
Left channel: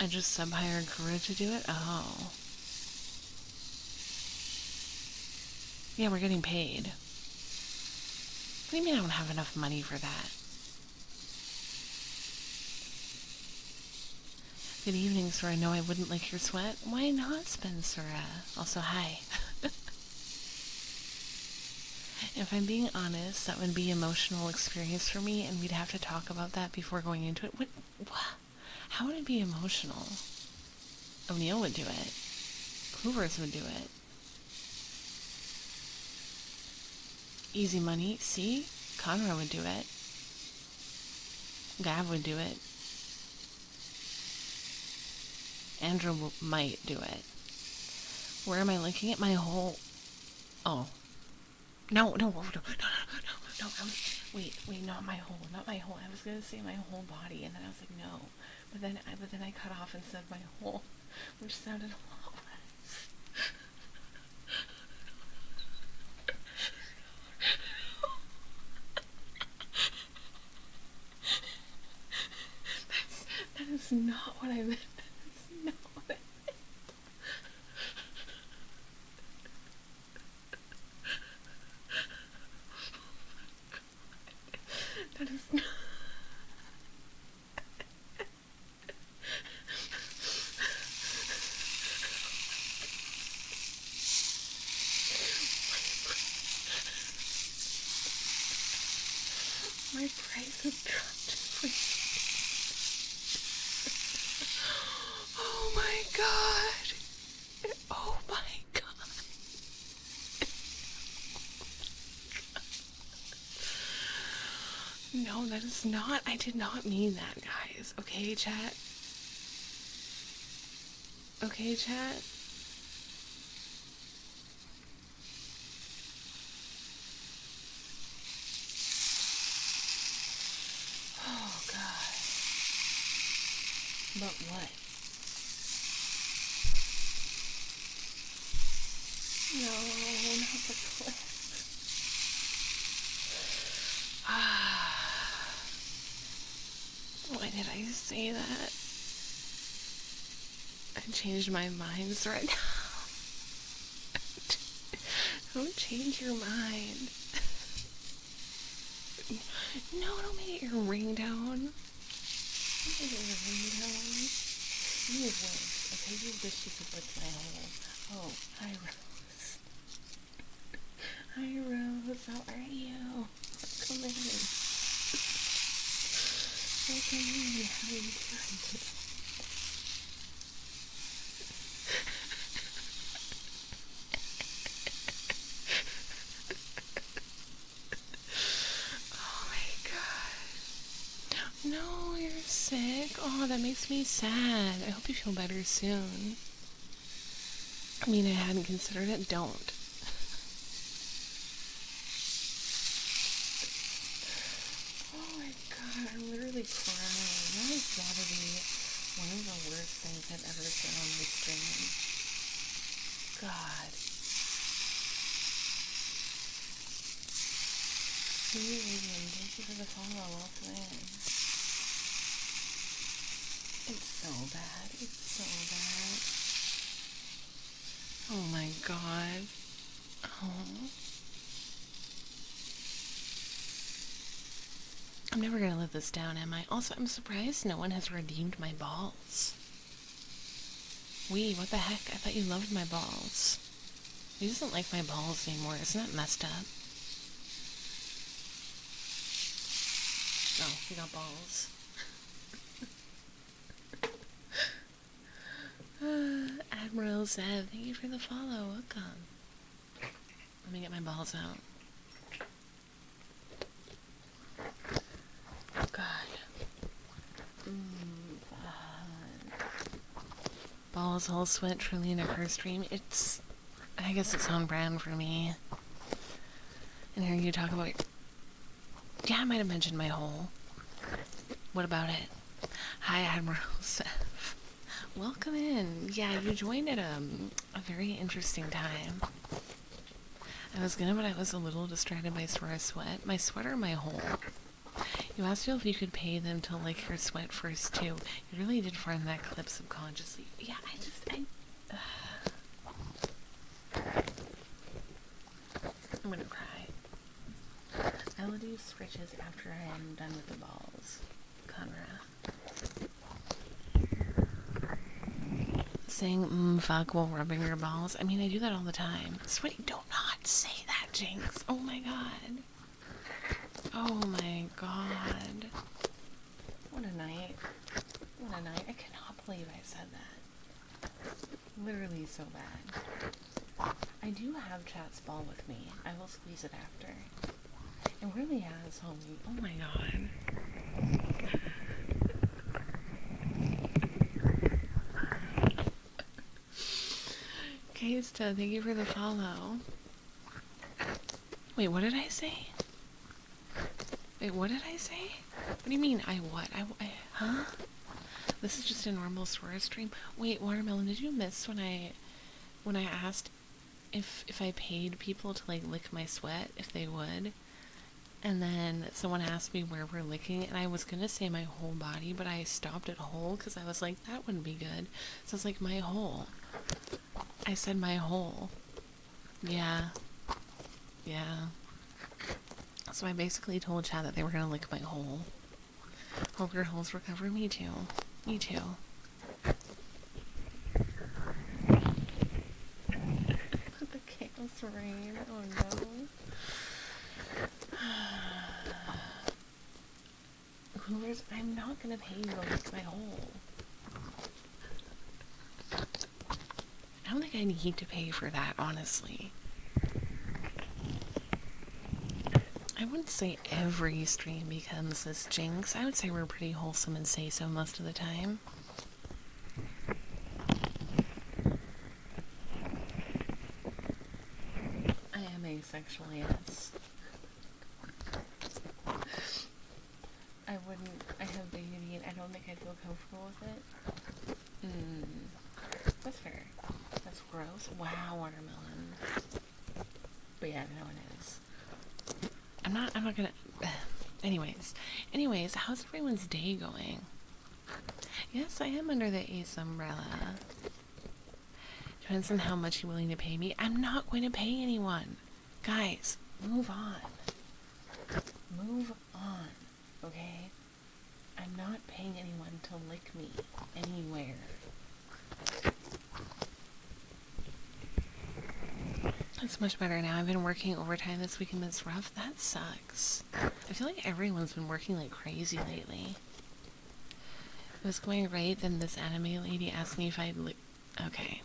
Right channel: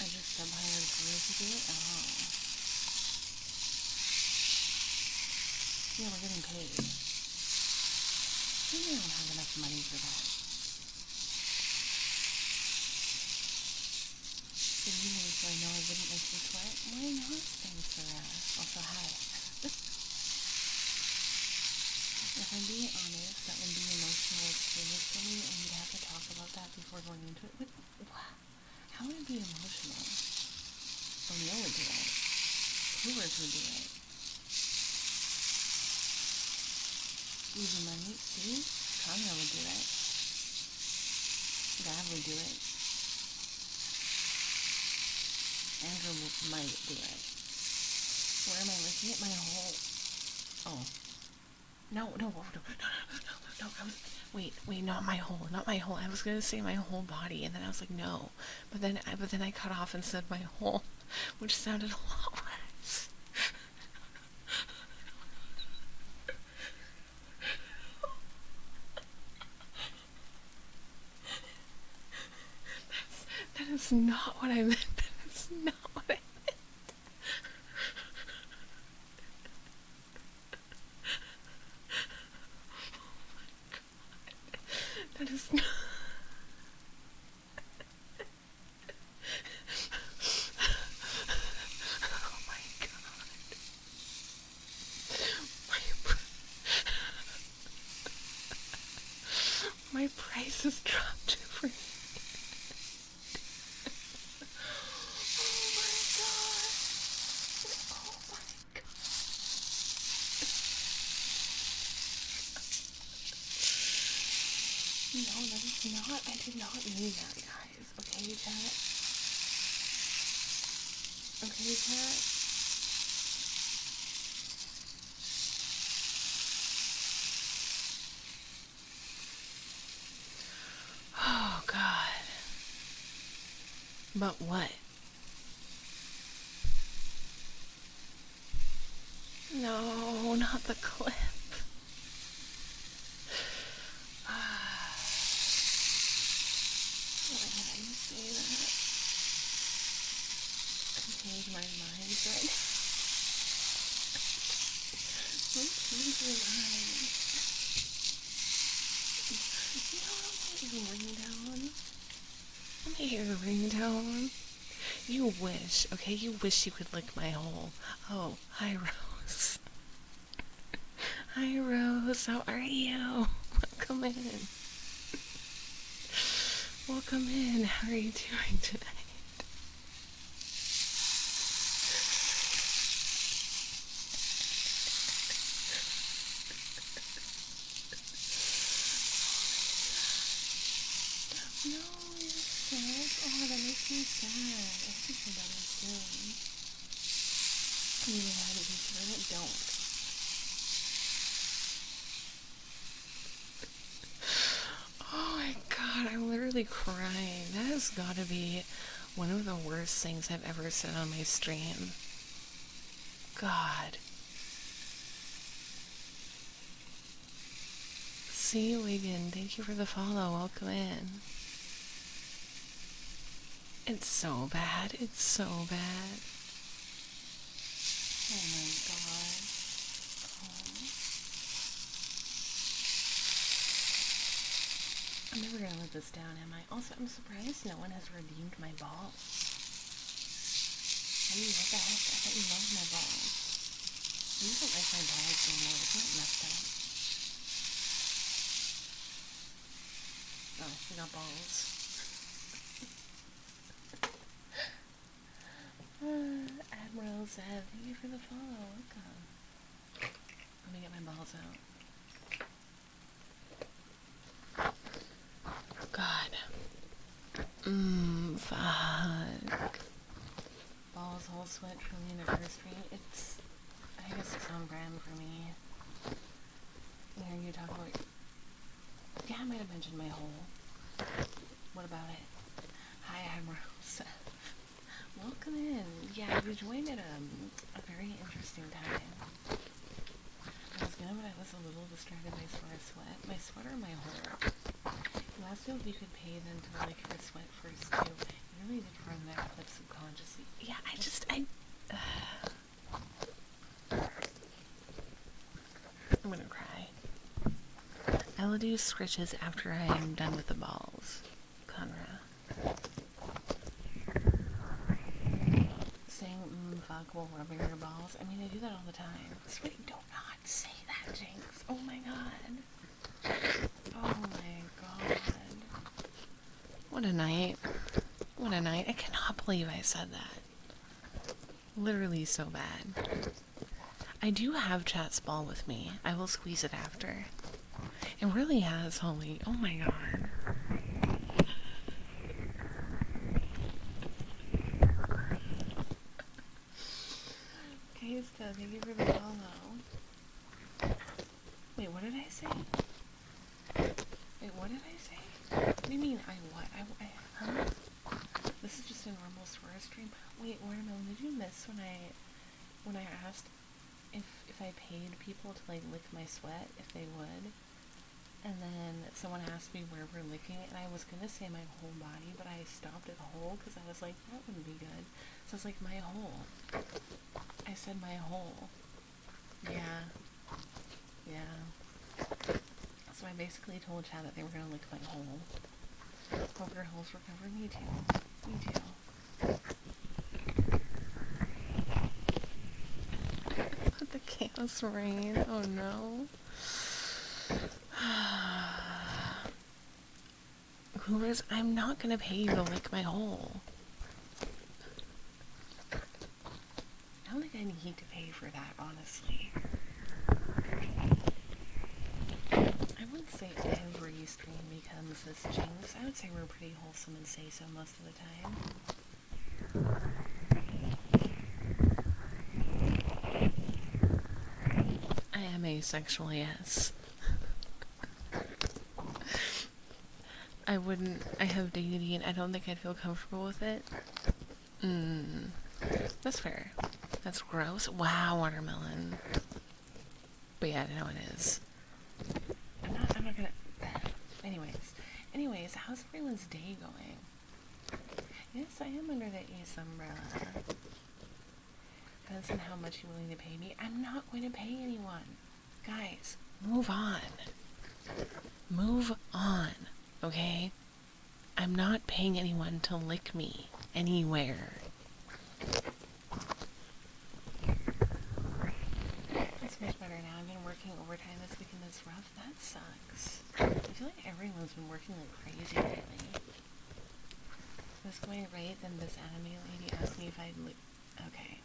I just sub-hired Guru to do it? Oh. Yeah, we're getting paid. What do you mean I don't have enough money for that? Good evening, sir. I know I wouldn't lick your sweat. Why not, Spencer? Also, hi. If I'm being honest, that would be an emotional experience for me, and we'd have to talk about that before going into it. What? How would it be emotional? O'Neill would do it. Hoovers would do it. Easy money. See? Conroe would do it. Gav would do it. Andrew might do it. Where am I licking it? My whole... Oh. No. Wait, not my whole. I was gonna say my whole body, and then I was like, no. But then I cut off and said my whole, which sounded a lot worse. That is not what I meant. That is not what I meant. That is not... My price has dropped for... Oh my god! Oh my god! No, that is not... I did not mean that, guys. Okay, chat? Okay, chat? Oh, God. But what? No, not the clip. Why did I say that? I changed my mind right now. Don't change your mind. No, don't make your ringtone. Don't make your ringtone. You wish, okay? You wish you could lick my hole. Oh, hi, Rose. Hi, Rose. How are you? Welcome in. Welcome in. How are you doing today? No, you're sick. Oh, that makes me sad. I hope you feel better soon. I mean, I hadn't considered it. Don't. Oh my god, I'm literally crying. That has got to be one of the worst things I've ever said on my stream. God. See you again. Thank you for the follow. Welcome in. It's so bad. It's so bad. Oh my god. Oh. I'm never gonna live this down, am I? Also, I'm surprised no one has redeemed my balls. Wee, what the heck? I thought you loved my balls. He doesn't like my balls anymore. Isn't that messed up? Oh, we got balls. Admiral Zev, thank you for the follow. Welcome. Let me get my balls out. God. Fuck. Balls all sweat truly in a her stream. I guess it's on brand for me. And here you talk about yeah, I might have mentioned my hole. What about it? Hi, Admiral Seth. Welcome in. Yeah, you joined at a very interesting time. I was gonna, but I was a little distracted by sweat. My sweat or my hole? You asked me if you could pay them to lick your sweat first, too. You really did find that clip subconsciously. Yeah, I'm gonna cry. I will do scritches after I am done with the balls. Conra. Saying, fuck while rubbing your balls. I mean, I do that all the time. Sweaty, do not say that, Jinx. Oh my god. Oh my god. What a night. What a night. I cannot believe I said that. Literally so bad. I do have Chat's ball with me. I will squeeze it after. It really has, Holly. Oh my god. Kaysta, thank you for the follow. Wait, what did I say? Wait, what did I say? What do you mean, huh? This is just a normal Sora stream. Wait, Watermelon, did you miss when I asked if I paid people to, like, lick my sweat, if they would? And then someone asked me where we're licking, and I was gonna say my whole body, but I stopped at whole, because I was like, that wouldn't be good. So it's like, my whole. I said my whole. Yeah. Yeah. So I basically told Chad that they were gonna lick my hole. Hope your holes recover. Me too. Me too. The chaos rain. Oh no. Coolers, I'm not gonna pay you to lick my hole. I don't think I need to pay for that, honestly. I wouldn't say every stream becomes this, Jinx. I would say we're pretty wholesome and say so most of the time. asexual, yes. I have dignity and I don't think I'd feel comfortable with it. That's fair. That's gross. Wow, watermelon. But yeah, no, it is. I'm not gonna... Anyways, how's everyone's day going? Yes, I am under the ACE umbrella. Depends on how much you're willing to pay me. I'm not going to pay anyone. Guys, move on. Move on, okay? I'm not paying anyone to lick me anywhere. It's much better now. I've been working overtime this week and it's rough. That sucks. I feel like everyone's been working like crazy lately. It was going right, then this anime lady asked me if I'd Okay.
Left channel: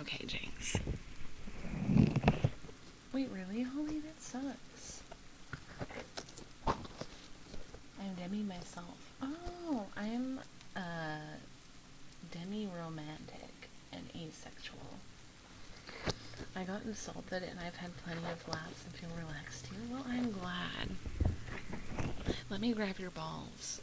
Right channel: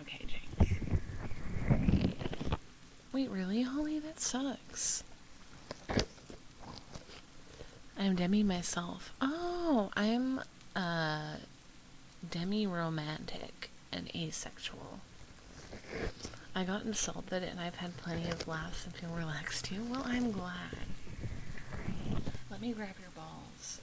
Okay, James. Wait, really, Holly? That sucks. I'm Demi myself. Oh, I'm, demi-romantic and asexual. I got insulted and I've had plenty of laughs and feel relaxed too. Well, I'm glad. Let me grab your balls.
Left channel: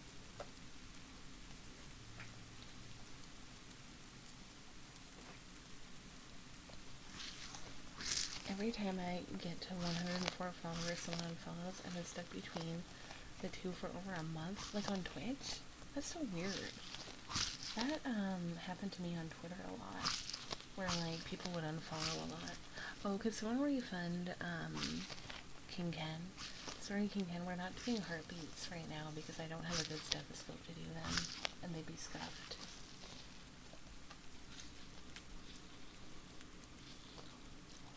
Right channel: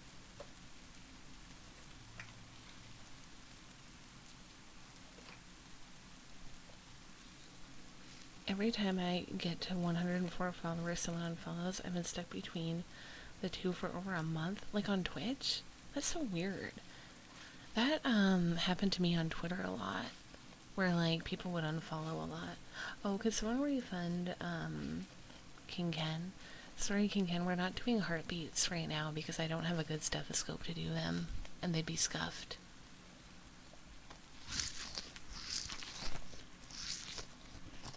Every time I get to 104 followers, someone unfollows. I've been stuck between the two for over a month. Like on Twitch? That's so weird. That, happened to me on Twitter a lot. Where, like, people would unfollow a lot. Oh, could someone refund, King Ken? Sorry, King Ken, we're not doing heartbeats right now because I don't have a good stethoscope to do them. And they'd be scuffed.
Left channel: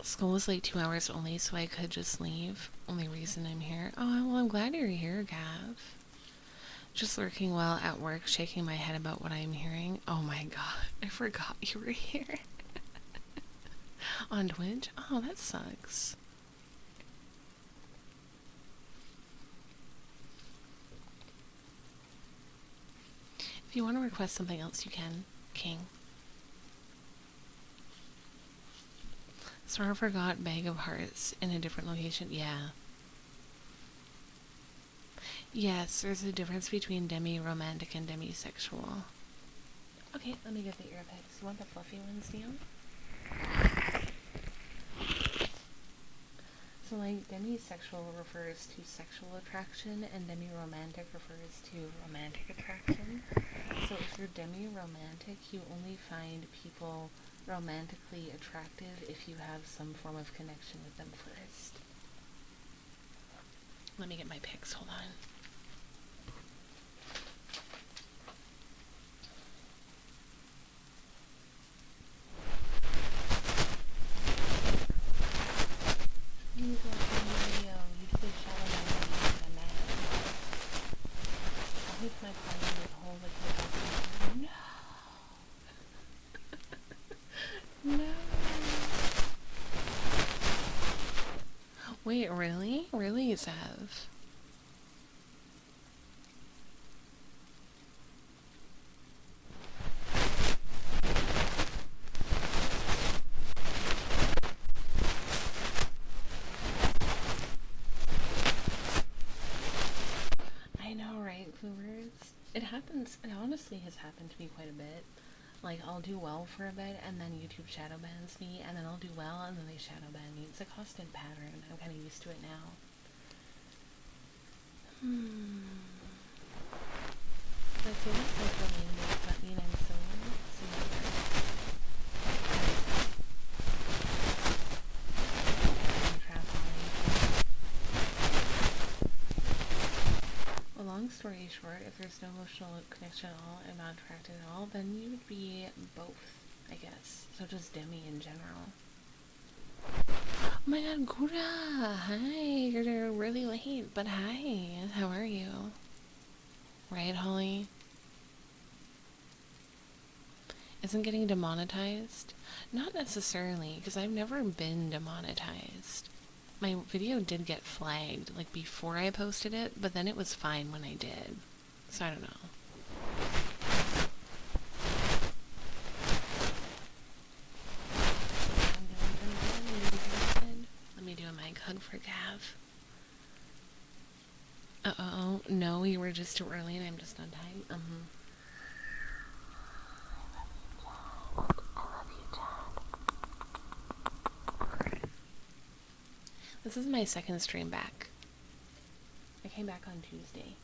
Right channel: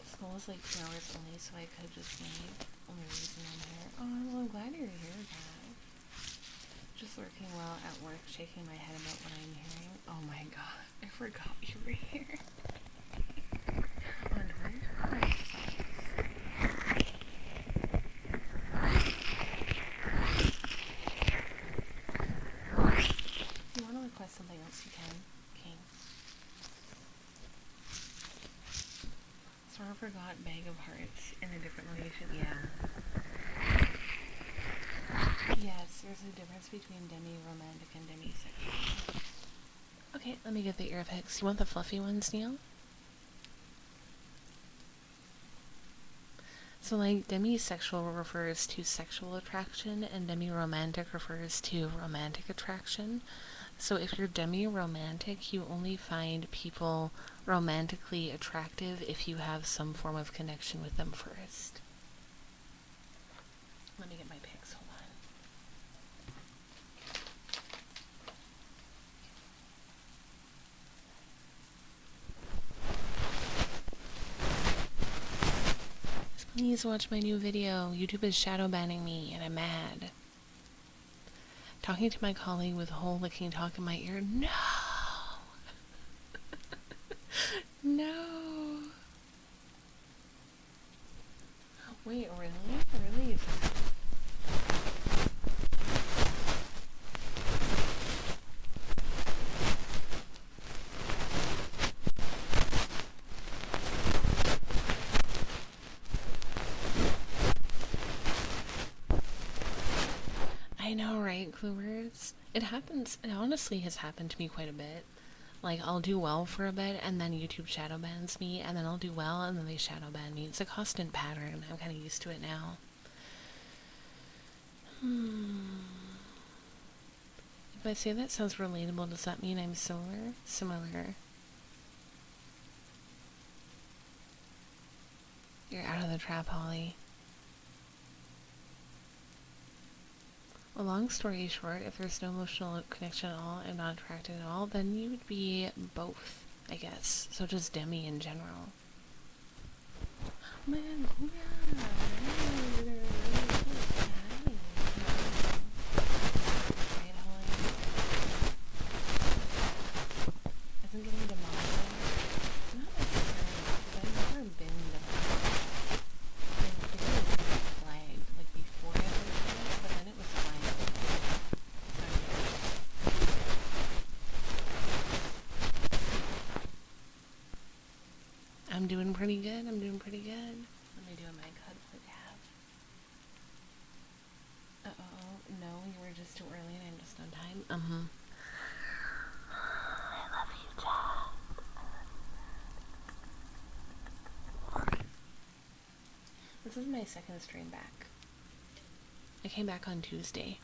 School was like 2 hours only, so I could just leave. Only reason I'm here. Oh, well, I'm glad you're here, Gav. Just lurking while at work, shaking my head about what I'm hearing. Oh my god, I forgot you were here. On Twitch? Oh, that sucks. If you want to request something else, you can, King. Sort of forgot bag of hearts in a different location. Yeah. Yes, there's a difference between demi-romantic and demisexual. Okay, let me get the ear picks. You want the fluffy ones, Neil? So, like, demisexual refers to sexual attraction, and demi-romantic refers to romantic attraction. So if you're demi-romantic, you only find people romantically attractive if you have some form of connection with them first. Let me get my picks, hold on. Please watch my new video. YouTube is shadow banning me and I'm mad. Talking to my colleague with hole licking talk in my ear. No! No! Wait, really? Really, Sav? I know, right, Cluers? It happens, it honestly has happened to me quite a bit. Like, I'll do well for a bit, and then YouTube shadow bans me, and then I'll do well, and then they shadow ban me. It's a constant pattern. I'm kind of used to it now. If I say that sounds relatable, does that mean I'm similar? Similar. You're out of the trap, Holly. A long story short, if there's no emotional connection at all and not attracted at all, then you would be both, I guess. So just demi in general. Oh my god, Gura! Hi! You're really late, but hi! How are you? Right, Holly? Isn't getting demonetized? Not necessarily, because I've never been demonetized. My video did get flagged, like, before I posted it, but then it was fine when I did. So I don't know. I'm doing pretty good, Let me do a mic it's too early and I'm just on time. I love you, Chad. I love you, Chad. This is my second stream back. I came back on Tuesday.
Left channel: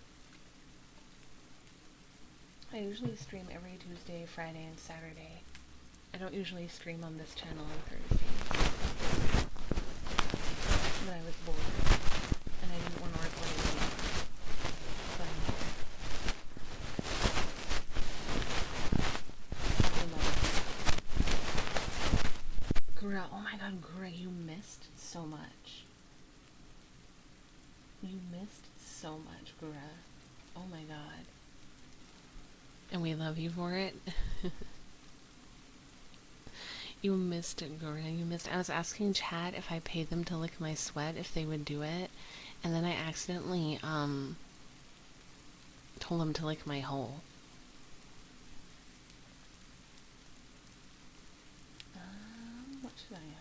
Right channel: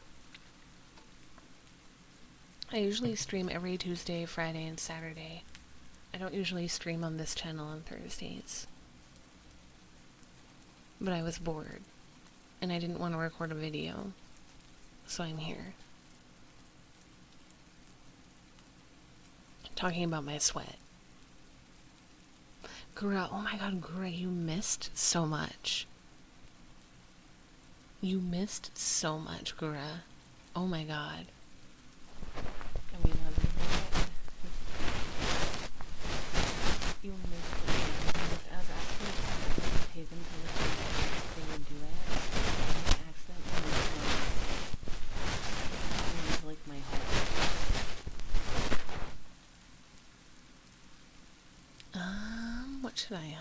I usually stream every Tuesday, Friday, and Saturday. I don't usually stream on this channel on Thursdays. But I was bored, and I didn't want to record a video, so I'm here. Talking about my sweat. Gura, oh my god, Gura, you missed so much. You missed so much, Gura. Oh my god. And we love you for it. You missed it, Jordan. You missed it. I was asking Chad if I paid them to lick my sweat, if they would do it. And then I accidentally, told them to lick my hole. What should I,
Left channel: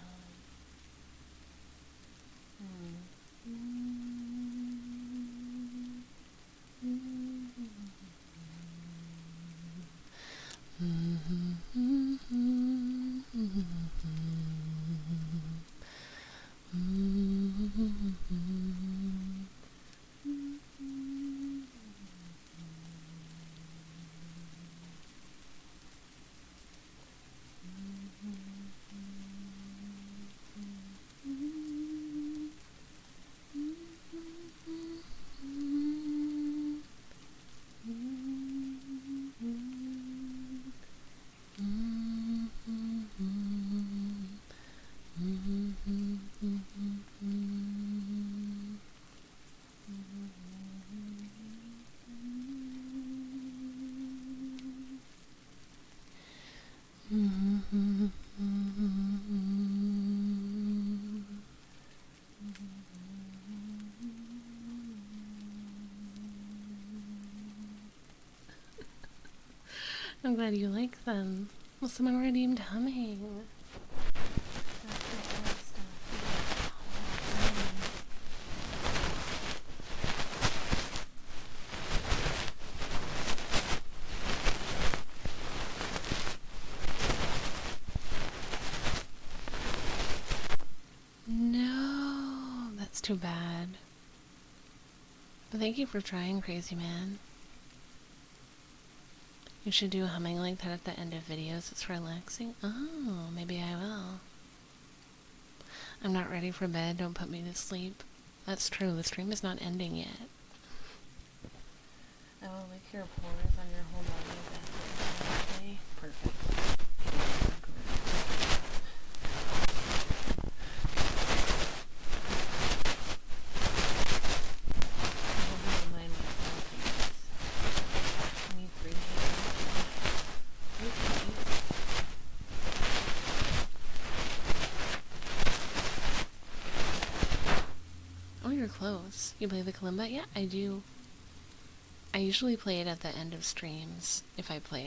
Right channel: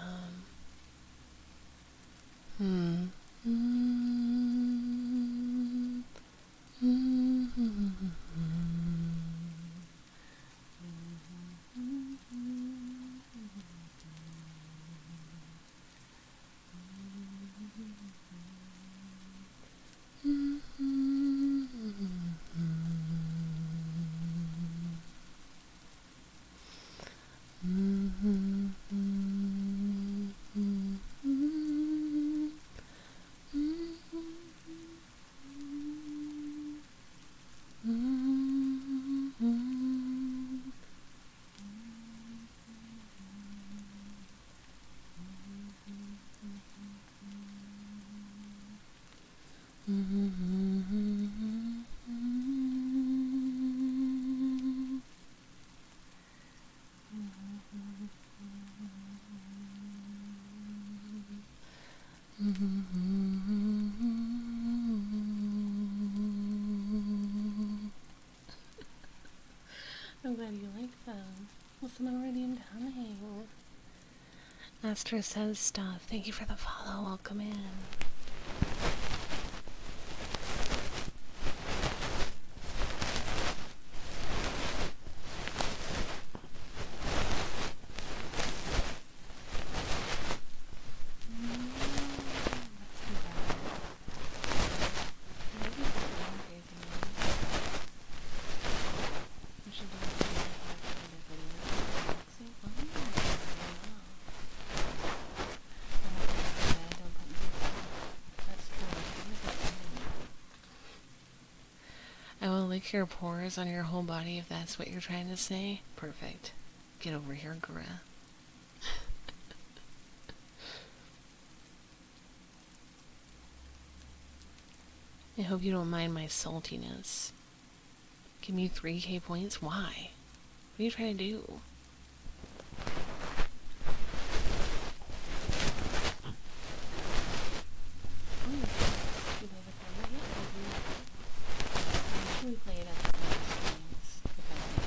I'm glad you like them. Well, someone redeemed humming. Master says stuff. Thank you for the follow. Welcome in. No, that's too bad. Thank you for trying, Crazy Man. You should do humming like that at the end of videos. It's relaxing. Oh, maybe I will. I'm not ready for bed. Don't put me to sleep. That's true. The stream is not ending yet. I will lick your pores on your whole body if that's what you're trying to say. Perfect. Get over your grip. I hope you won't mind my saltiness. Give me 3k points? Why? What are you trying to do? Oh, you're close. You play the kalimba? Yeah, I do. I usually play it at the end of streams, if I play it.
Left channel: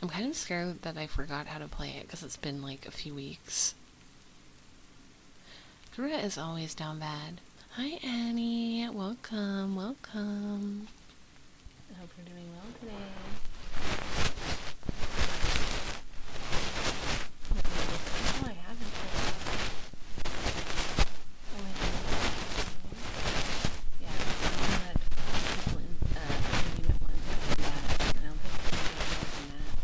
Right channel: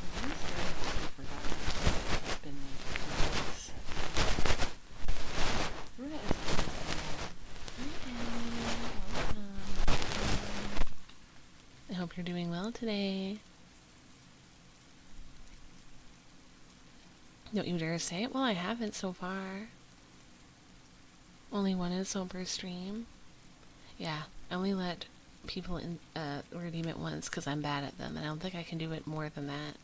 I'm kind of scared that I forgot how to play it, because it's been like a few weeks. Gura is always down bad. Hi, Annie. Welcome, welcome. I hope you're doing well today. Don't you dare say it? Well, I haven't so far. Only one insult per stream. Yeah, I only let people redeem it once because I'm bad at them, and I don't think I can do it more than that.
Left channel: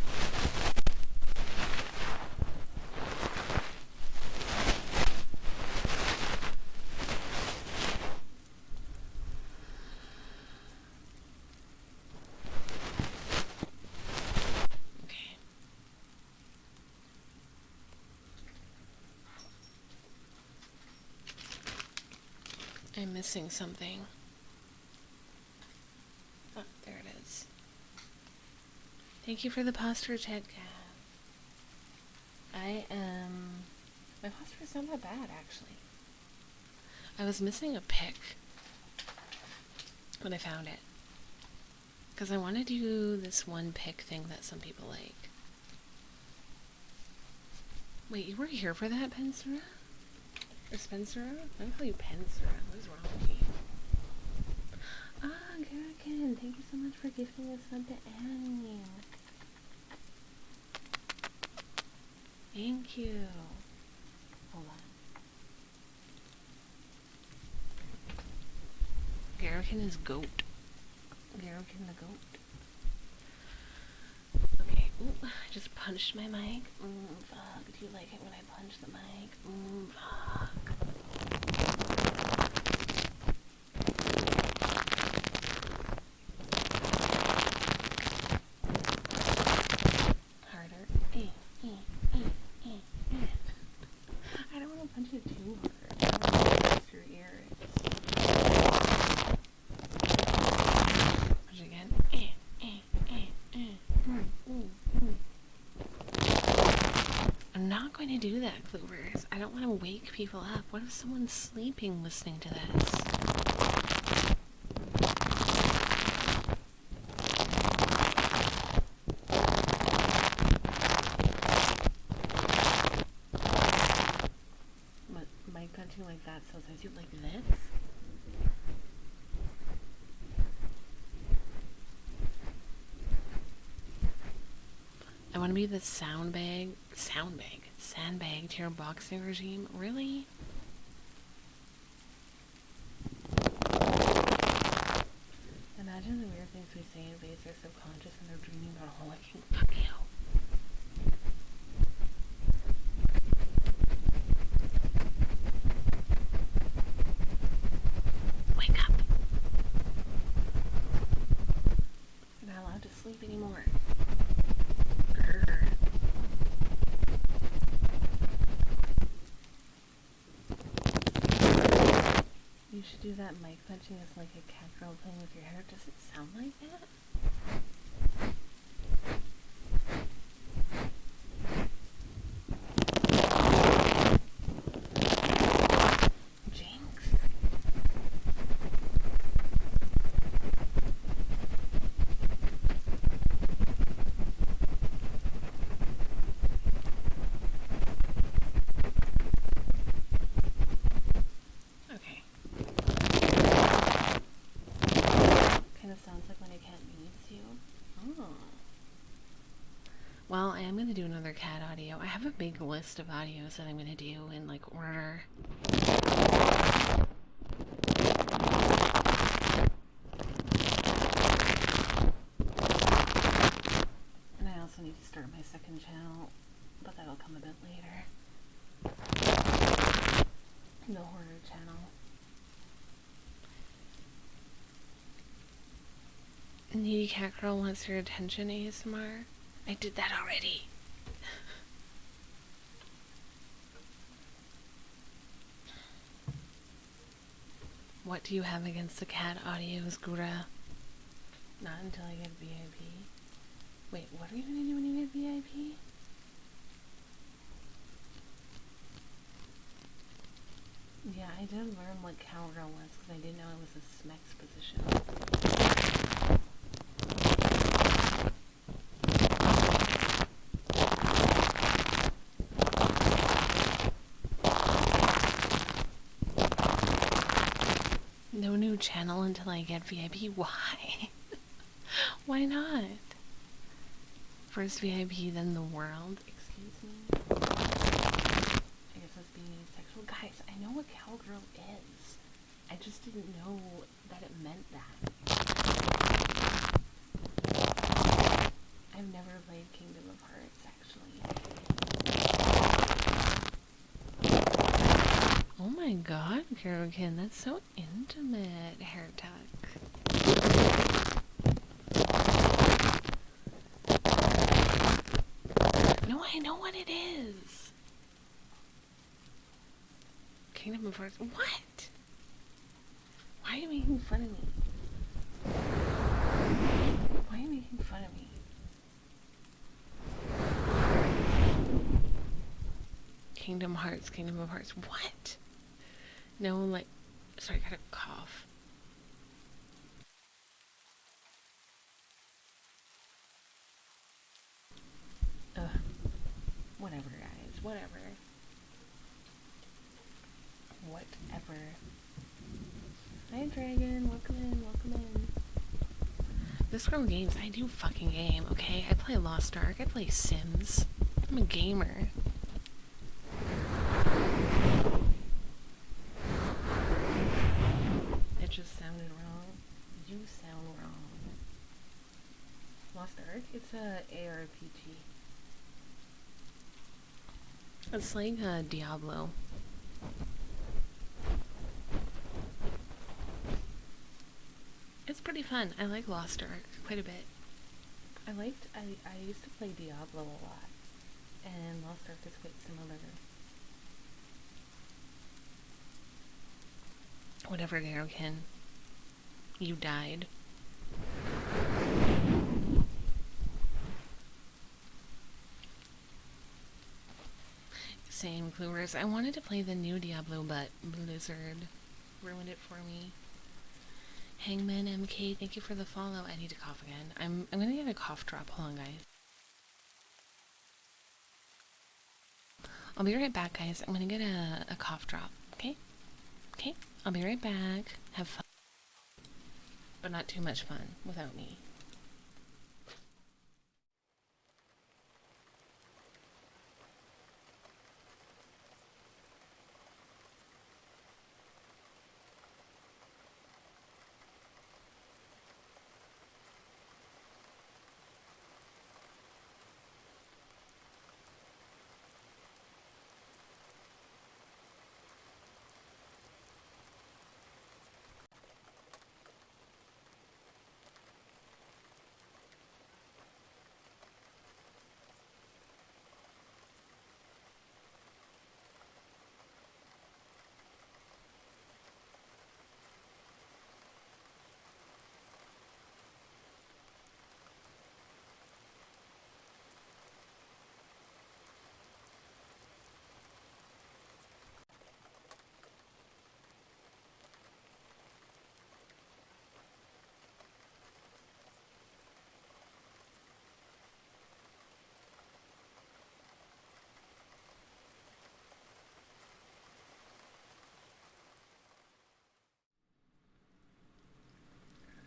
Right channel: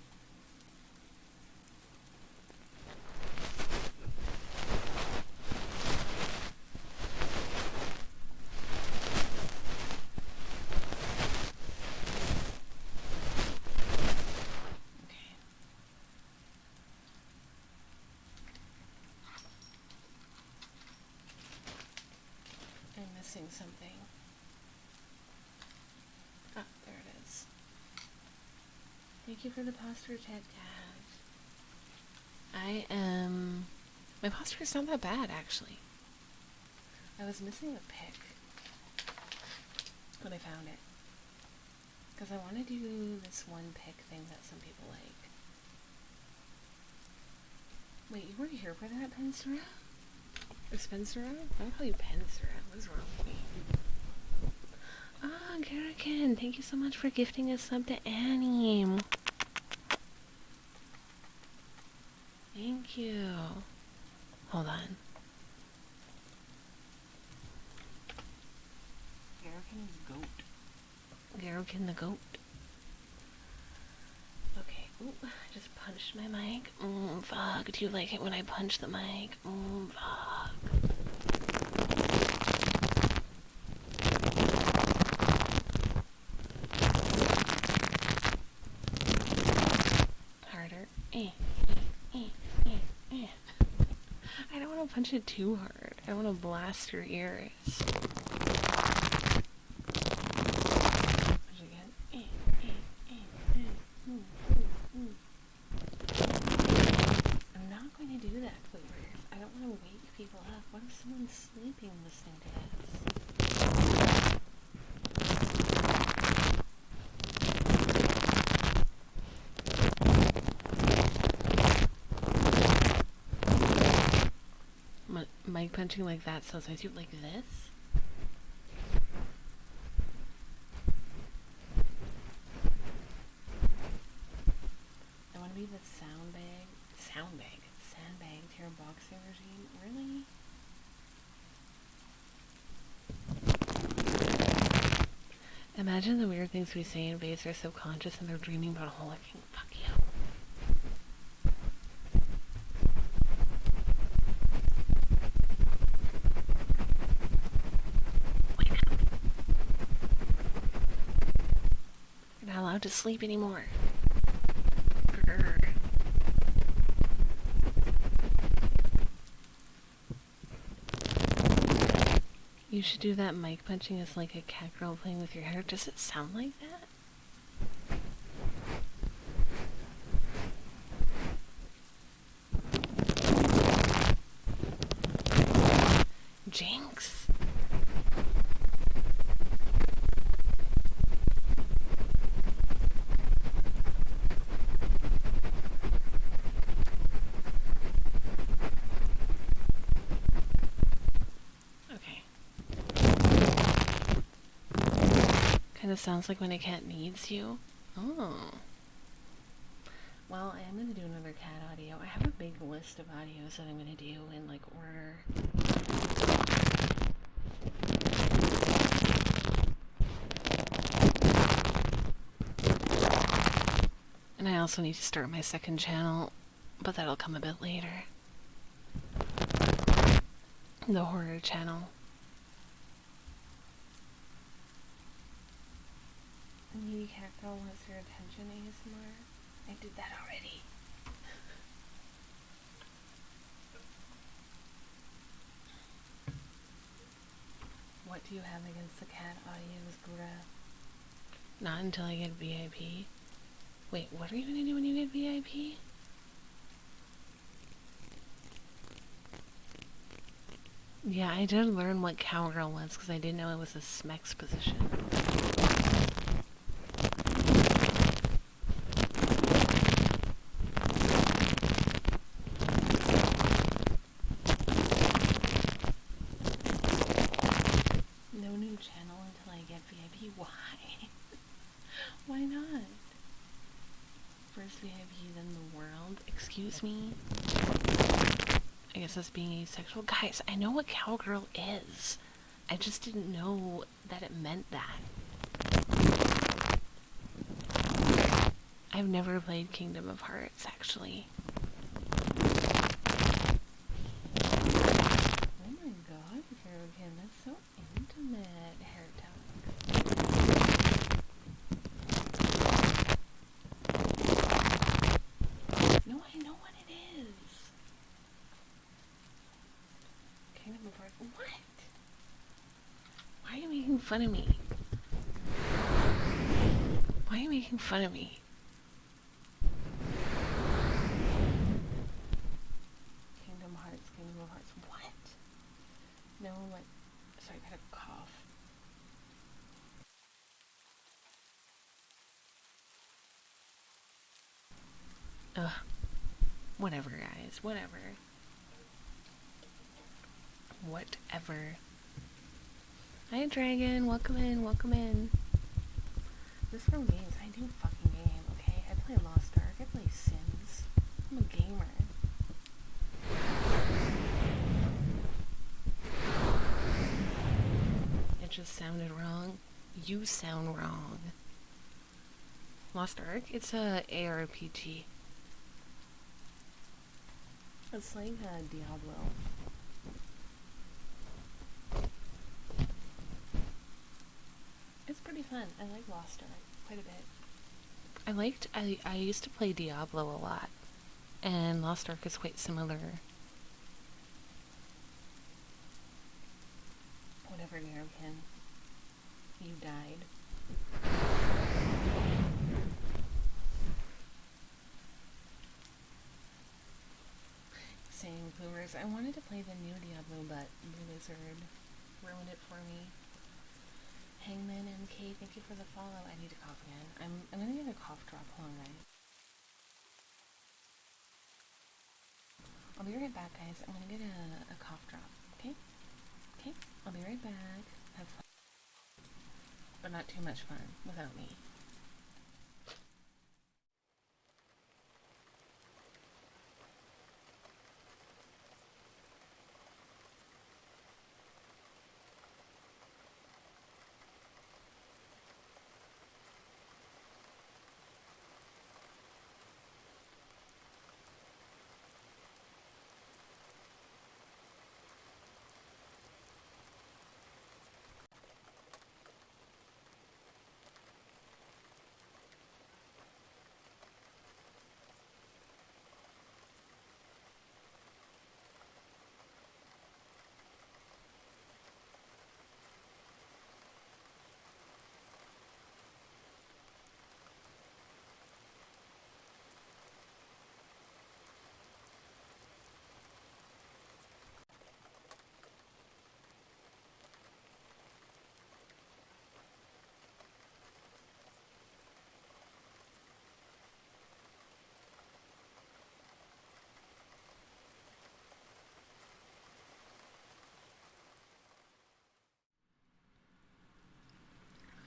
I'm missing something. Ah, there it is. Thank you for the posture check, Gav. My posture is not that bad, actually. I was missing a pick when I found it. Because I want to do this one pick thing that some people like. Wait, you were here for that, Pensura? Or Spencer? I call you Pensura. What is wrong with me? Ah, Garakin, thank you so much for gifting a sub to Annie. Thank you. Hold on. Garakin is goat. Garakin the goat. Okay. Ooh, I just punched my mic. Fuck. Do you like it when I punch the mic? Fuck. Harder. I don't want to punch it too hard. I don't want to blast your ears. Punch again. I'm not going to do that, Clovers. I don't want to wake people up. What if someone's sleeping listening to this? Mic punching like that, so I do like this. I want to be the sandbag to your boxing regime. Really? Imagine the weird things we say invades their subconscious and they're dreaming about holicking. Fuck you. Wake up. You're not allowed to sleep anymore. Grr. You should do that mic punching as like a cat girl playing with your hair. Does it sound like that? Jinx. Kind of sounds like when a cat needs you. Oh. Well, I am going to do another cat audio. I have a big list of audios that I'm going to do in like order. And I also need to start my second channel, but that'll come a bit later. The horror channel. The needy cat girl wants your attention, ASMR. I did that already. What do you have against the cat audios, Gura? Not until I get VIP. Wait, what are you gonna do when you get VIP? Yeah, I did learn what cowgirl was because I didn't know it was a SMEX position. No new channel until I get VIP. Why? Why not? First VIP, then the world. Excuse me? I guess that's being asexual. Guys, I know what cowgirl is. I just didn't know that it meant that. I've never played Kingdom of Hearts, actually. Oh my god, Karokin, that's so intimate, hair tuck. No, I know what it is. Kingdom of Hearts. What? Why are you making fun of me? Why are you making fun of me? Kingdom Hearts, Kingdom of Hearts. What? No, like, sorry, I got a cough. Ugh. Whatever, guys. Whatever. Whatever. Hi, Dragon. Welcome in. Welcome in. This from games. I do fucking game, okay? I play Lost Ark. I play Sims. I'm a gamer. It just sounded wrong. You sound wrong. Lost Ark? It's a ARPG. It's like a Diablo. It's pretty fun. I like Lost Ark quite a bit. I used to play Diablo a lot, and Lost Ark is quite similar. Whatever, Garokin. You died. Same, Cluers. I wanted to play the new Diablo, but Blizzard ruined it for me. Hangman MK, thank you for the follow. I need to cough again. I'm gonna get a cough drop. Hold on, guys. I'll be right back, guys. I'm gonna get a cough drop. Okay? Okay? I'll be right back. Have fun. But not too much fun without me.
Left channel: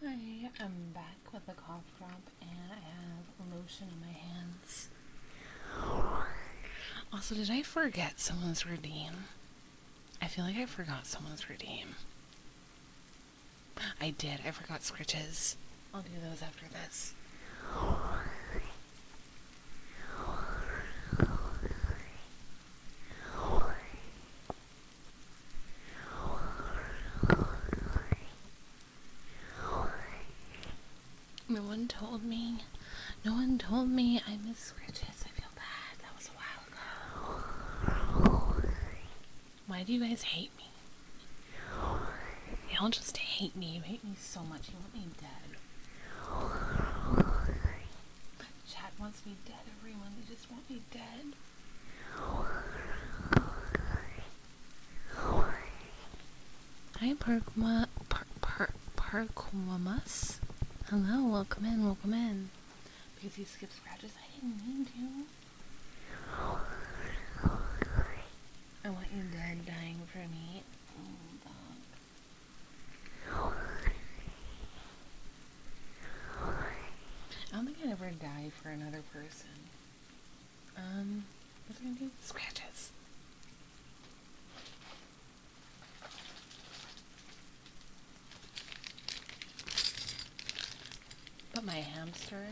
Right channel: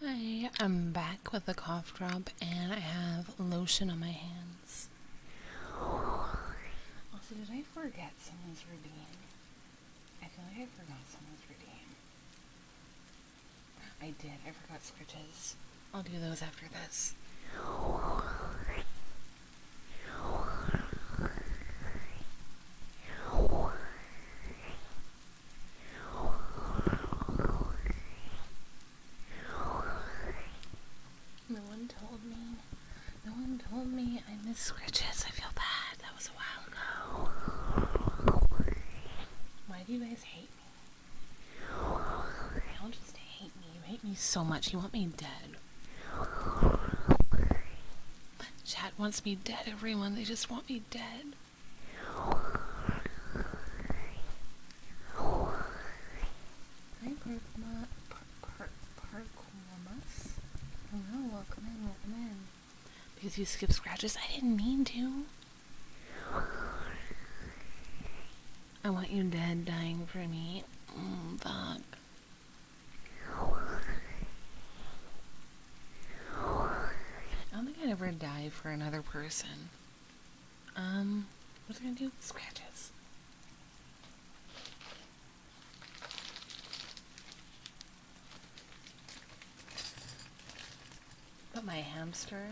Hi, I'm back with a cough drop and I have lotion on my hands. Also, did I forget someone's redeem? I feel like I forgot someone's redeem. I did. I forgot Scritches. I'll do those after this. No one told me I miss Scritches. I feel bad. That was a while ago. Why do you guys hate me? Y'all just hate me. You hate me so much. You want me dead. Chat wants me dead, everyone. They just want me dead. Hi, Perkwamus. Hello, welcome in, welcome in. Because you skip scratches, I didn't mean to. I want you dead, dying for me. Fuck. I don't think I'd ever die for another person. What's it gonna do? Scratches. But my hamster?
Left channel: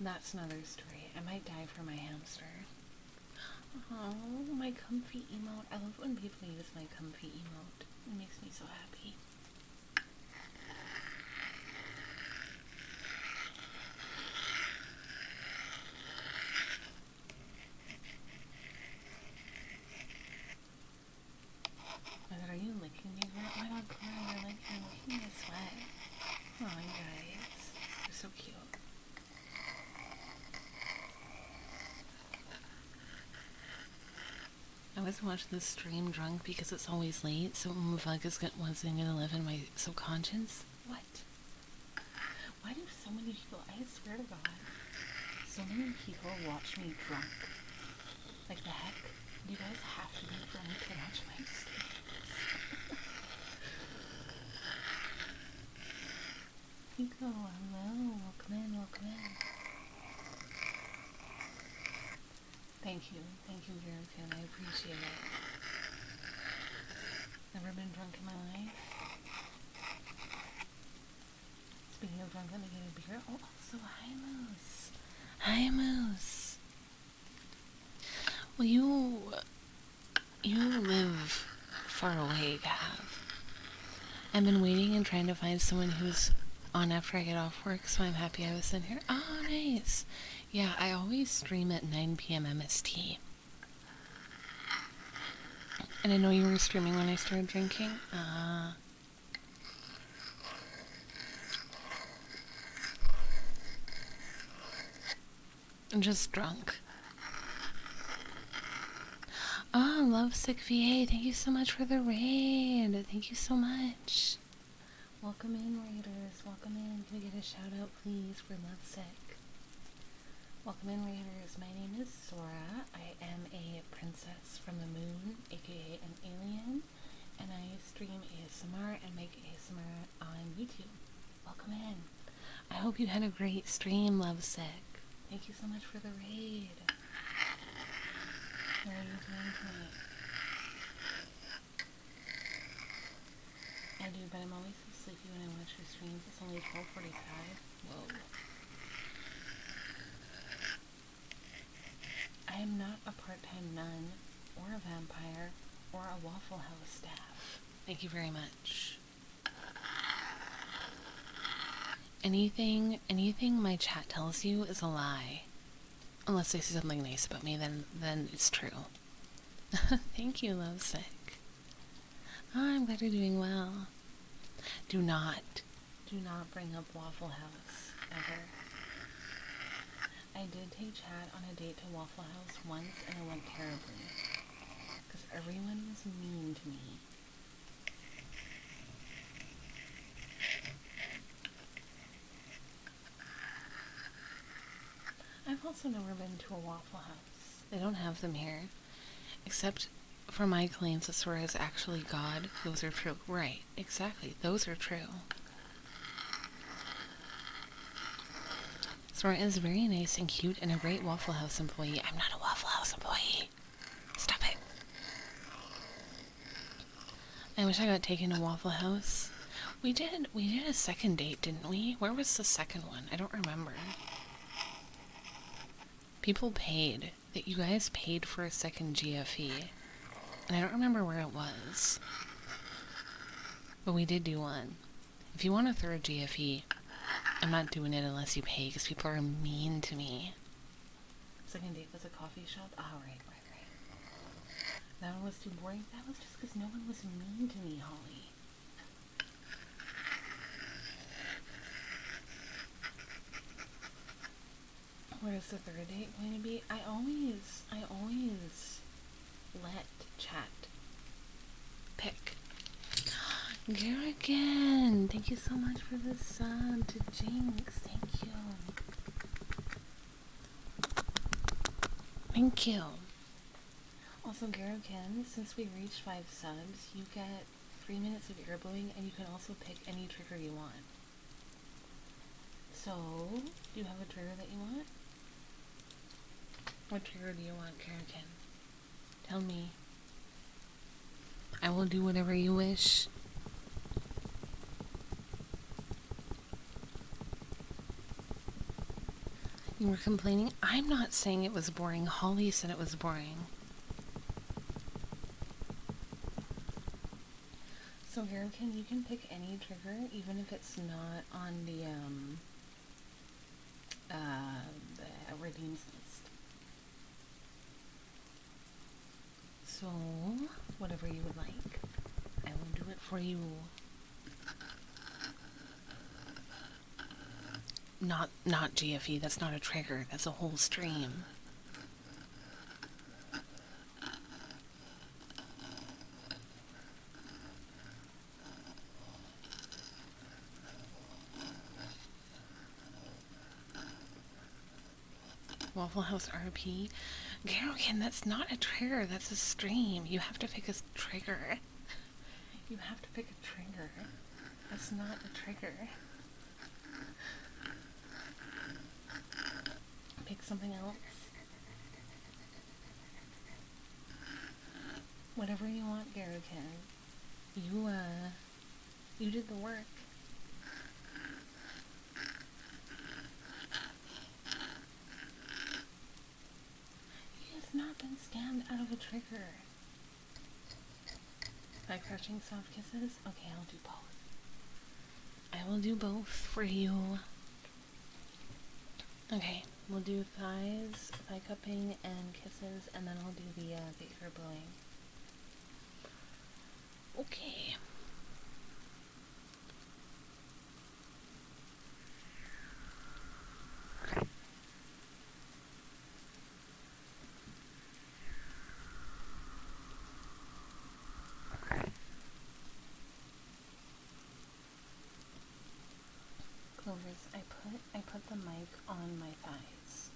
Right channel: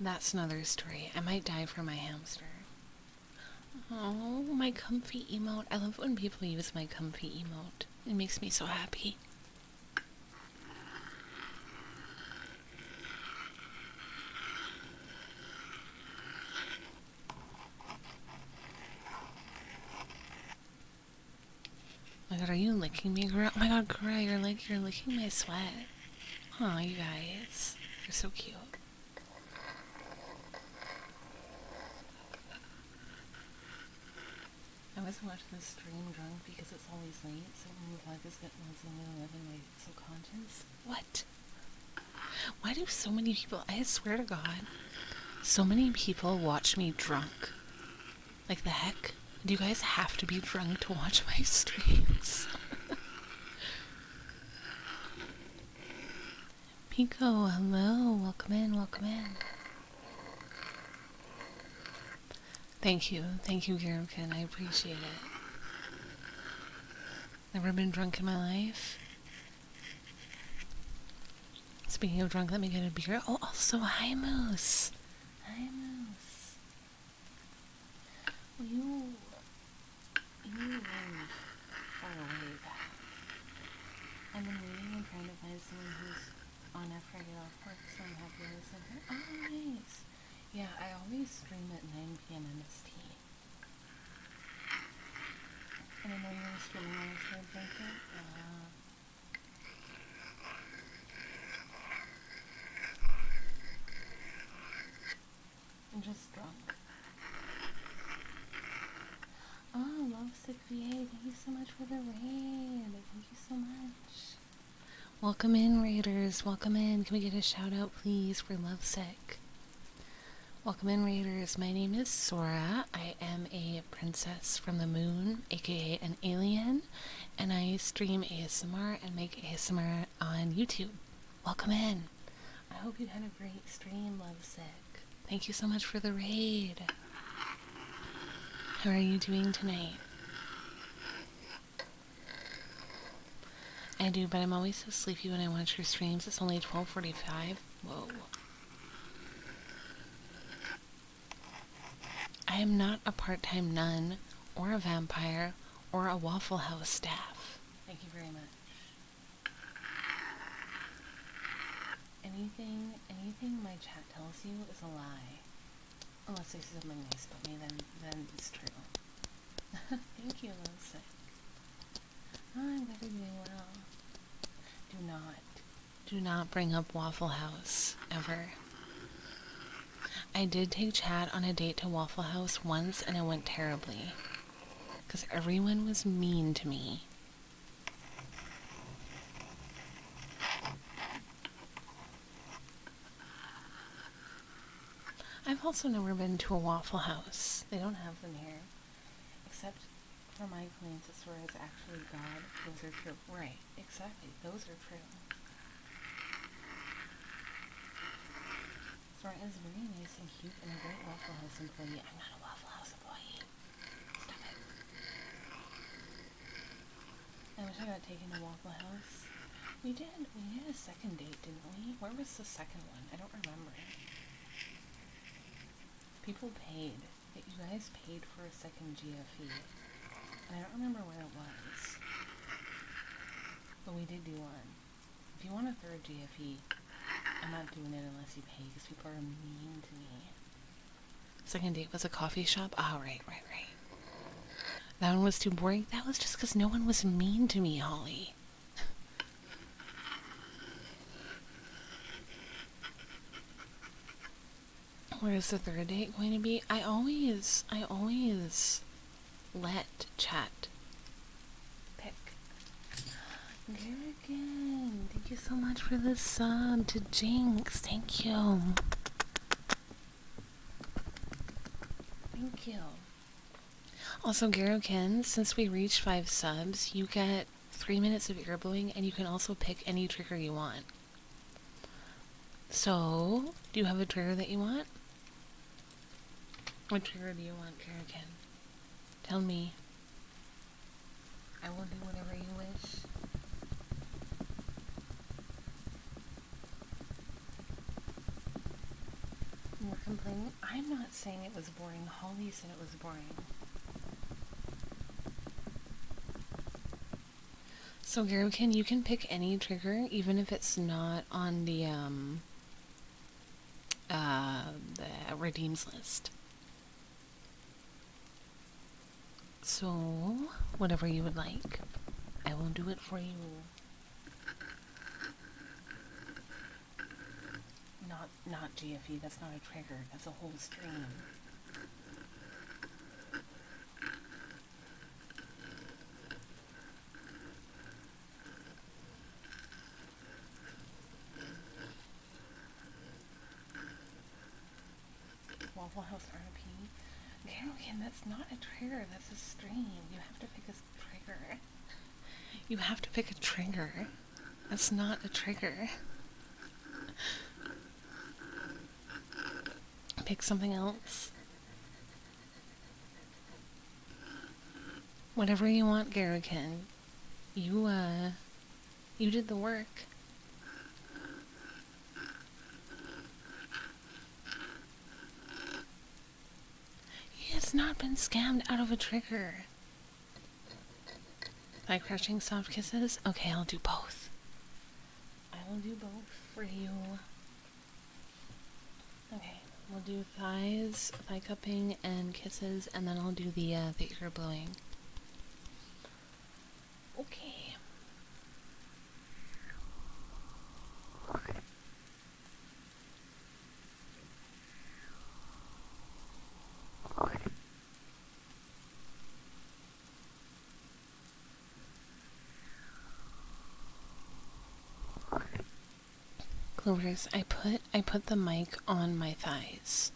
That's another story. I might die for my hamster. Oh, my comfy emote. I love when people use my comfy emote. It makes me so happy. Oh my god, are you licking me, girl? Oh my god, girl, you're licking my sweat. Oh, you guys. You're so cute. I wasn't watching this stream drunk because it's always late, so Vug wasn't gonna live in my subconscious. What? Why do so many people, I swear to God, so many people watch me drunk? Like, the heck? Do you guys have to be drunk to watch my streams? Pico, hello. Welcome in, welcome in. Thank you, Garukin. I appreciate it. Never been drunk in my life. Speaking of drunk, let me get a beer. Oh, also, hi, Moose. Hi, Moose. Well, you live far away, Gav. I've been waiting and trying to find someone who's on after I get off work, so I'm happy I was in here. Oh, nice. Yeah, I always stream at 9 p.m. MST. And I know you were streaming when I started drinking. I'm just drunk. Oh, Lovesick VA, thank you so much for the raid. Thank you so much. Welcome in, raiders. Welcome in. Can we get a shout out, please, for Lovesick? Welcome in, raiders. My name is Sora. I am a princess from the moon, aka an alien, and I stream ASMR and make ASMR on YouTube. Welcome in. I hope you had a great stream, Lovesick. Thank you so much for the raid. How are you doing tonight? I do, but I'm always so sleepy when I watch your streams. It's only 12:45. Whoa. I am not a part-time nun, or a vampire, or a Waffle House staff. Thank you very much. Anything my chat tells you is a lie. Unless they say something nice about me, then it's true. Thank you, Lovesick. Oh, I'm glad you're doing well. Do not bring up Waffle House, ever. I did take Chad on a date to Waffle House once, and it went terribly. Because everyone was mean to me. I've also never been to a Waffle House. They don't have them here. Except for my claims that Sora is actually God. Those are true. Right, exactly. Those are true. Sora is very nice and cute and a great Waffle House employee. I'm not a Waffle House employee. Stop it. I wish I got taken to Waffle House. We did a second date, didn't we? Where was the second one? I don't remember. People paid. That you guys paid for a second GFE. And I don't remember where it was. But we did do one. If you want a third GFE, I'm not doing it unless you pay, because people are mean to me. Second date was a coffee shop? Oh, right. That one was too boring? That was just because no one was mean to me, Holly. Where is the third date going to be? I always let chat pick. Garrigan, thank you so much for the sub to Jinx. Thank you. Thank you. Also, Garrigan, since we reached 5 subs, you get 3 minutes of ear blowing, and you can also pick any trigger you want. So, do you have a trigger that you want? What trigger do you want, Garrigan? Tell me. I will do whatever you wish. You were complaining? I'm not saying it was boring. Holly said it was boring. So, Garukin, you can pick any trigger, even if it's not on the redeems list. So, whatever you would like, I will do it for you. Not GFE, that's not a trigger, that's a whole stream. Waffle House RP. Garokin, that's not a trigger, that's a stream. You have to pick a trigger. You have to pick a trigger. That's not a trigger. pick something else? Whatever you want, Garrican. You did the work. He has not been scammed out of a trigger. Thigh crushing soft kisses? Okay, I'll do both. I will do both for you. Okay, we'll do thighs, thigh cupping, and kisses, and then I'll do the ear blowing. Okay. Clovers, I put the mic on my thighs.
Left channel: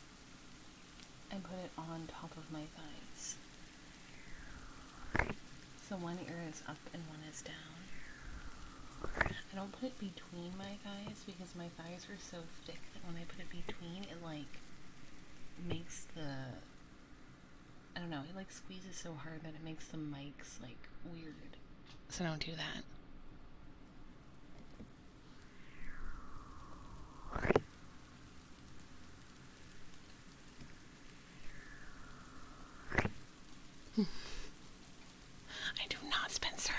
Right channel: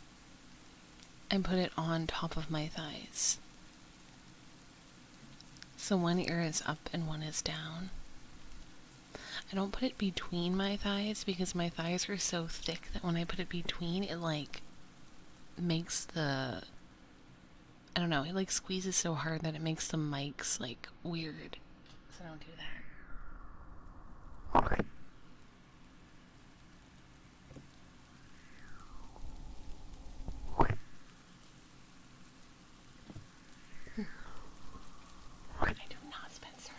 I put it on top of my thighs. So one ear is up and one is down. I don't put it between my thighs because my thighs are so thick that when I put it between, it like makes the, I don't know, it like squeezes so hard that it makes the mics like weird. So don't do that. I do not, Spencer.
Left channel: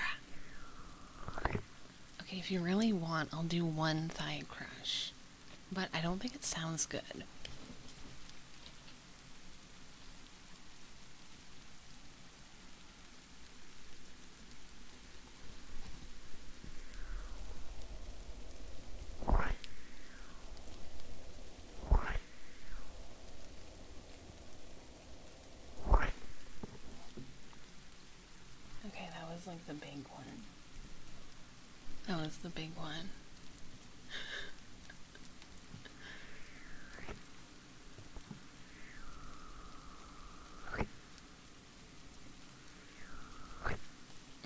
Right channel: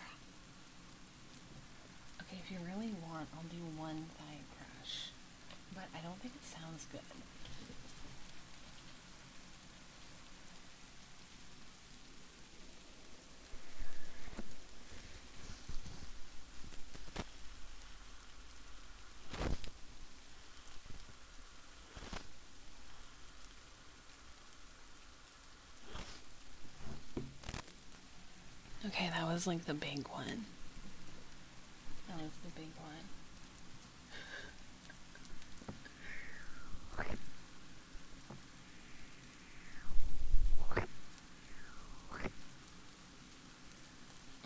Okay, if you really want, I'll do one thigh crush. But I don't think it sounds good. Okay, that was like the big one. That was the big one.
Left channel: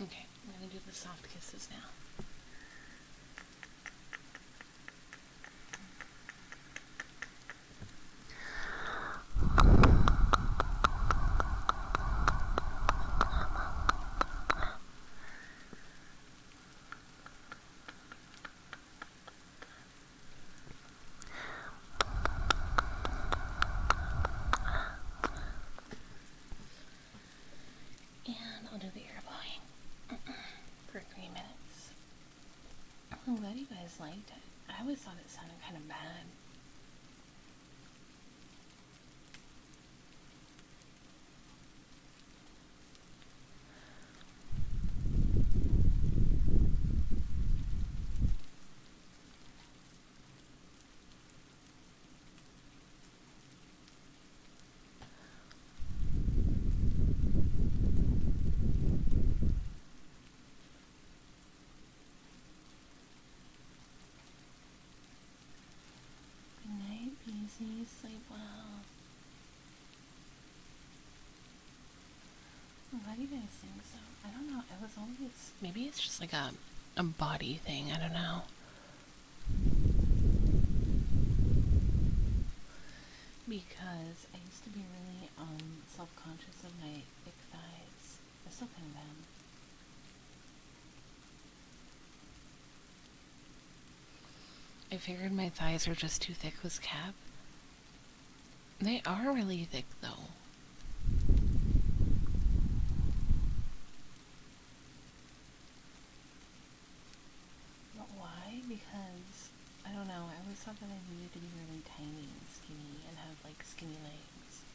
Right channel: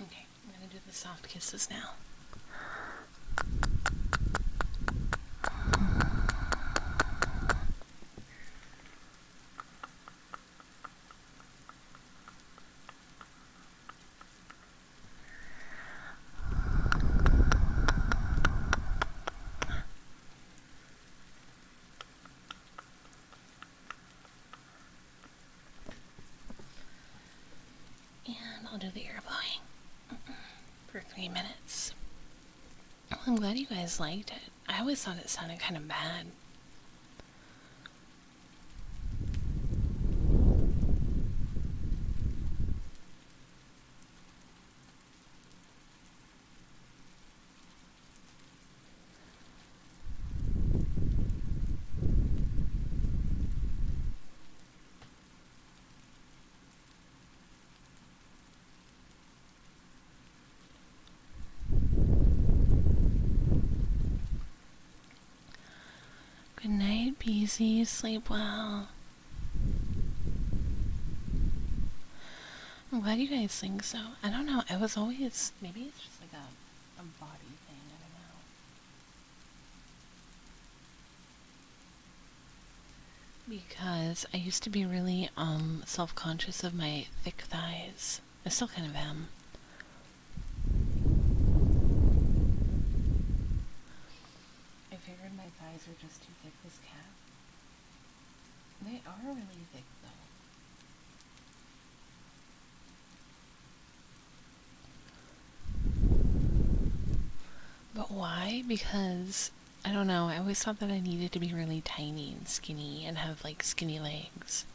Okay, I'm gonna do the soft kisses now. And I'll do the ear blowing for 3 minutes. I'm glad you guys liked it. I always thought it sounded kind of bad. Good night, Beezy. Sleep well. I'm glad you guys think so. I don't know. I was always... Maybe it's just like a body thing. I don't know. Because I used to be really self-conscious of my thick thighs. I still kind of am. I figured my thighs are just too thick with cap. They are really thick though. But why? Because, I don't know, I always thought that I needed to be really tiny and skinny and have like skinny legs.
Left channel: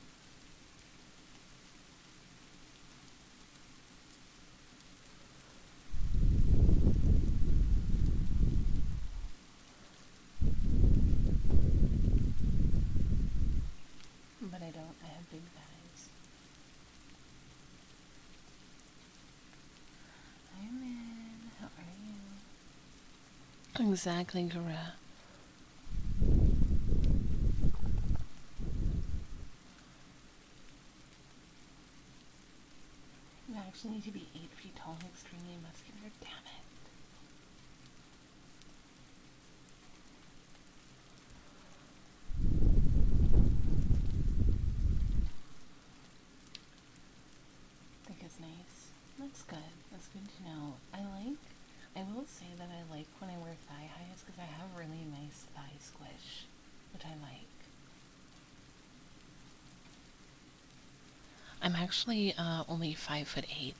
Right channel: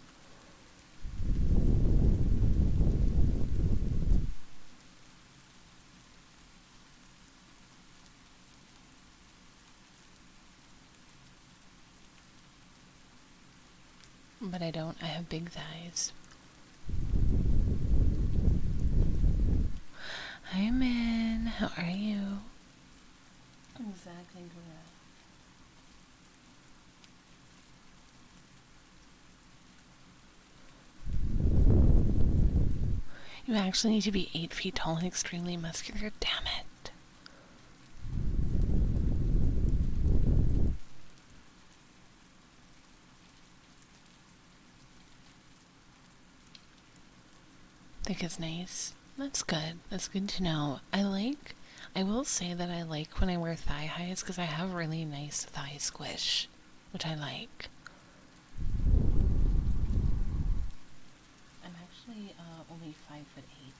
But I don't. I have big thighs. Hi, Min. How are you? Exactly, Gara. You actually need to be 8 feet tall and extremely muscular. Damn it. neck is nice. That's good. That's good to know. I will say that I like when I wear thigh highs because I have really nice thigh squish, which I like. I'm actually only 5'8".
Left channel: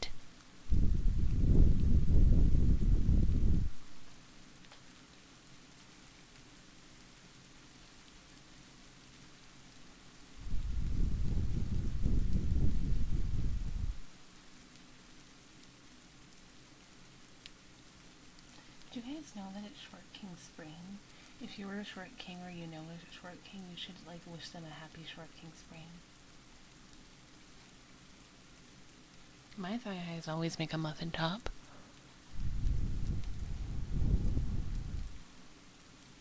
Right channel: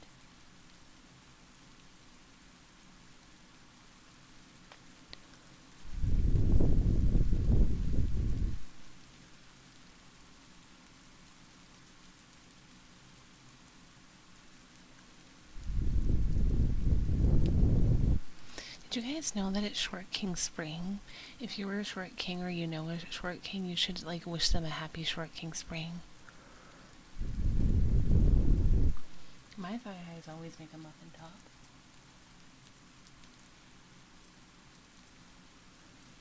Did you guys know that it's Short King Spring? If you were a Short King or you know a Short King, you should like wish them a happy Short King Spring. My thigh highs always make a muffin top.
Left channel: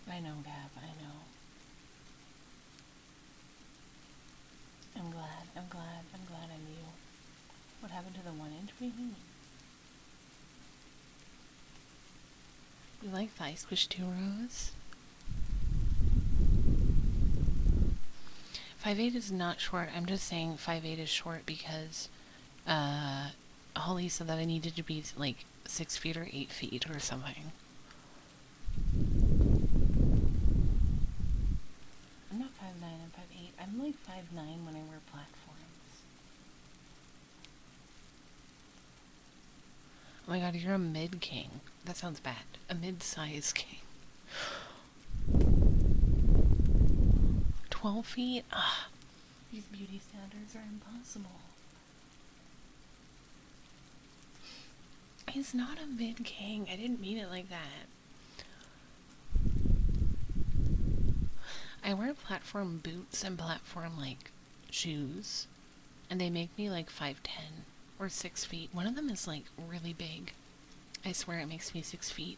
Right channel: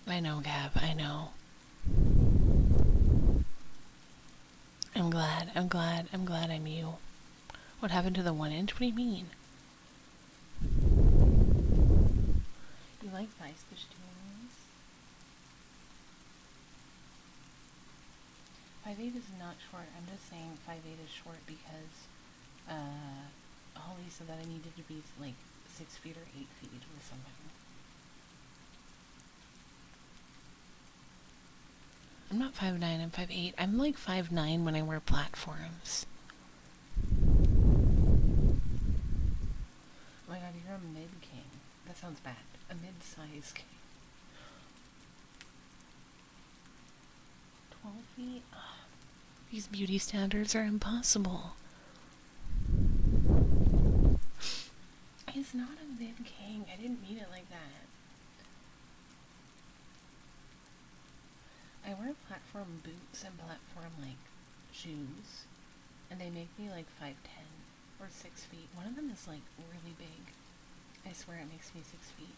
I know, Gab, I know. I'm glad I'm you. What happened to the 1 inch? What do you mean? You like thigh squish too, Rose? 5'8" is not short. I'm just saying 5'8" is short because Holly said that I needed to be like 6 feet or 8 feet or something. I'm not 5'9", I'm 5'8". I'm like 5'9" when I wear platforms. Oh my god, you're a mid-king. That sounds bad. A mid-size king. 12 feet? Ah, these beauty standards are impossible. He's not a mid-king. I didn't mean it like that. I wear platform boots and platform, like, shoes. And they make me, like, 5'10". Or 6 feet. One of them is, like, really big. I swear it makes me 6 feet.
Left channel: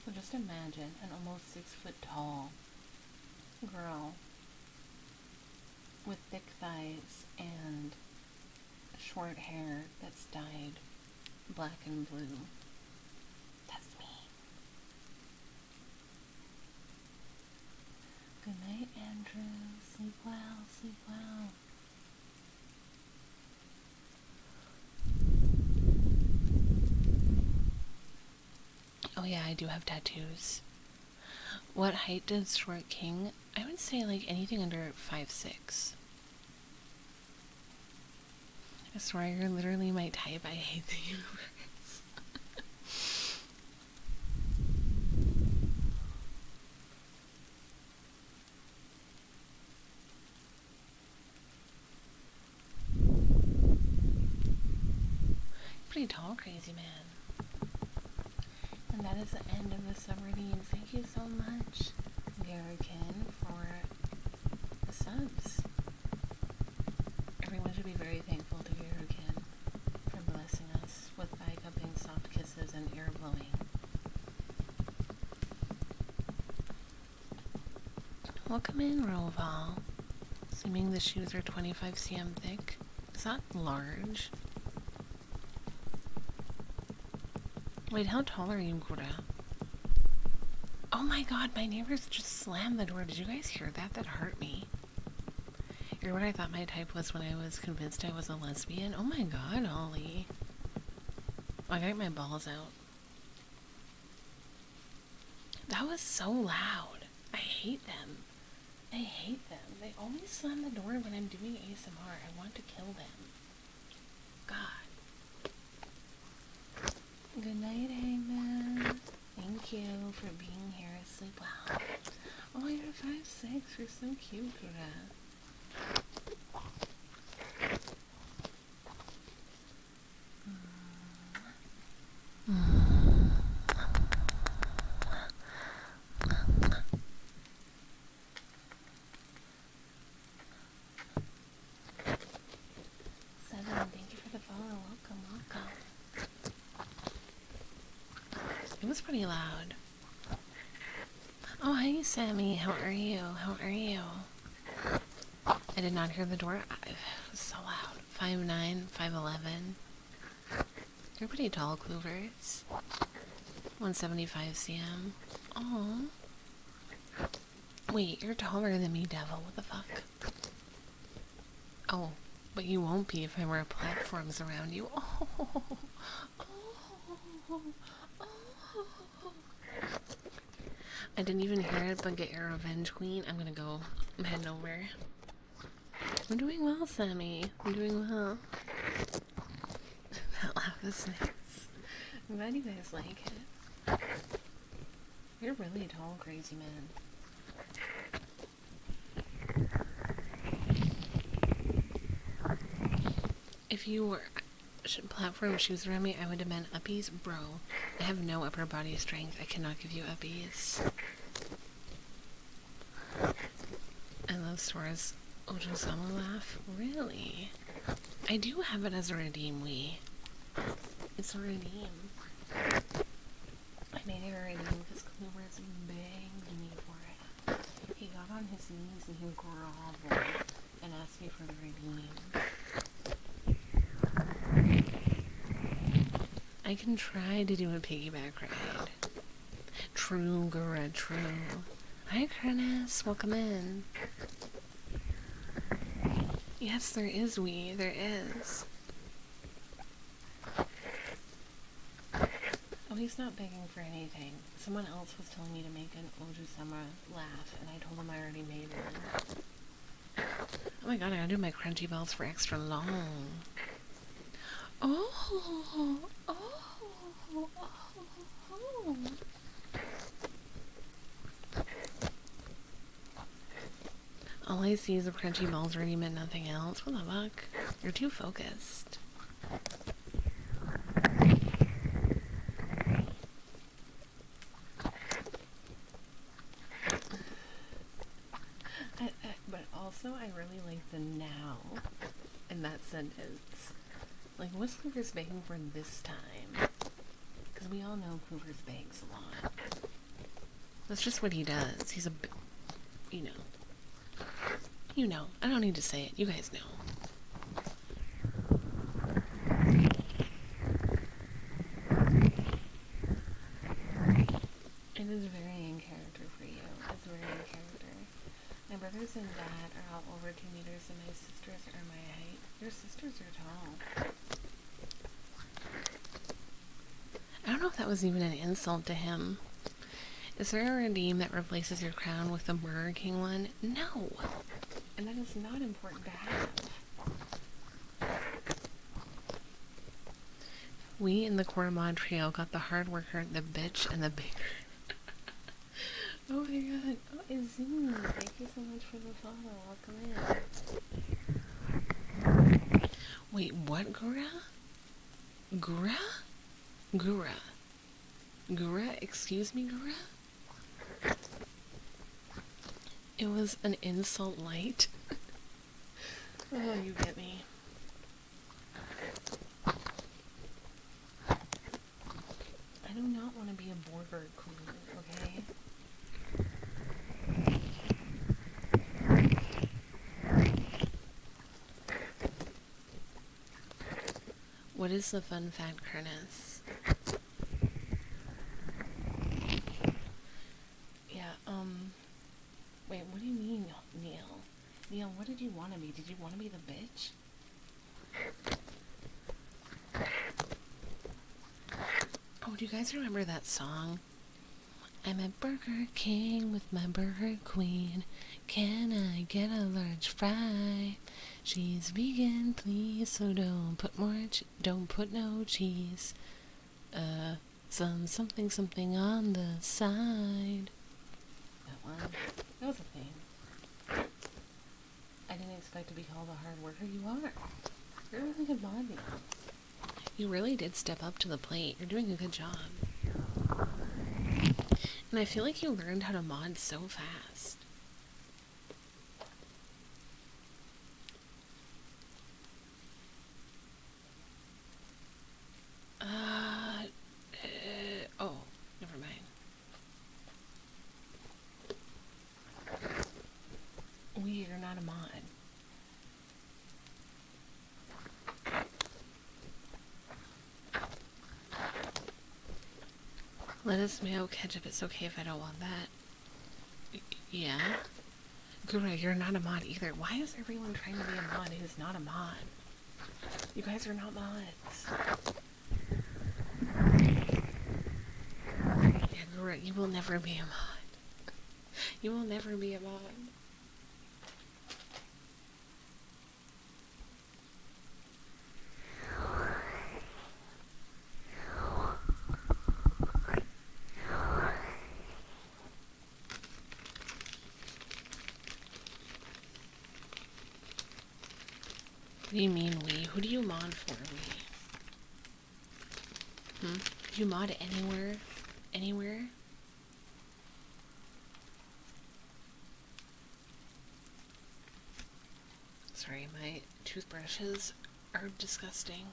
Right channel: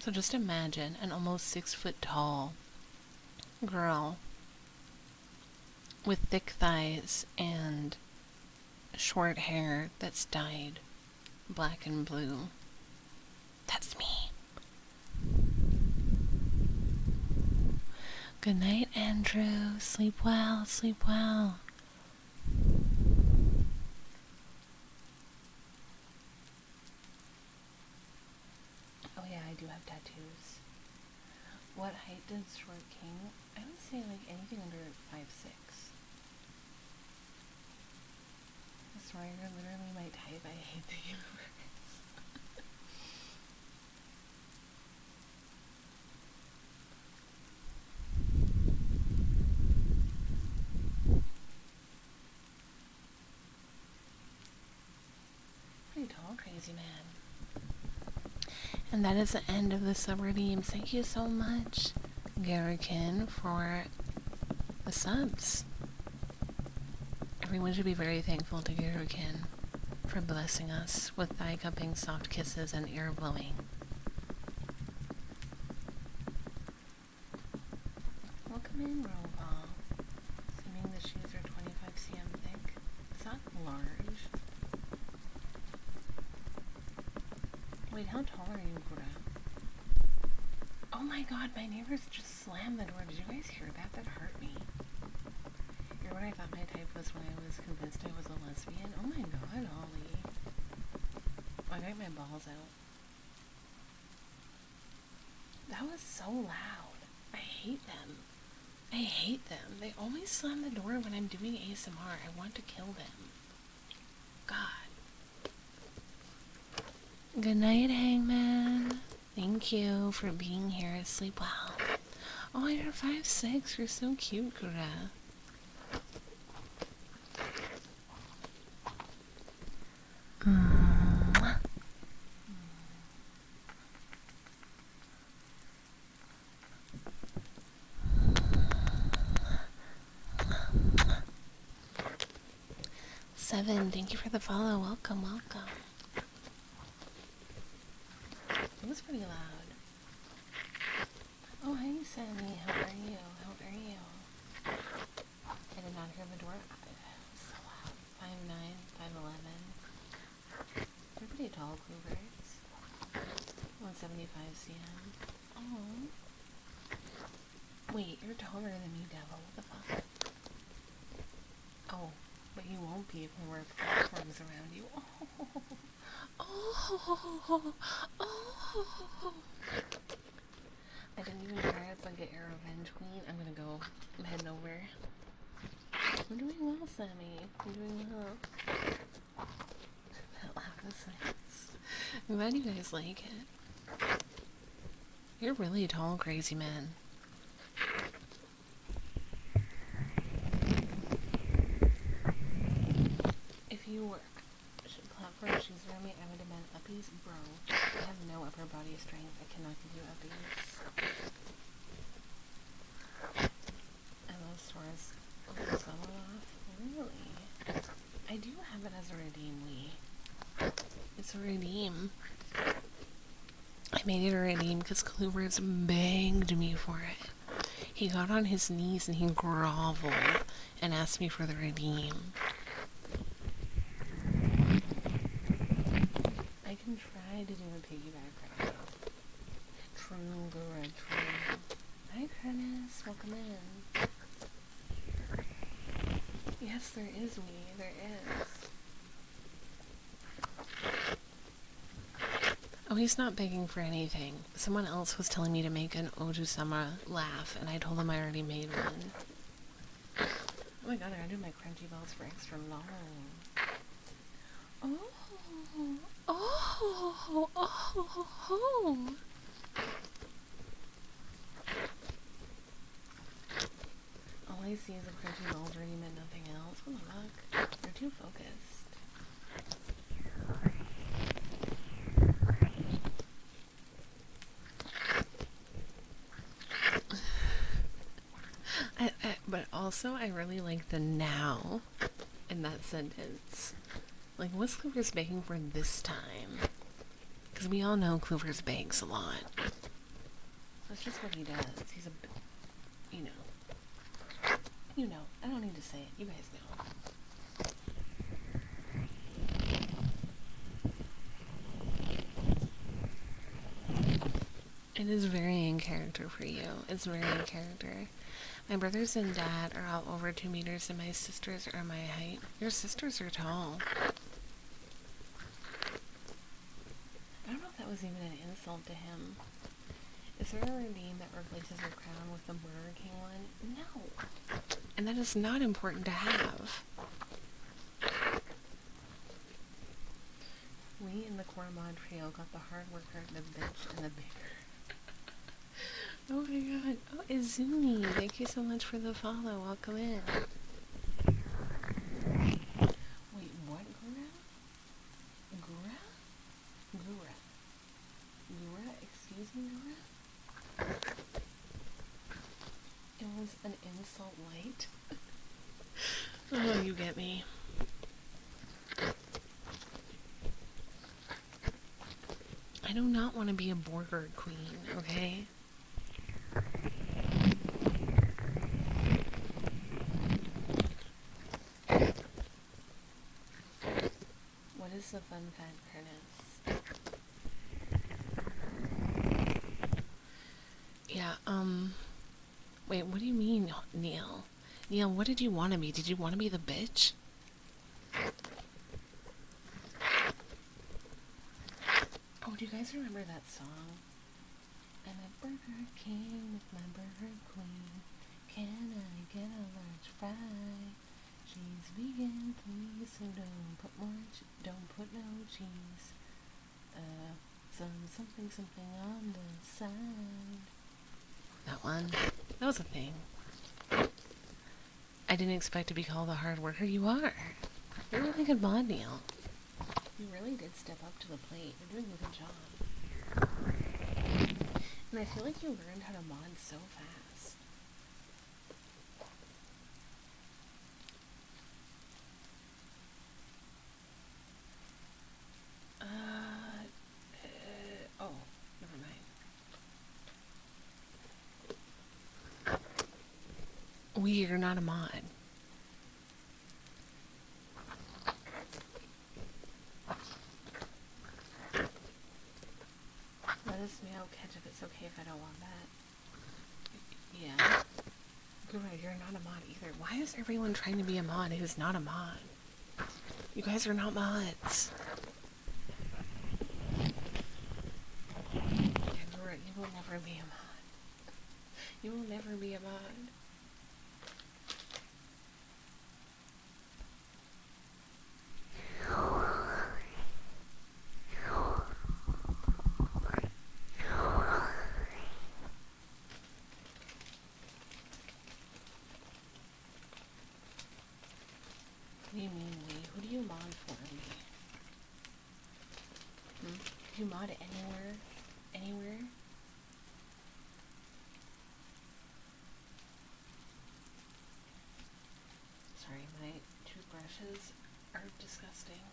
So just imagine an almost 6 foot tall girl with thick thighs and short hair that's dyed black and blue. That's me. Good night, Andrew. Sleep well, sleep well. Oh yeah, I do have tattoos. What height does Short King? I would say like anything under 5'6". I swear you're literally my type. I hate the universe. Pretty tall, crazy man. And that is the end of the subredeem. Thank you so much, Garrikin, for the subs. Everyone should be very thankful to Garrikin for blessing us with thigh cupping, soft kisses, and ear blowing. Welcome in, Roval. Assuming the shoes are 25 cm thick. Is that large? Wait, how tall are you, Gura? Oh my god, my neighbors just slammed the door. Did you guys hear that? That hurt me. You're what I thought my type was when I was convinced I was a lesbian. Oh my god, Ollie. I got my balls out. That was so loud. I hate them. I hate them. They always slam the door when I'm doing ASMR. I want to kill them. God. Good night, Hangman. Thank you for being here. Sleep well. Oh, you're 5'6". You're so cute, Kura. Seven, thank you for the follow. Welcome, welcome. It was pretty loud. Oh, hey, Sammy. How are you? How are you? I did not hear the door. It was so loud. 5'9", 5'11". You're pretty tall, Cloovers. 175 cm. Oh. Wait, you're taller than me, devil. What the fuck? Oh, but you won't be if I wear platforms around you. Oh, oh, oh. I didn't even hear it, but get your revenge, queen. I'm gonna go. I'm heading over. I'm doing well, Sammy. I'm doing well. That laugh is nice. I'm glad you guys like it. You're really tall, crazy man. If you were platform shoes around me, I would demand uppies. Bro, I have no upper body strength. I cannot give you uppies. I love Sora's Ojosama laugh. Really? I do have it as a redeem, It's a redeem. I made it a redeem because Kluber's begged me for it. He got on his knees and he groveled and asked me for the redeem. I can try to do a piggyback ride. True, Gura, true. Hi, Curtis. Welcome in. Yes, there is there is. Oh, he's not begging for anything. Someone else was telling me to make an Ojusama laugh, and I told them I already made one. Oh my god, I gotta do my crunchy bells for extra long. Oh, oh, oh, oh. All I see is the crunchy balls already meant nothing else. What the fuck? You're too focused. But also, I really like the now in that sentence. Like, what's Clover's begging for this time? Because we all know Clover's begs a lot. That's just what he does. He's a, you know. You know. I don't need to say it. You guys know. It is very in character for you. It's very in character. My brothers and dad are all over 2 meters and my sisters are my height. Your sisters are tall. I don't know if that was even an insult to him. Is there a redeem that replaces your crown with the Burger King one? No! And that is not important to have. We in the core mod trio got the hard worker, the bitch, and the baker. Oh my god. Oh, Izumi, thank you so much for the follow. Welcome in. Wait, what, Gura? Gura? Gura. Gura? Excuse me, Gura? It was an insult light. Oh, you get me. I do not want to be a burger queen, okay? What is the fun fact, Curtis? Yeah, wait, what do you mean, Neil? Neil, what did you want to be? Did you want to be the bitch? Oh, do you guys remember that song? I'm at Burger King with my Burger Queen. Can I get a large fry? She's vegan, please, so don't put no cheese. Something on the side. That one. That was a thing. I didn't expect to be called a hard worker. You are. You're a really good mod, Neil. You really did step up to the plate. You're doing a good job. And I feel like you learned how to mod so fast. Oh, never mind. We are not a mod. Lettuce, mayo, ketchup. It's okay if I don't want that. Yeah. Gura, you're not a mod either. Why is everyone trying to be a mod who's not a mod? You guys are not mods. Yeah, Gura, you will never be a mod. You will never be a mod. What do you mean we? Who do you mod for, we? Do you mod anywhere? Anywhere? Sorry, my toothbrushes are disgusting.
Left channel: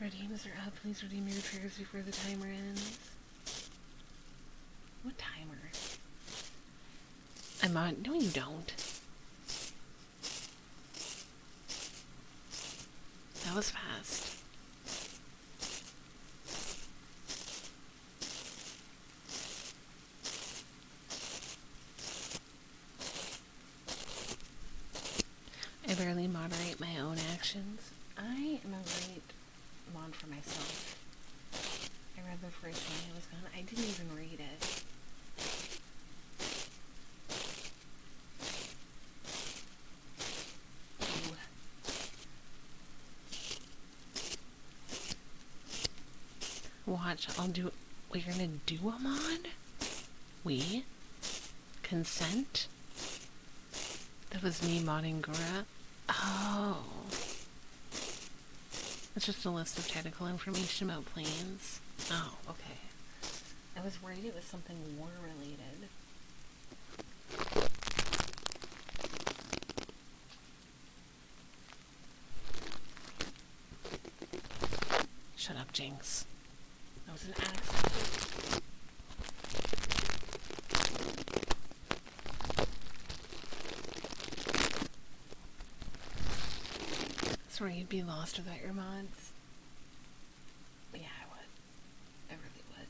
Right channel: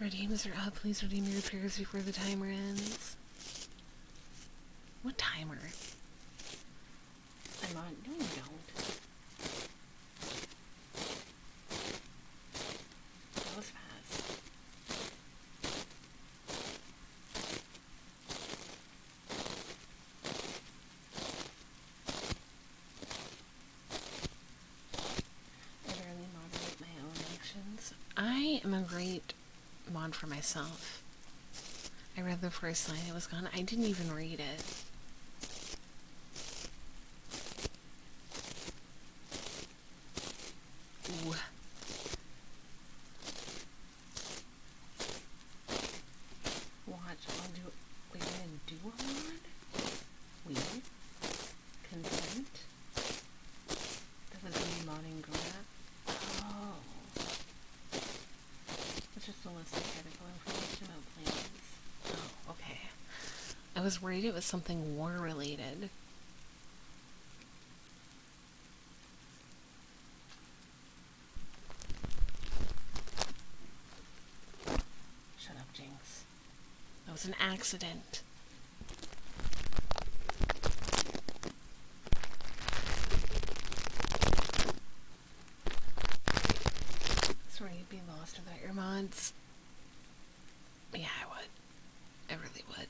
Redeems are up. Please redeem your triggers before the timer ends. What timer? I'm on. No, you don't. That was fast. I barely moderate my own actions. I am a great mod for myself. I read the first line, it was gone. I didn't even read it. Ooh. Watch, I'll do. Wait, you're gonna do a mod? We? Consent? That was me modding Gora. Oh. It's just a list of technical information about planes. Oh, okay. I was worried it was something war related. Shut up, Jinx. That was an accident. Sorry, you'd be lost without your mods. Yeah, I would. I really would.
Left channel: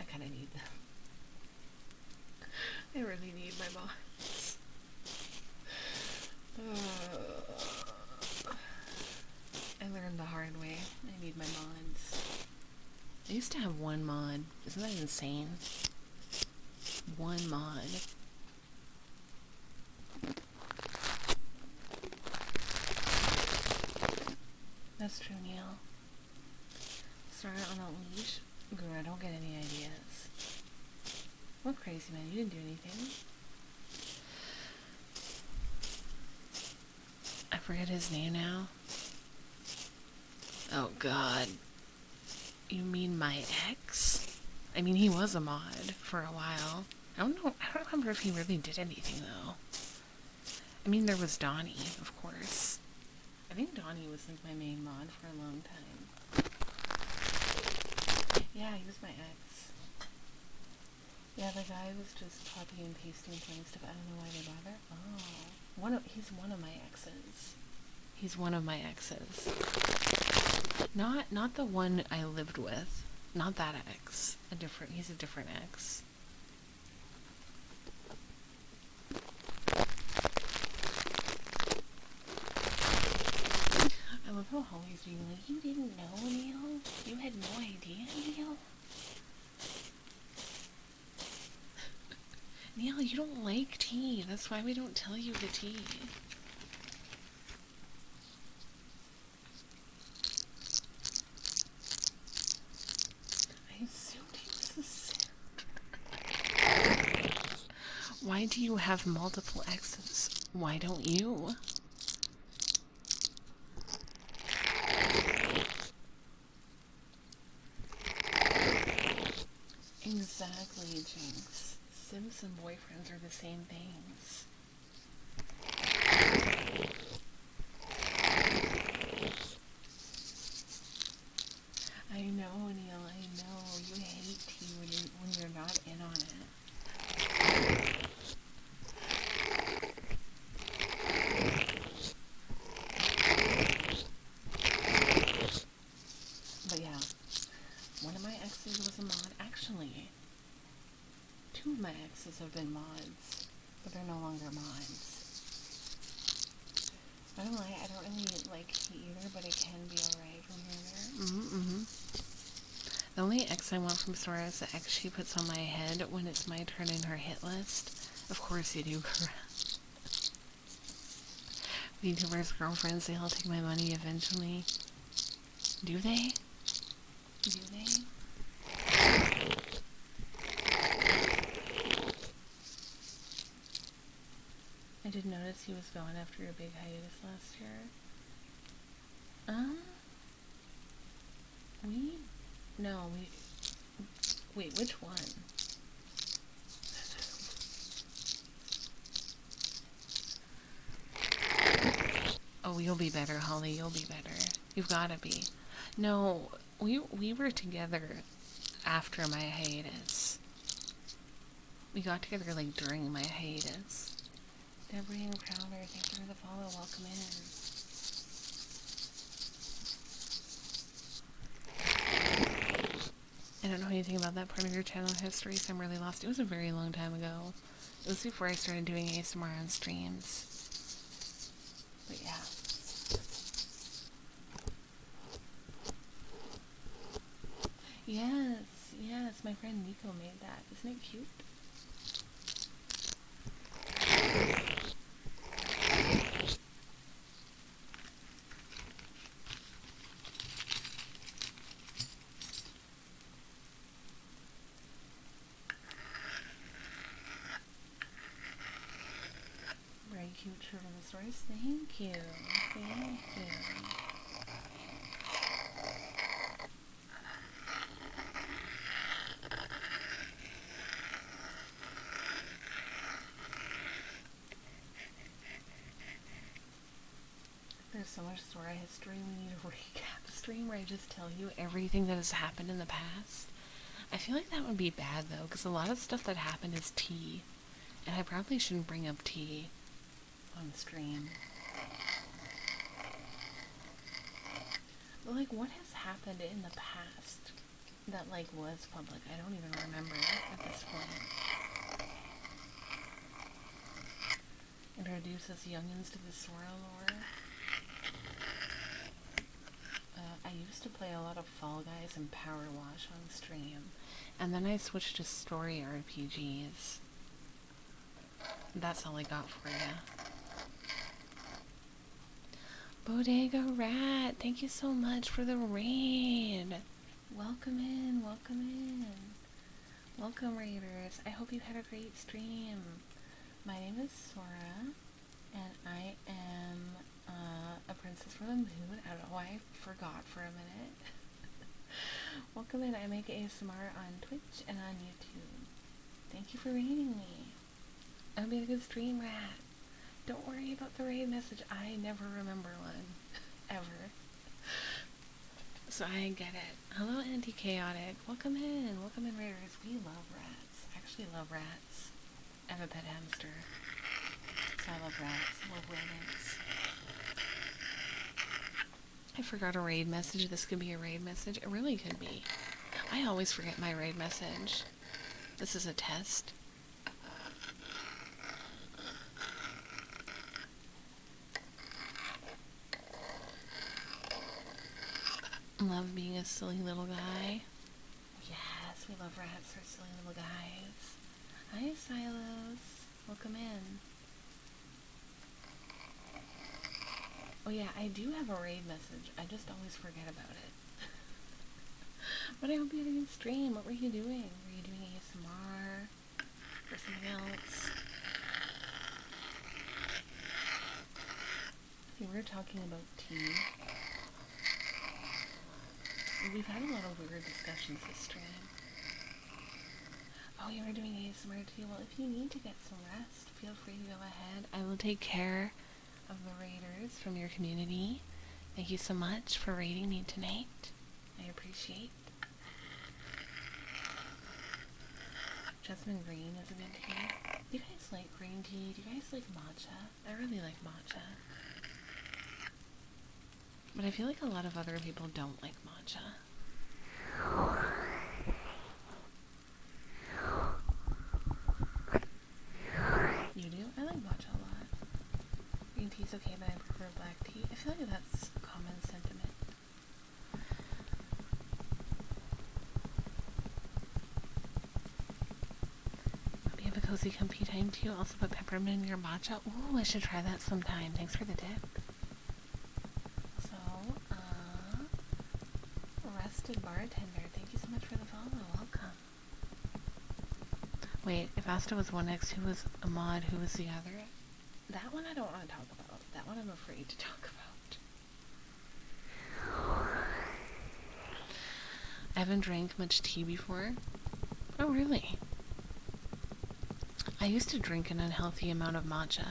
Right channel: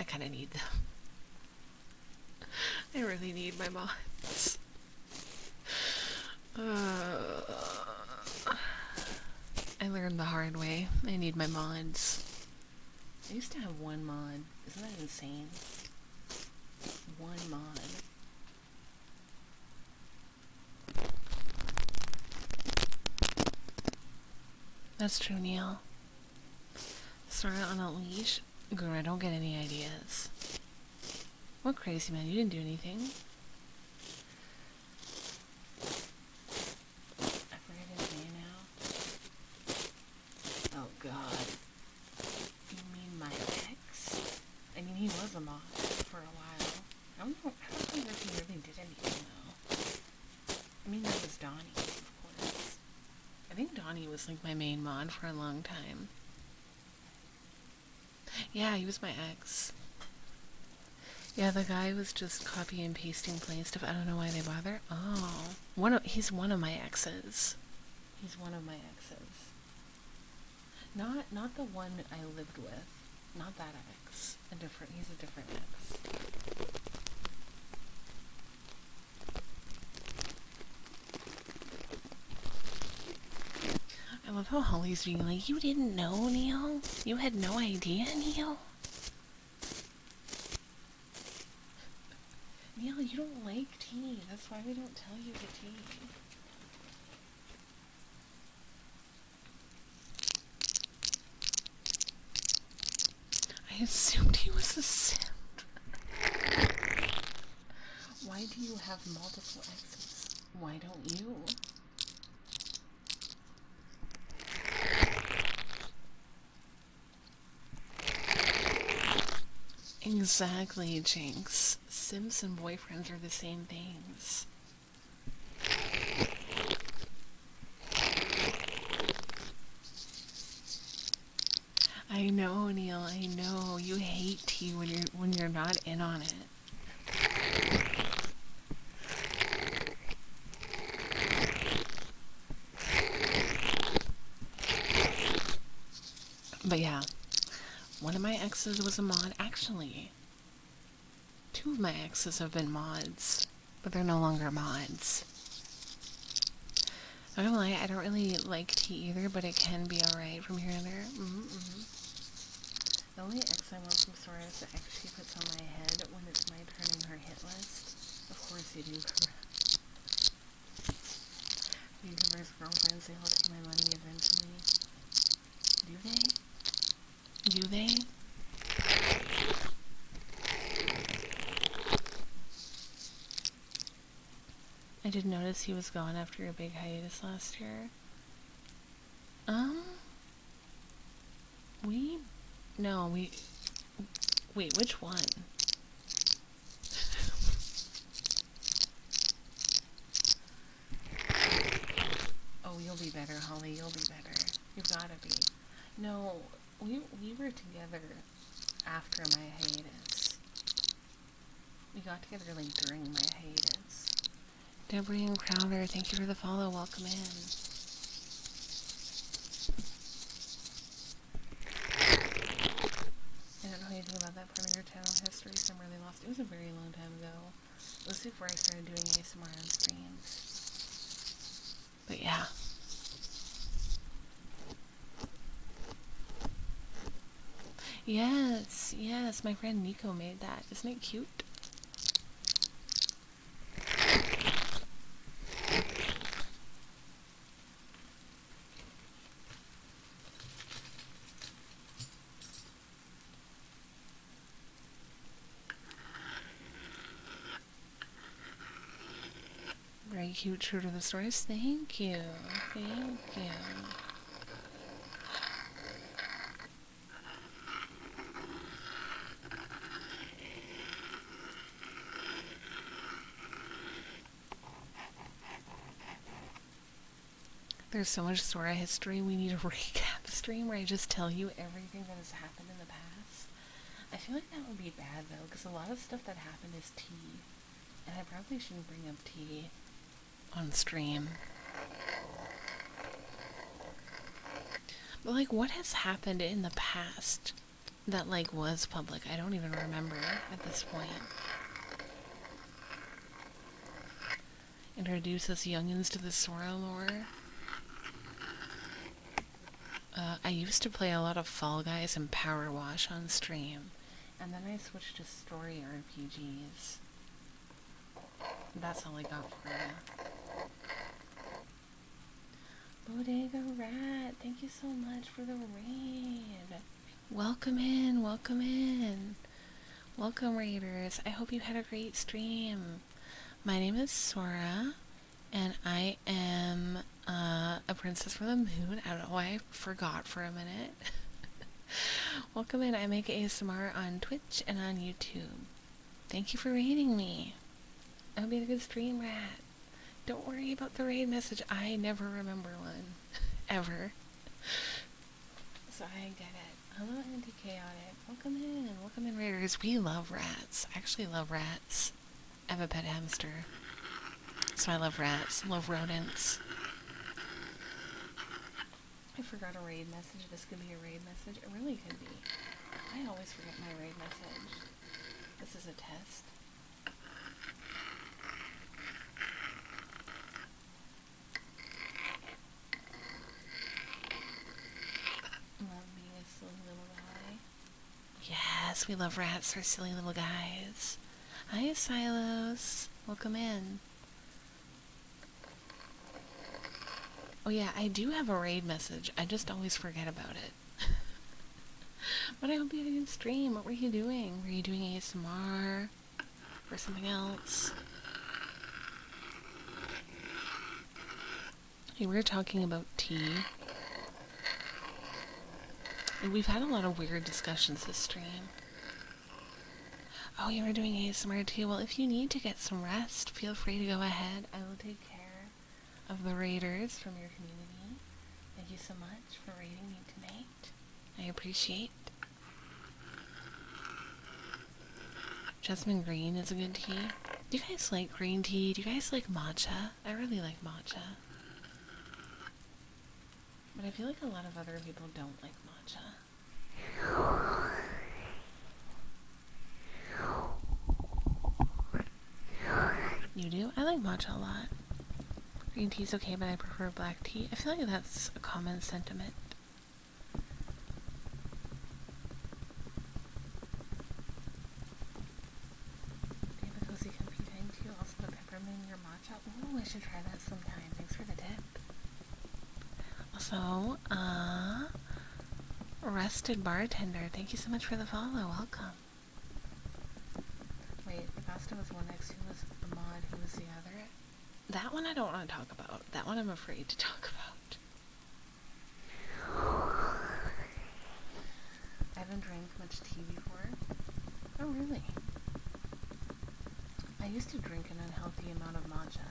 I kind of need them. I really need my mods. I learned the hard way. I need my mods. I used to have one mod. Isn't that insane? One mod. That's true, Neil. Sora on a leash? Girl, I don't get any ideas. What, crazy man? You didn't do anything. I forget his name now. Oh god. You mean my ex? I mean, he was a mod for a while. I don't know. I don't remember if he really did anything though. I mean, there was Donnie, of course. I think Donnie was like my main mod for a long time. Yeah, he was my ex. Yeah, the guy was just copy and pasting plain stuff. I don't know why they bother. Oh, he's one of my exes. He's one of my exes. Not the one I lived with. Not that ex. He's a different ex. I love how Holly's being like, you didn't know, Neil? You had no idea, Neil? Neil, you don't like tea. That's why we don't tell you the tea. I assumed he was a simp. Why do you have multiple exes? Why don't you? Exactly, Jinx. Simps and boyfriends are the same things. I know, Neil, I know. You hate tea when you're not in on it. But yeah, one of my exes was a mod. Actually, Two of my exes have been mods, but they're no longer mods. I don't lie, I don't really like tea either, but it can be alright from here and there. The only ex I want from Sora is the ex she puts on my head when it's my turn in her hit list. Of course you do, correct. YouTubers' girlfriends, they all take my money eventually. Do they? Do they? I did notice he was gone after a big hiatus last year. Wait, which one? Oh, you'll be better, Holly, you'll be better. You've gotta be. No, we were together after my hiatus. We got together, like, during my hiatus. Deborah and Crowder, thank you for the follow, welcome in. I don't know anything about that part of your channel history, so I'm really lost. It was a very long time ago. It was before I started doing ASMR on streams. But yeah. Yes, my friend Nico made that. Isn't it cute? Very cute, true to the stories. Thank you. Thank you. There's so much Sora history, we need a recap stream where I just tell you everything that has happened in the past. I feel like that would be bad though, because a lot of stuff that happened is tea. And I probably shouldn't bring up tea on stream. But like, what has happened in the past that like was public? I don't even remember at this point. Introduce us youngins to the Sora lore. I used to play a lot of Fall Guys and Power Wash on stream, and then I switched to story RPGs. That's all I got for you. Bodega Rat, thank you so much for the raid. Welcome in, welcome in. Welcome, raiders. I hope you had a great stream. My name is Sora, and I am a princess from the moon. I don't know why I forgot for a minute. Welcome in. I make ASMR on Twitch and on YouTube. Thank you for raiding me. I'll be a good stream, rat. Don't worry about the raid message. I never remember one. Ever. So I get it. Hello, Anti-Chaotic. Welcome in, raiders. We love rats. I actually love rats. I have a pet hamster. So I love rats. Love rodents. I forgot a raid message. This could be a raid message. It really could be. I always forget my raid message. This is a test. Love being a silly little guy. Yes, we love rats for silly little guys. Hi, Silos. Welcome in. Oh yeah, I do have a raid message. I just always forget about it. But I hope you had a good stream. What were you doing? Were you doing ASMR? Or something else? Okay, we were talking about tea. And we've had a lot of weird discussions this stream. Oh, you were doing ASMR too? Well, if you need to get some rest, feel free to go ahead. I will take care of the raiders from your community. Thank you so much for raiding me tonight. I appreciate. Jasmine green is a good tea. Do you guys like green tea? Do you guys like matcha? I really like matcha. But I feel like a lot of other people don't like matcha. green tea is okay, but I prefer black tea. I feel like that's a common sentiment. Do you have a cozy comfy time too? Also put peppermint in your matcha? Ooh, I should try that sometime. Thanks for the tip. Also, Rested Bartender, thank you so much for the follow. Welcome. Wait, if Asta was 1X, who was Ahmad, who was the other? That one I don't want to talk about. That one I'm afraid to talk about. I haven't drank much tea before. Oh, really? I used to drink an unhealthy amount of matcha.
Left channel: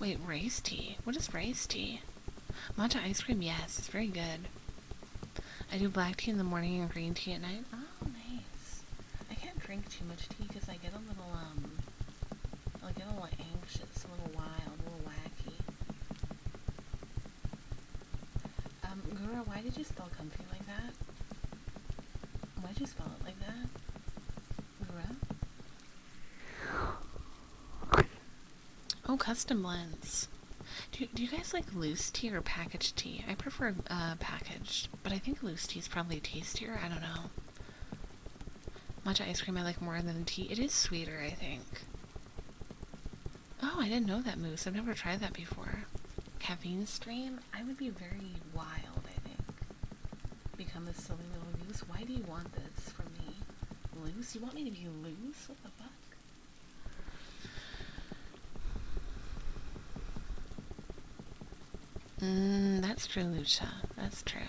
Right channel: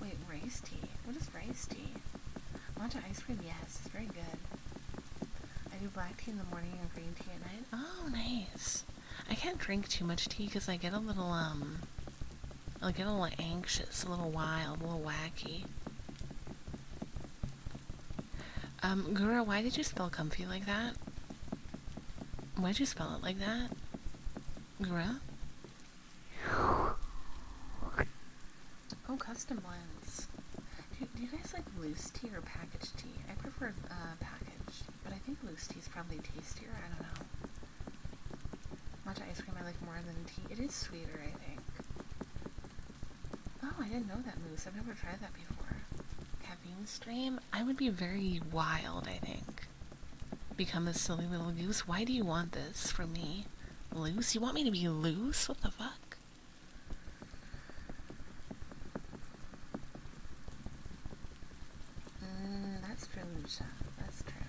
Wait, rice tea? What is rice tea? Matcha ice cream, yes, it's very good. I do black tea in the morning and green tea at night. Oh, nice. I can't drink too much tea because I get a little, anxious, a little wild, a little wacky. Gura, why did you spell comfy like that? Why'd you spell it like that? Gura? Oh, custom blends. Do you guys like loose tea or packaged tea? I prefer packaged, but I think loose tea is probably tastier. I don't know. Matcha ice cream I like more than tea. It is sweeter, I think. Oh, I didn't know that, Moose. I've never tried that before. Caffeine stream? I would be very wild, I think. Become a silly little goose. Why do you want this from me? Loose? You want me to be loose? What the fuck? That's true, Lucia. That's true.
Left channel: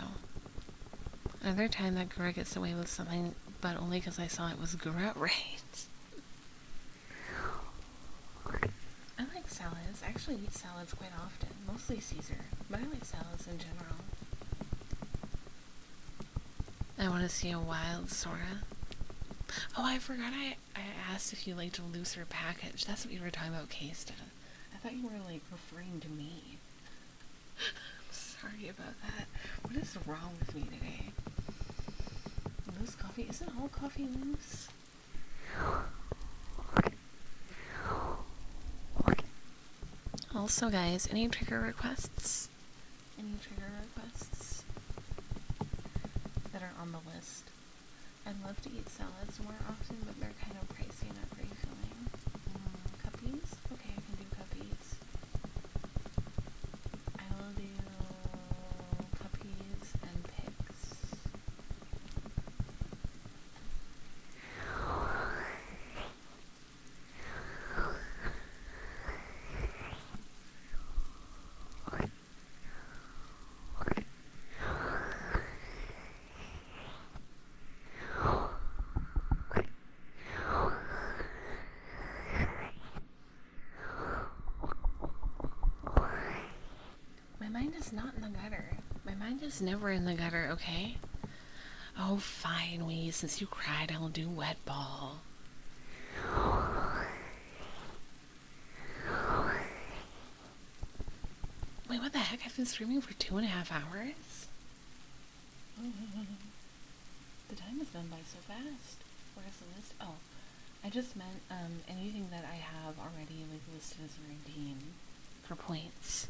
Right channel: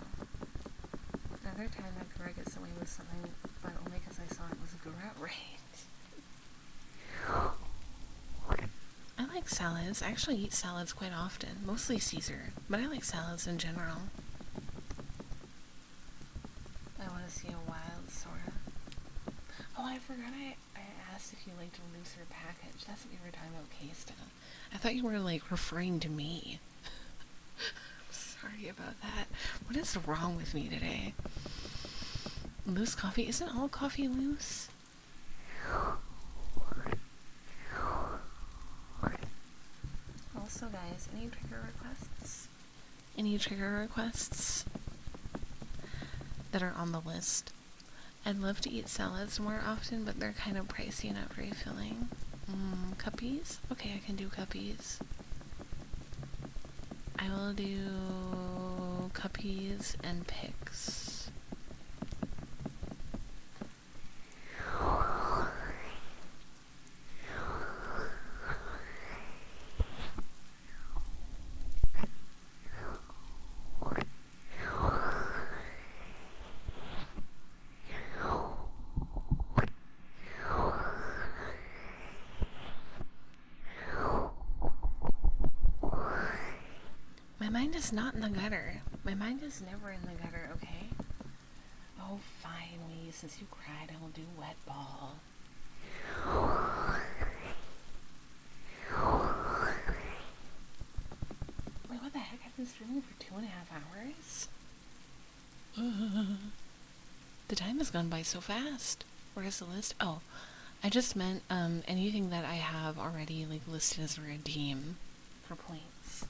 Another time that Gura gets away with something, but only because I saw it was Gura, right? I like salads. I actually eat salads quite often. Mostly Caesar, but I like salads in general. I want to see a wild Sora. Oh, I forgot I asked if you liked a looser package. That's what you were talking about, K-Sta. I thought you were, like, referring to me. Sorry about that. What is wrong with me today? Loose coffee? Isn't all coffee loose? Also, guys, any trigger requests? Any trigger requests that are on the list? I'd love to eat salads more often, but they're kind of pricey and not very filling. Cuppies? Okay, I can do cuppies. I will do cuppies and pics. My mind is not in the gutter. My mind is never in the gutter, okay? Oh, fine, Wee. Since you cried, I'll do wet ball. Wait, what the heck? I've been streaming for 2.5 hours? The time has gone by so fast. Where's the list? Oh, I just meant anything that I have already like listed as a redeem for points.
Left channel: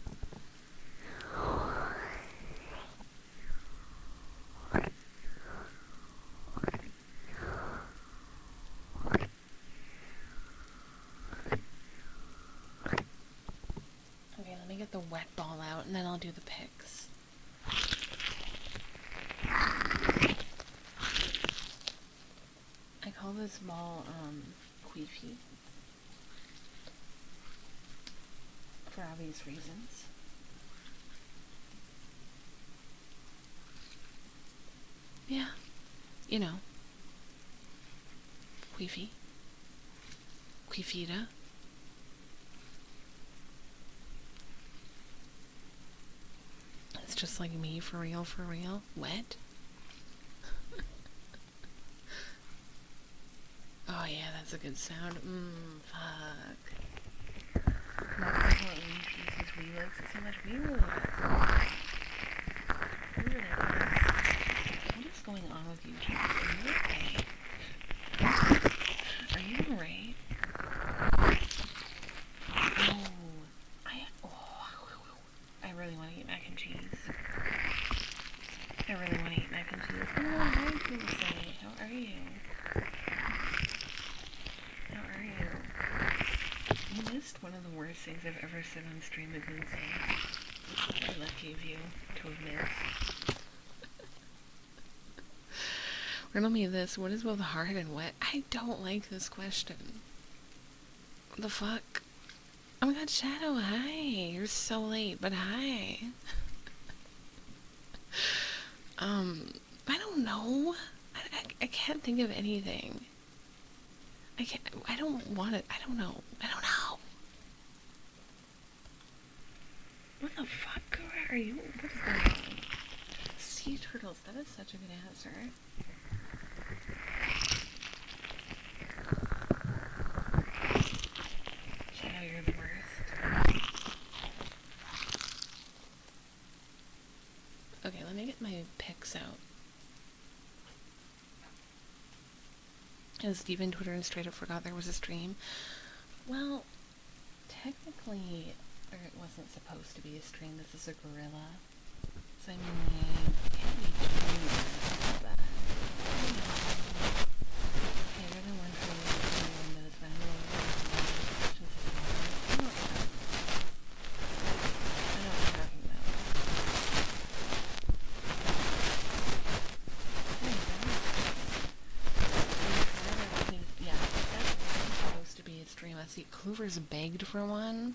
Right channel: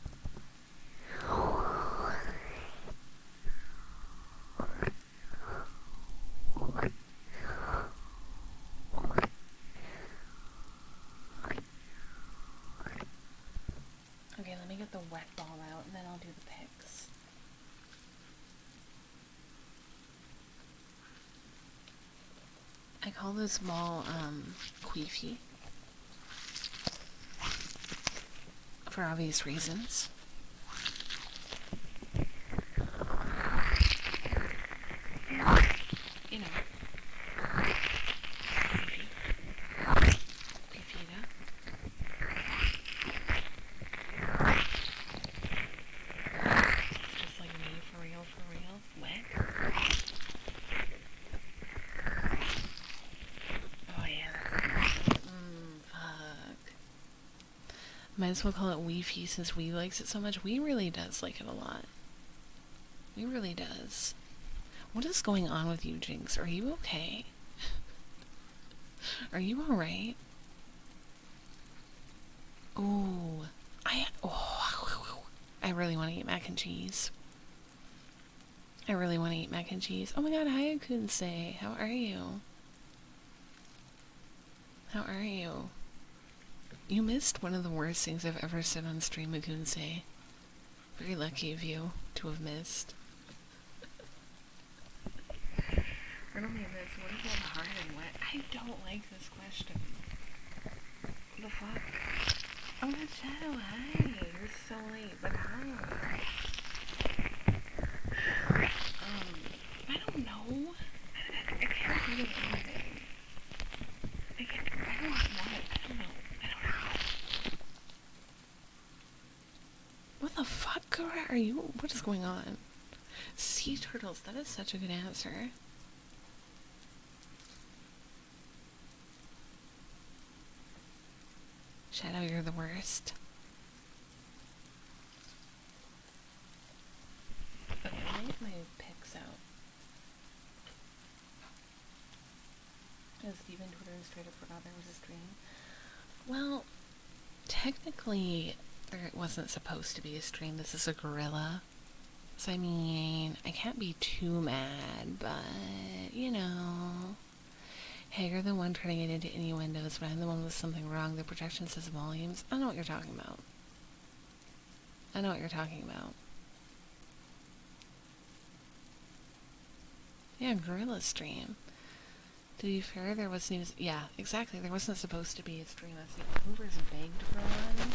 Okay, let me get the wet ball out and then I'll do the pics. I call this ball queefy for obvious reasons. Yeah, you know, queefy, queefita. It's just like me, for real, wet. Oh yeah, that's a good sound. Fuck. Might as well call it Weefy since we likes it so much. We really does like it a lot. We really does. What is going on with you, Jinx? Are you okay? Are you alright? Ooh. I really want to eat mac and cheese. I really want to eat mac and cheese. Oh my god, hi Kunsei. How are you? How are you? You missed one of the worst things I've ever said on stream, Kunsei. Very lucky of you to have missed. Riddle me this. What is both hard and wet? I don't like this question. The fuck? Oh my god, Shadow, hi. You're so late, but hi. I don't know. I can't think of anything. I don't want it. I don't know. What the fuck, are you? What is going on? Sea turtles. That is such a good answer. Shadow, you're the worst. Okay, let me get my pics out. And Steven Twitter and straight up forgot there was a stream. Well, technically, there wasn't supposed to be a stream. This is a gorilla. So, I mean, I can't be too mad, but, you know. Hey, you're the one trying to get into new windows, but I'm the one with something wrong with the protection says volumes. I know what you're talking about. Yeah, Bruno stream. We've heard there was news. Yeah, exactly. There wasn't supposed to be a stream. Let's see. Clover's begged for one.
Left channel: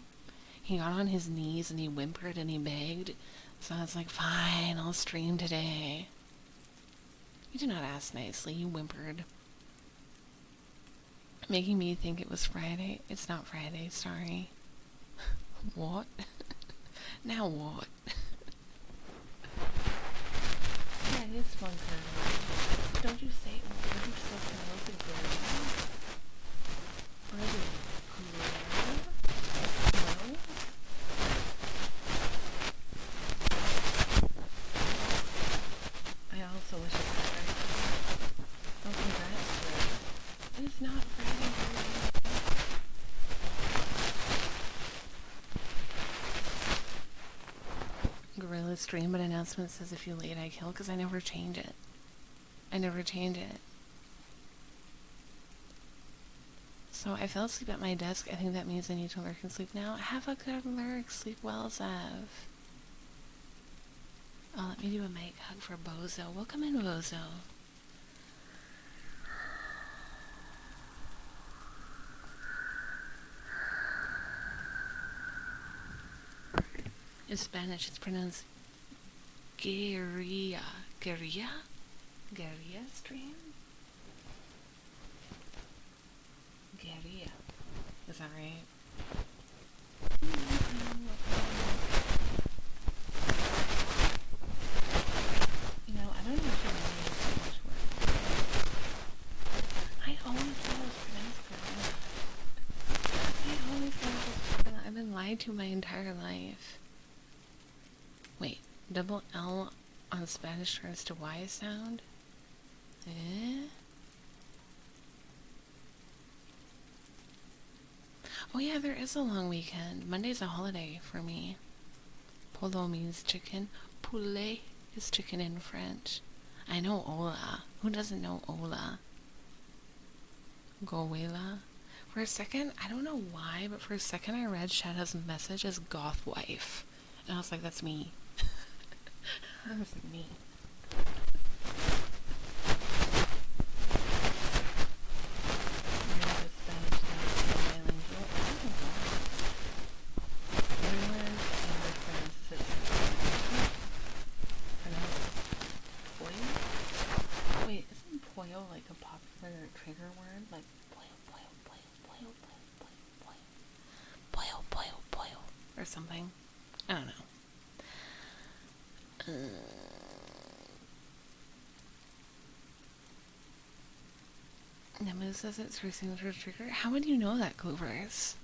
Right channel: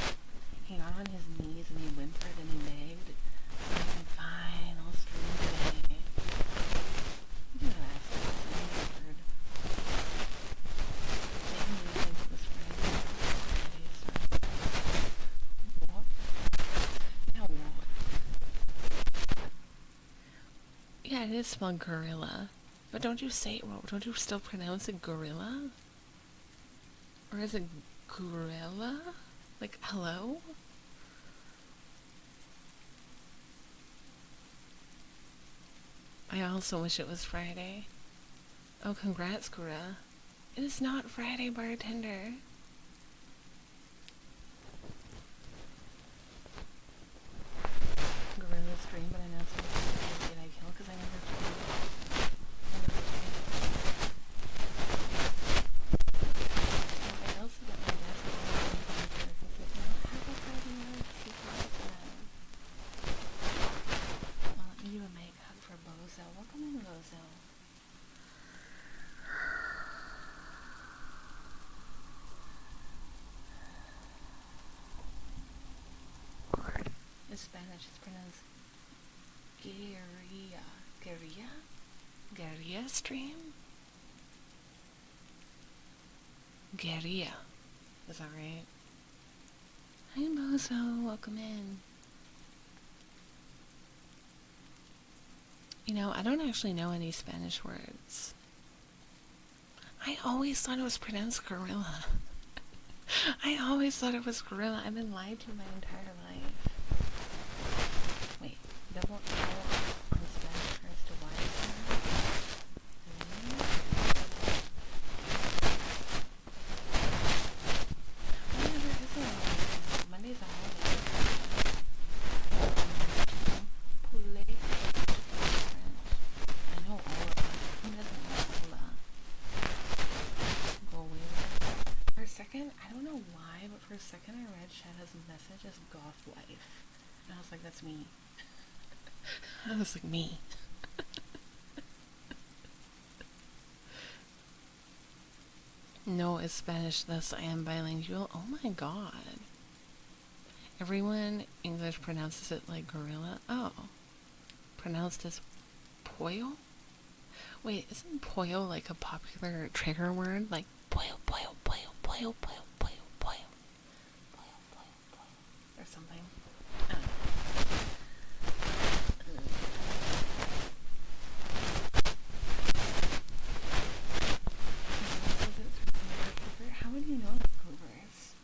He got on his knees and he whimpered and he begged. So I was like, fine, I'll stream today. You did not ask nicely. You whimpered. Making me think it was Friday. It's not Friday, sorry. What? Now what? Yeah, it is spelled gorilla. But don't you say, well, don't you still pronounce it gorilla? Or is it gorilla? Like, hello? I also wish it was Friday. Oh, congrats, gorilla. It is not Friday, bartender. Gorilla stream, but announcements is if you late I kill, because I never change it. So I fell asleep at my desk. I think that means I'm going to work and sleep now. Have a good work. Sleep well, Zev. Oh, let me do a mic hug for Bozo. Welcome in, Bozo. In Spanish, it's pronounced Guerrilla. Guerrilla? Guerrilla stream? Guerrilla. Is that right? Hey, Bozo. Welcome in. You know, I don't actually know any Spanish words. I always thought it was pronounced gorilla. I've been lied to my entire life. Wait, double L on the Spanish refers to Y sound? Eh? Oh yeah, there is a long weekend. Monday's a holiday for me. Although means chicken. Poulet is chicken in French. I know Ola. Who doesn't know Ola? Goela. For a second, I don't know why, but for a second I read Shadow's message as goth wife. And I was like, that's me. I was like, me. No, it's Spanish, thus I am bilingual. Oh my god. Everyone English pronounces it like oh. Pronounced as poyo? Wait, isn't poyo like a popular trigger word? Like poyo, poyo, poyo, poyo, poyo, poyo, poyo, poyo, poyo, poyo, or something? I don't know. Says it's recently for trigger. How would you know that, Clovers?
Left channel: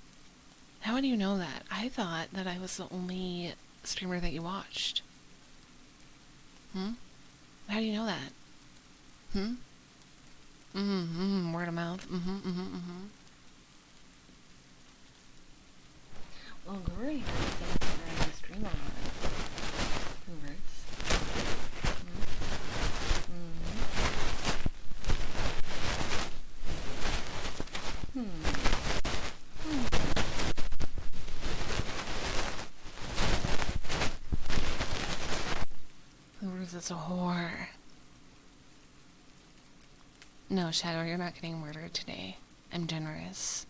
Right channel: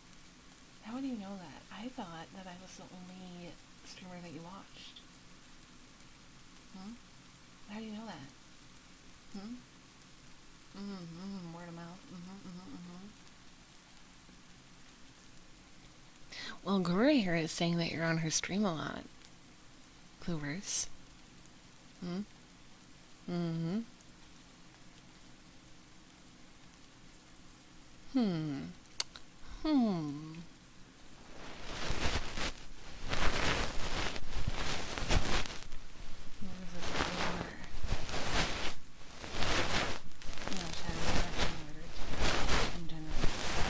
How would you know that? I thought that I was the only streamer that you watched. How do you know that? Word of mouth. Well, Gura here is saying that you're on her stream a lot. Goobers. Mm-hmm. Goobers is a whore. No, Shadow, you're not getting murdered today. I'm generous.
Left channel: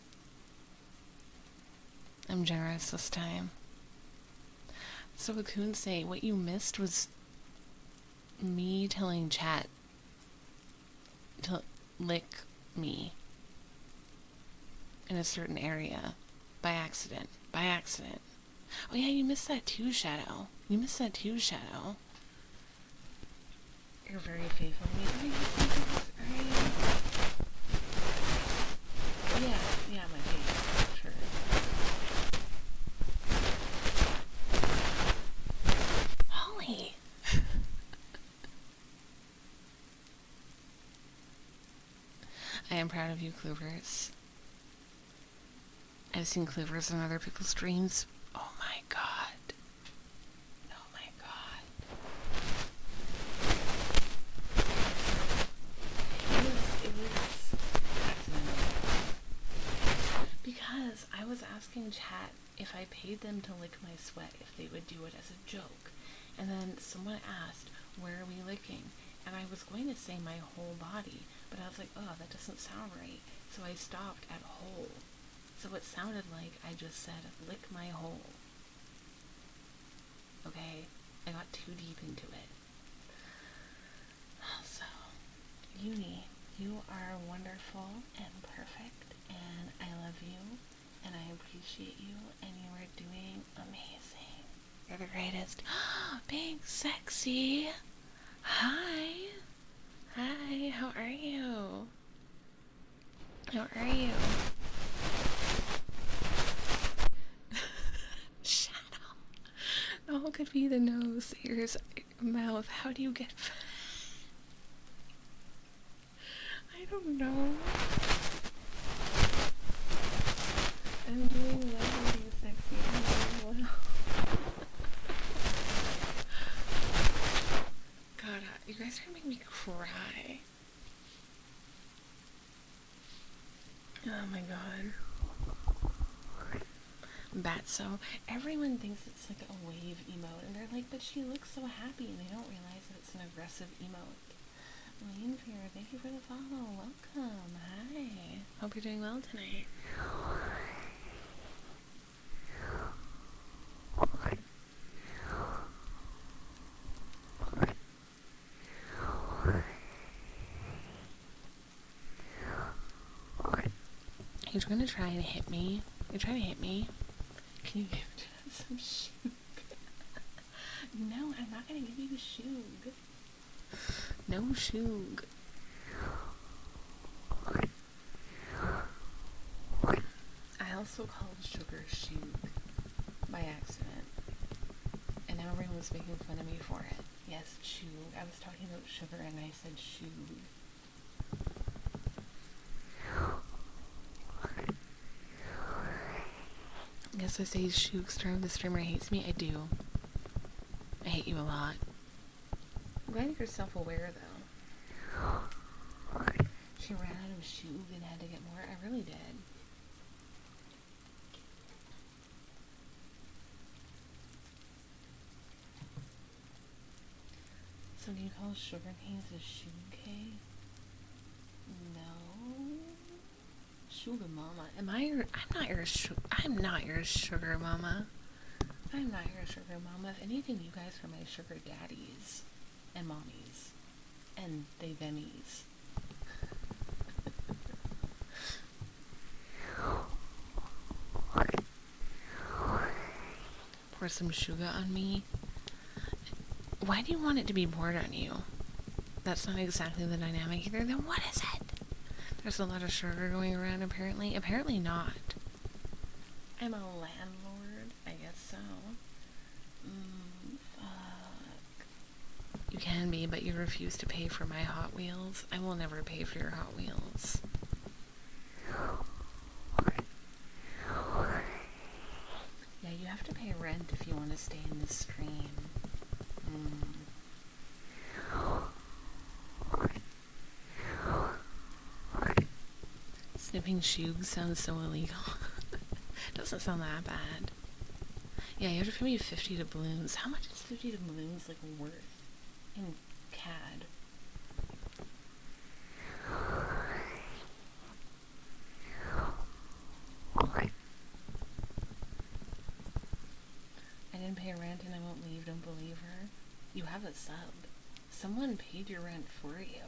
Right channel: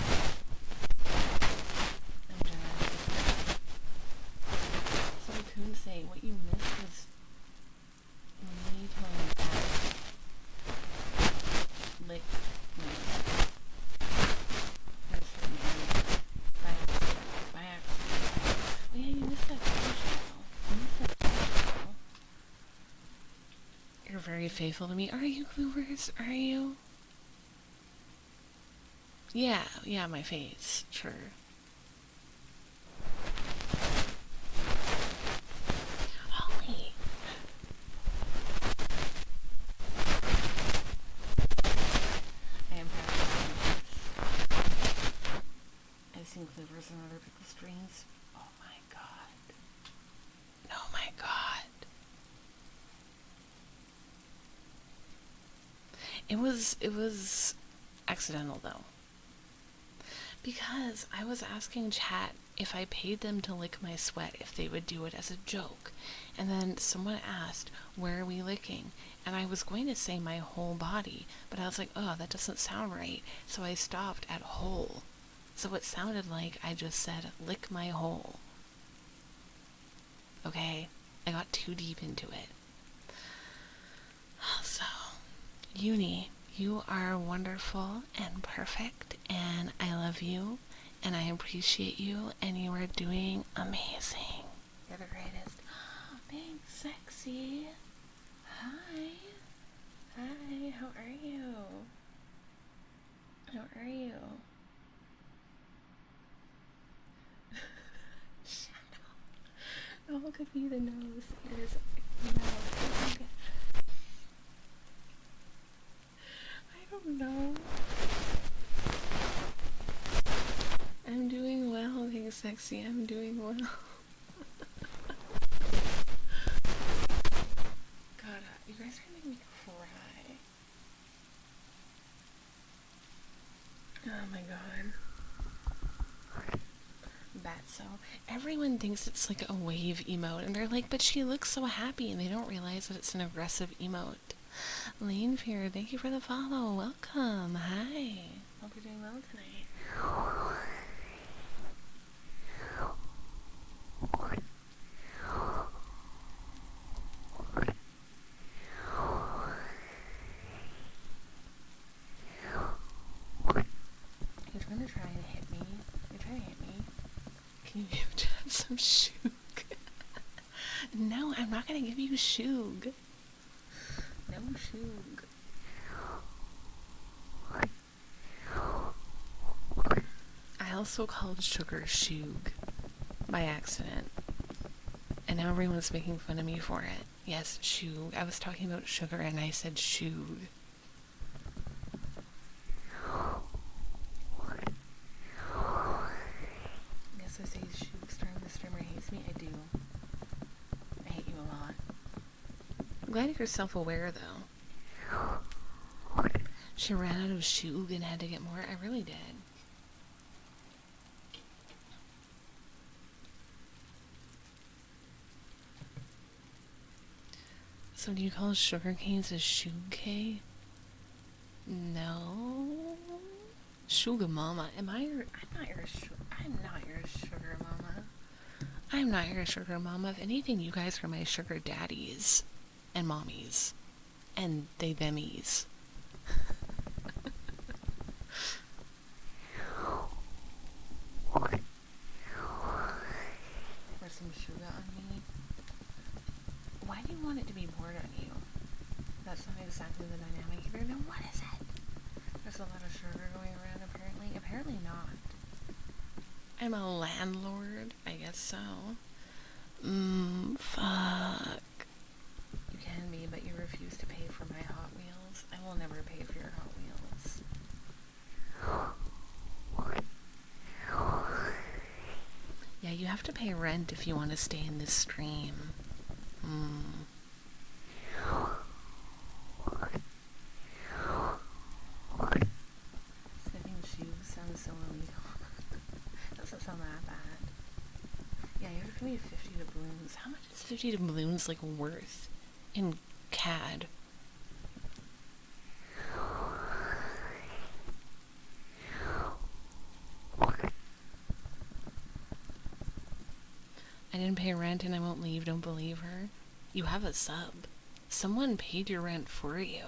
I'm generous this time. So Raccoon say, what you missed was me telling chat to lick me in a certain area by accident. By accident. Oh yeah, you missed that too, Shadow. You missed that too, Shadow. You're very faithful to me. Are you, please? Are you? Yeah, my face. Sure. Holly! I am proud of you, Cloovers. I've seen Cloovers on other people's streams. Oh my god. Oh my god. It was accidental though. Because I was asking chat if I paid them to lick my sweat, if they would do it as a joke. And then someone asked, where are we licking? And I was going to say my whole body, but I was like, oh, that doesn't sound right. So I stopped at whole. So it sounded like I just said, lick my hole. Okay? I got too deep into it. So, Uni, you are wonderful and perfect, and I love you, and I appreciate you, and you are doing amazing. You're the greatest. Being sexy. Hi. Hi, how are you? How are you? Shadow. Oh, it could be the nose, ears, mouth. How do you get... I don't know. I'm doing well, being sexy. I'm doing well. God, you guys are making me cry. Oh my god. Batso. Everyone thinks it's like a wave emote, and they're like, but she looks so happy, and they don't realize that it's an aggressive emote. Lane Fear, thank you for the follow. Welcome. Hi. Hope you're doing well tonight. You're trying to try and hit me? You're trying to hit me? Can you give Chad some shoog? No, I'm not gonna give you shoog. No shoog. I also called sugar shoog by accident. And now everyone's making fun of me for it. Yes, shoog. I was talking about sugar and I said shoog. Yes, I say shoog. The streamer hates me. I do. I hate you a lot. I'm glad you're self-aware, though. She ran out of shoog and had to get more. I really did. So do you call sugar canes a shoog-K? No. Sugar mama. I'm not your sugar mama. I'm not your sugar mama. If anything, you guys are my sugar daddies. And mommies. And they themies. Pour some sugar on me. Why do you want it to be poured on you? That's not exactly the dynamic either. Then what is it? There's a lot of sugar going around apparently. Apparently not. I'm a landlord. I guess so. Fuck. You can be, but you refuse to pay for my Hot Wheels. I will never pay for your Hot Wheels. Yeah, have to pay rent if you want to stay in this stream. Snipping shoes sounds so illegal. Doesn't sound that bad. Yeah, you have to pay me 50 doubloons. How much is 50 doubloons, like, worth in CAD? I didn't pay rent and I won't leave, don't believe her. You have a sub. Someone paid your rent for you.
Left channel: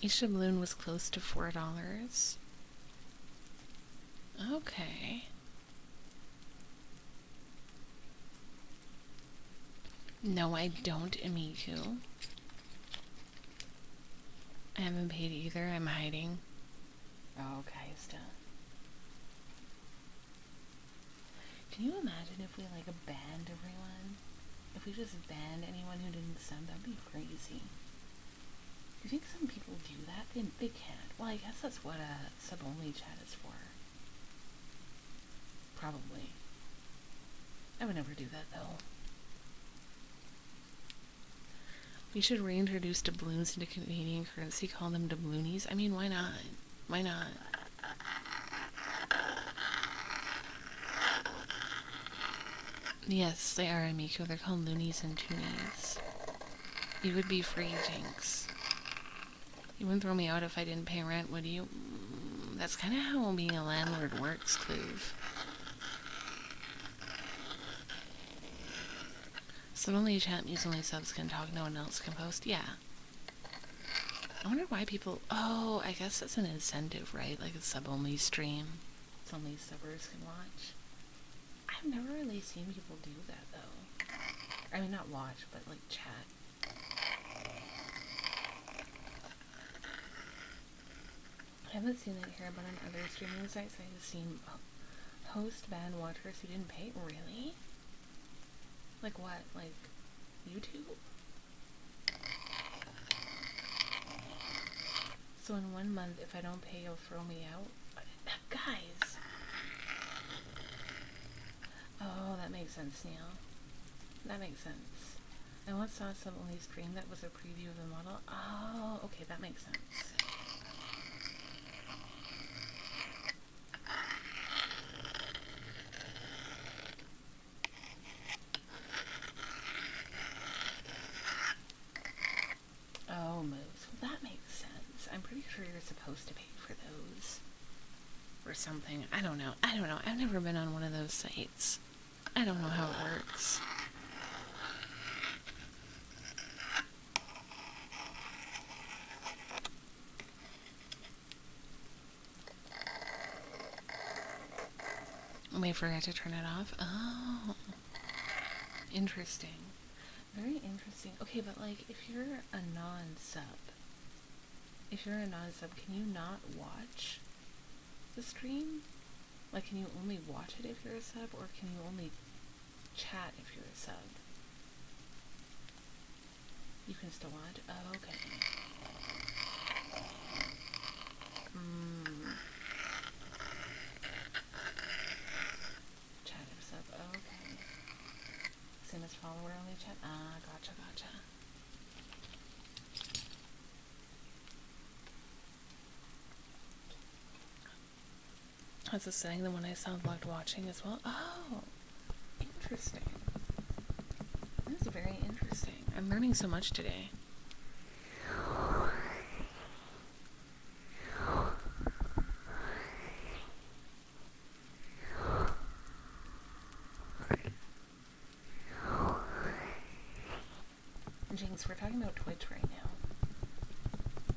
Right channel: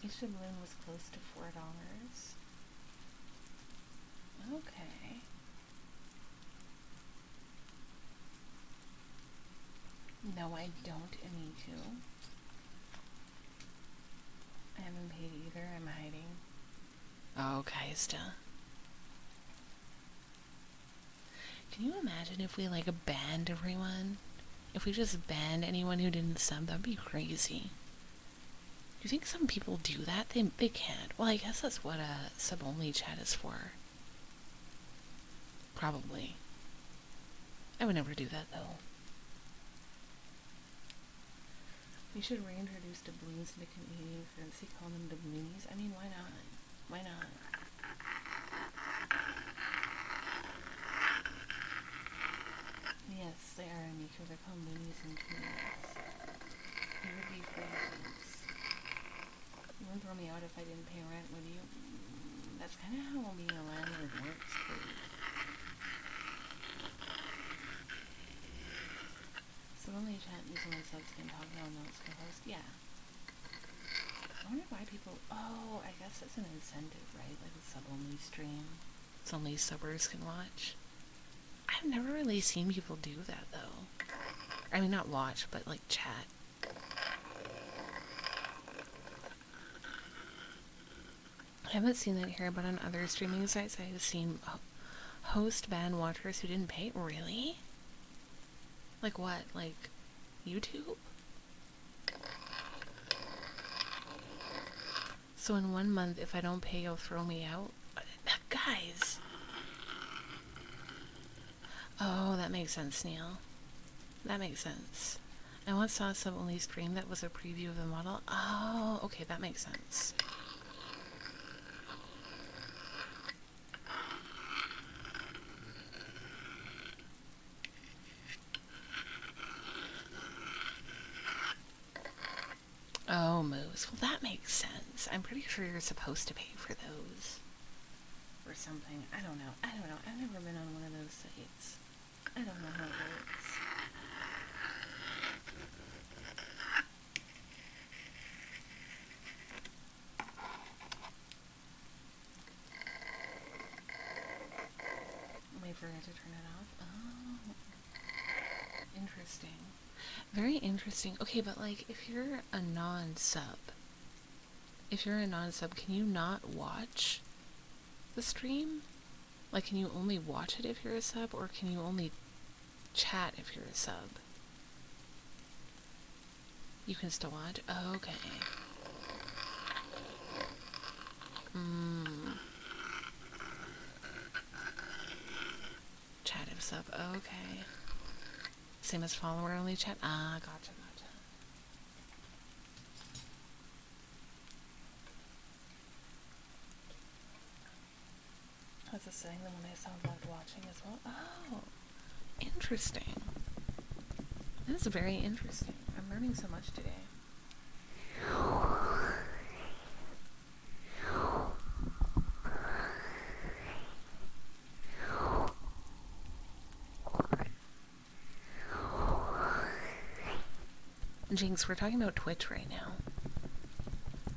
Each doubloon was close to $4. Okay. No, I don't, Amiku. I haven't paid either. I'm hiding. Oh, Kaista. Can you imagine if we, like, banned everyone? If we just banned anyone who didn't sub, that'd be crazy. Do you think some people do that? They can't. Well, I guess that's what a sub-only chat is for. Probably. I would never do that, though. You should reintroduce doubloons into Canadian currency, call them doubloonies. I mean, why not? Why not? Yes, they are, Amico. They're called loonies and toonies. You would be free, Jinx. You wouldn't throw me out if I didn't pay rent, would you? That's kind of how being a landlord works, Cleve. Sub-only chat means only subs can talk, no one else can post. Yeah. I wonder why people... Oh, I guess that's an incentive, right? Like a sub-only stream. It's only subbers can watch. I've never really seen people do that, though. I mean, not watch, but, like, chat. I haven't seen that here, but on other streaming sites, I've seen host ban watchers who didn't pay. Really? Like what? Like YouTube? So in 1 month, if I don't pay, you'll throw me out? Guys! Oh, that makes sense, Neil. That makes sence. I once saw a sub-only stream that was a preview of the model. Oh, okay, that makes sense. Oh, moves. Well, that makes sense. I'm pretty sure you're supposed to pay for those. Or something. I don't know. I've never been on one of those sites. I don't know how it works. Wait, forgot to turn it off? Oh. Interesting. Very interesting. Okay, but like, if you're a non-sub, can you not watch the stream? Like, can you only watch it if you're a sub, or can you only chat if you're a sub? You can still watch? Oh, okay. Chat if sub. Okay. Same as follower only chat? Ah, gotcha. That's a setting the one I sound like watching as well. Oh, interesting. This is very interesting. I'm learning so much today. Jinx, we're talking about Twitch right now.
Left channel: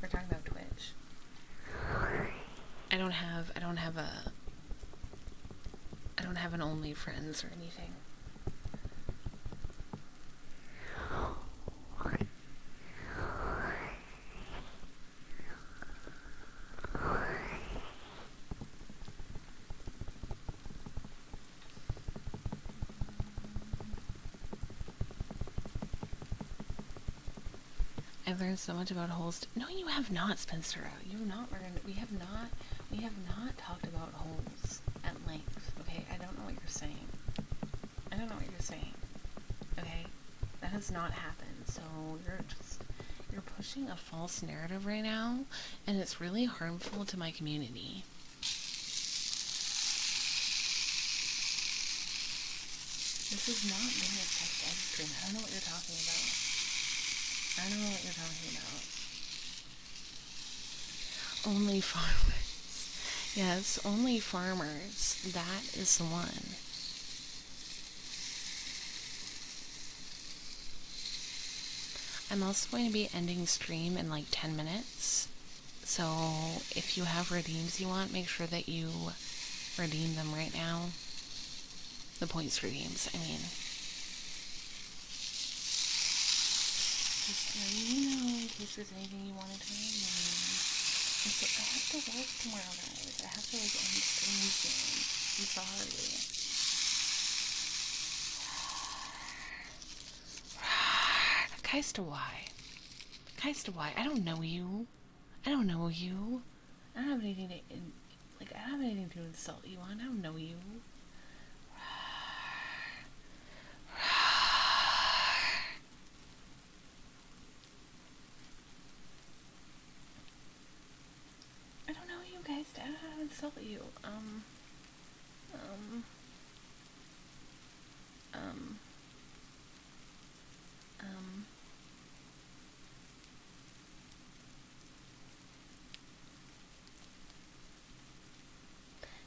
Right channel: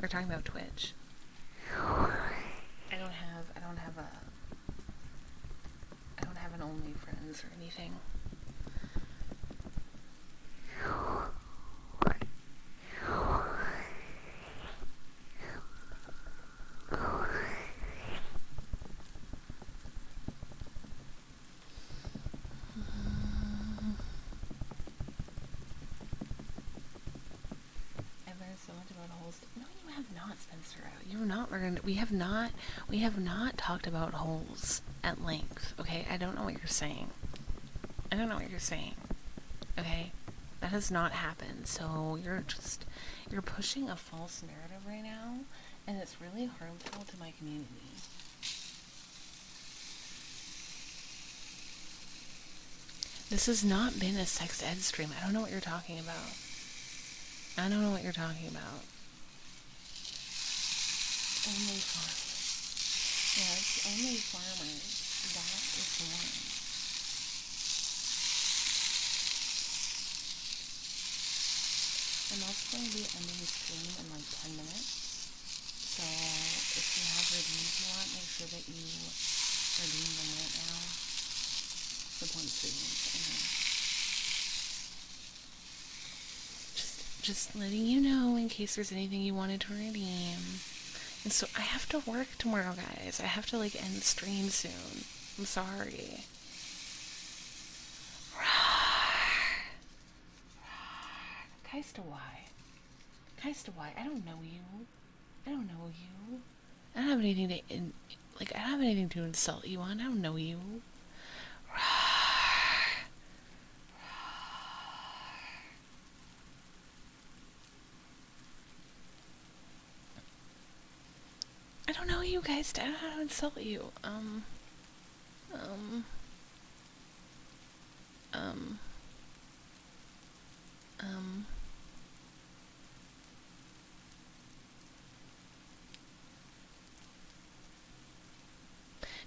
We're talking about Twitch. I don't have an OnlyFriends or anything. I've learned so much about holes. No, you have not, Spinster. You have not learned. We have not talked about holes at length. Okay, I don't know what you're saying. I don't know what you're saying. Okay, that has not happened. So you're pushing a false narrative right now, and it's really harmful to my community. This has not been a sex ed stream. I don't know what you're talking about. I don't know what you're talking about. Only farmers. Yes, only farmers. That is the one. I'm also going to be ending stream in like 10 minutes. So if you have redeems you want, make sure that you redeem them right now. The points redeems, I mean. Just letting you know in case there's anything you wanted to redeem. And so I have to work tomorrow, guys. I have to like end stream soon. I'm sorry. Kaista, why? Kaista, why? I don't know you. I don't know you. I don't have anything to I don't have anything to insult you on. I don't know you. I don't know you guys. I don't know how to insult you.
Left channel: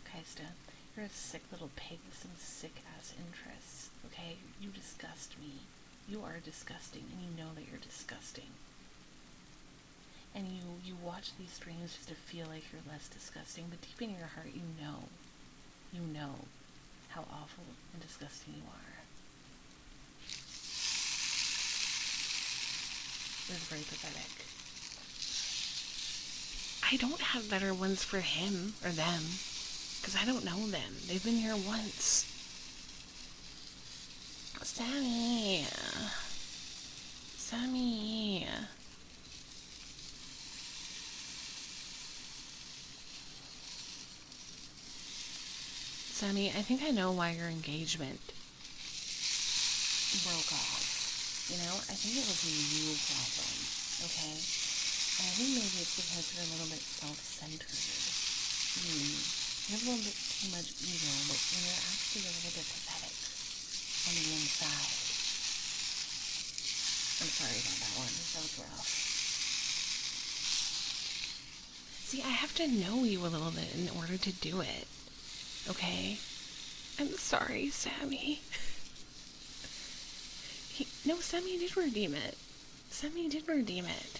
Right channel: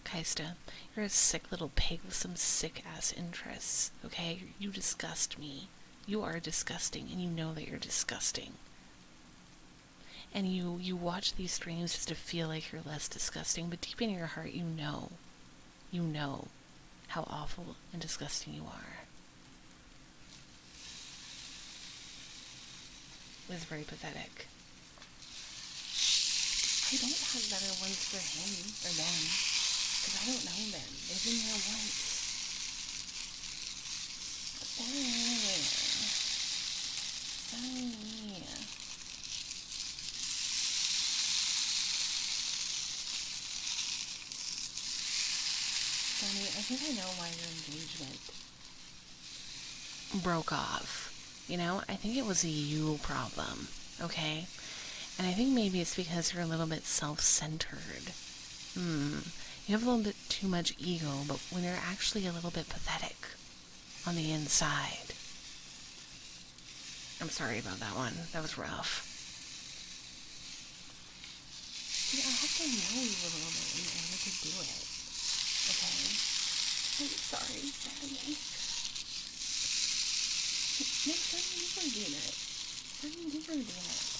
Kaista, you're a sick little pig with some sick ass interests, okay? You disgust me. You are disgusting, and you know that you're disgusting. And you watch these streams just to feel like you're less disgusting, but deep in your heart you know how awful and disgusting you are. It was very pathetic. I don't have better ones for him or them, because I don't know them. They've been here once. Sunny. Sunny, I think I know why your engagement broke off. You know, I think it was a you problem, okay? And I think maybe it's because you're a little bit self-centered. You have a little bit too much ego, but when you're actually a little bit pathetic on the inside. I'm sorry about that one. That was rough. See, I have to know you a little bit in order to do it. Okay? I'm sorry, Sammy. No, Sammy did redeem it. Sammy did redeem it.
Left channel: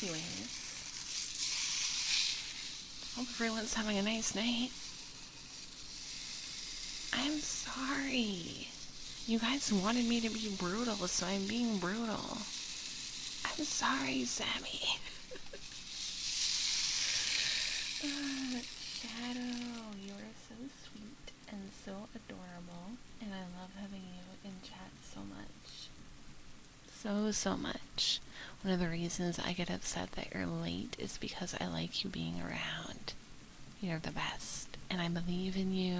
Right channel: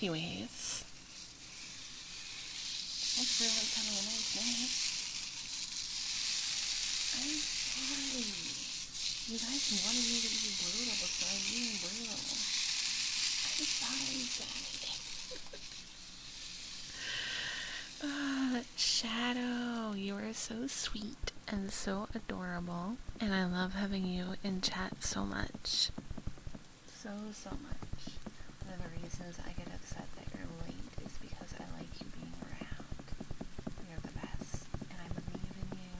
Anyways, hope everyone's having a nice night. I'm sorry. You guys wanted me to be brutal, so I'm being brutal. I'm sorry, Sammy. Shadow, you are so sweet and so adorable, and I love having you in chat so much. So much. One of the reasons I get upset that you're late is because I like you being around. You're the best, and I believe in you.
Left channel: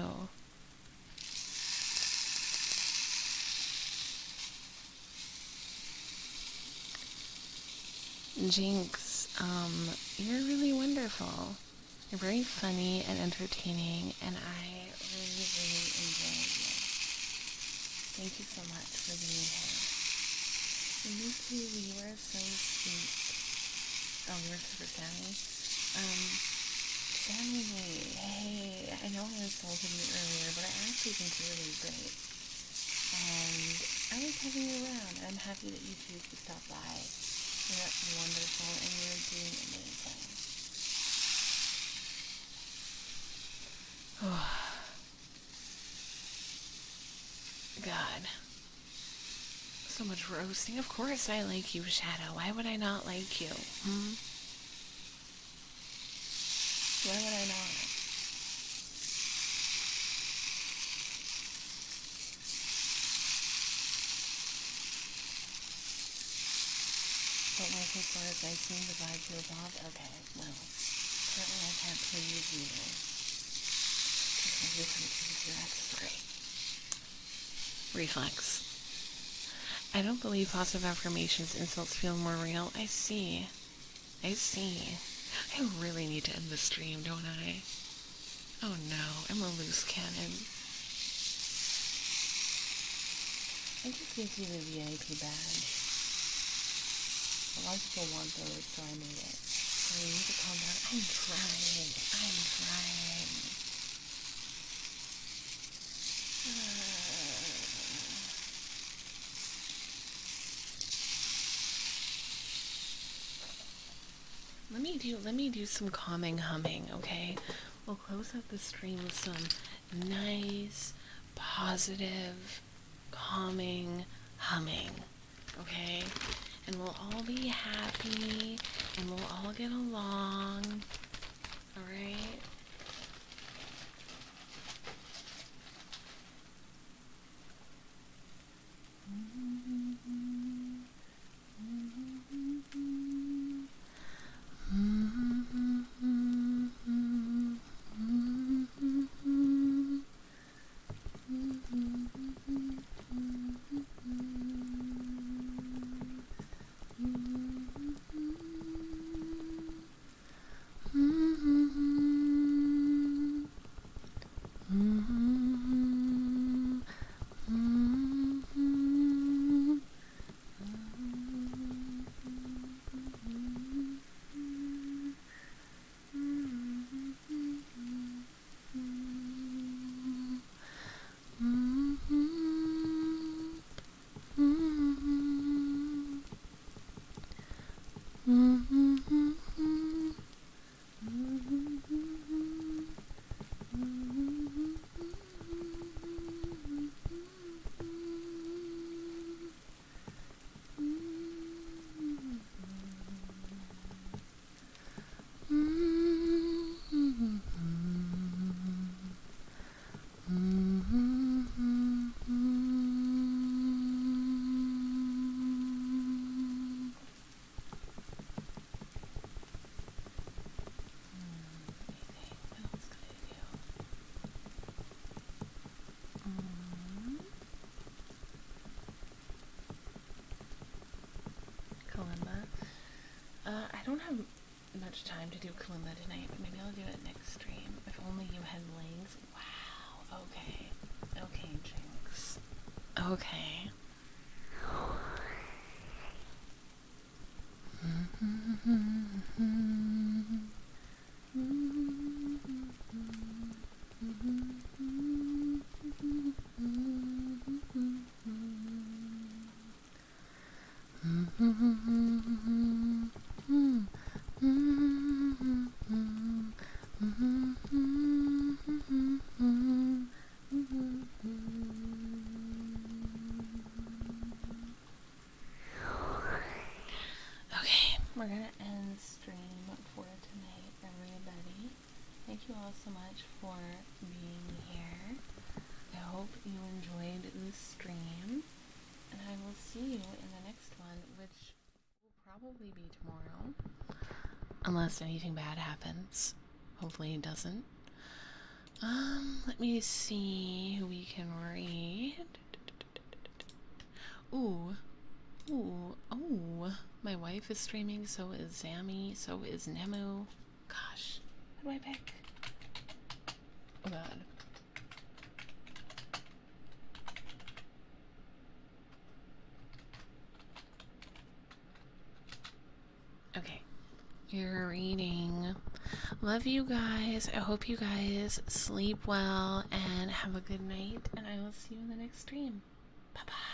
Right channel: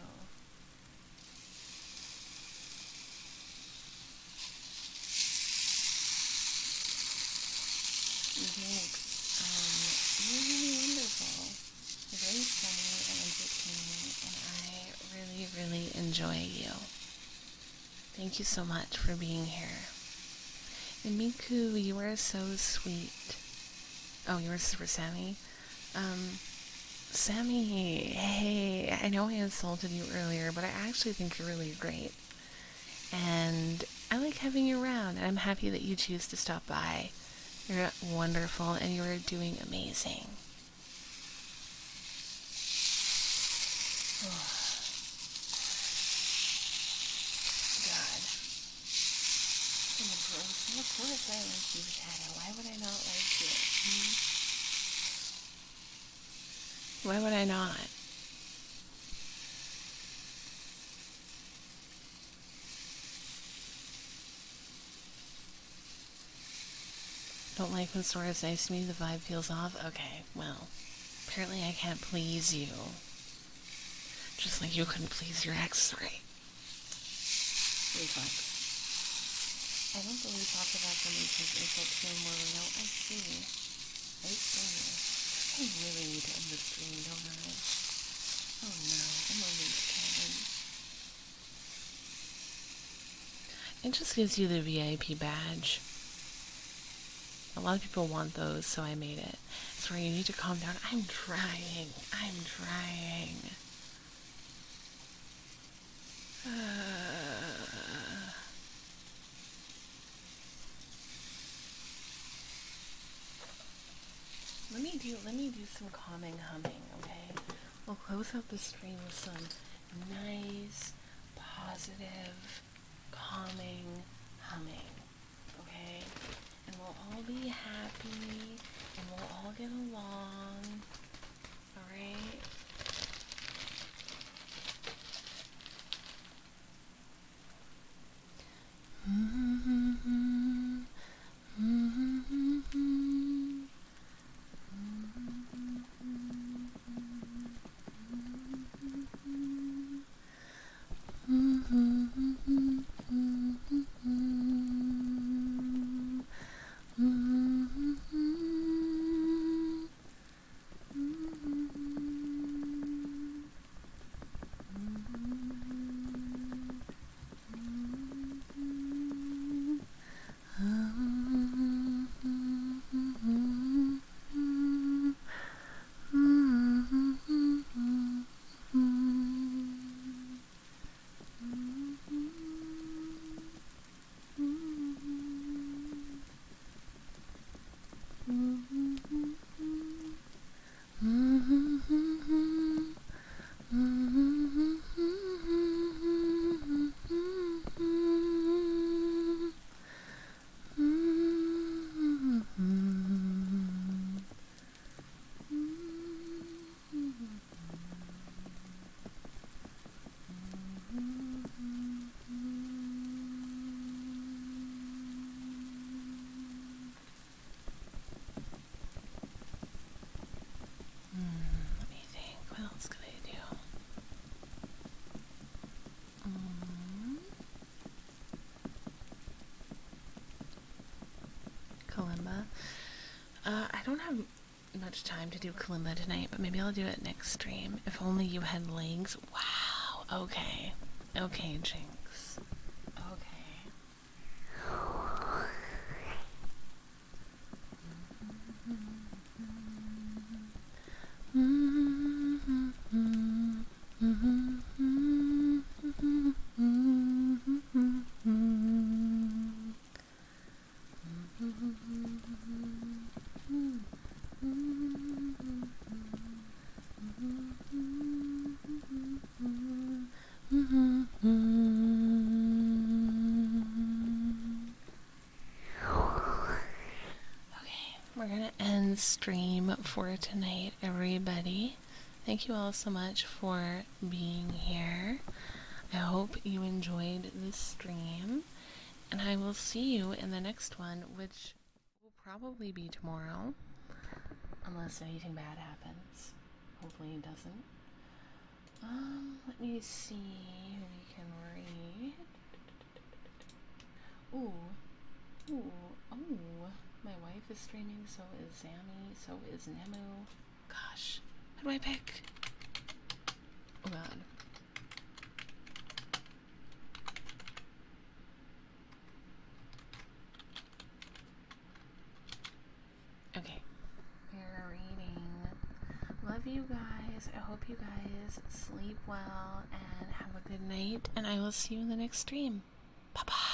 Jinx, you're really wonderful. You're very funny and entertaining, and I really enjoy you. Thank you so much for being here. And Miku, you are so sweet. Oh, you were for Sammy? Sammy, hey, I know I insulted you earlier, but I actually think you're really great. And I like having you around, and I'm happy that you choose to stop by. You're wonderful, and you're doing amazing. God. so much roasting. Of course I like you, Shadow. Why would I not like you? Why would I not? Don't like when Sora's nice to me, the vibe feels off? Okay, well, apparently I can't please you. Just like you couldn't please your ex. Sorry. Reflex. I don't believe positive affirmations insults feel more real. I see. I really need to end the stream, don't I? Oh no, I'm a loose cannon. It just gives you the VIP badge. A lot of people want those, so I made it. Sorry, you need to calm down. I'm trying. Let me do some calming humming, okay? We'll close out the stream with some nice, positive, calming humming, okay? And we'll all be happy, and we'll all get along, alright? Kalimba. I don't have much time to do Kalimba tonight, but maybe I'll do it next stream. If only you had legs. Wow. Okay. Okay, Jinx. Okay. We're gonna end stream for tonight, everybody. Thank you all so much for being here. I hope you enjoyed this stream, and I will see you in the next one, which will probably be tomorrow, unless anything bad happens. Hopefully it doesn't. Let me see who we can read. Ooh, oh, my wife is streaming, so is Zammy, so is Nemu. Gosh, who do I pick? Oh god. Okay, you're reading. Love you guys. I hope you guys sleep well and have a good night, and I will see you in the next stream. Bye-bye.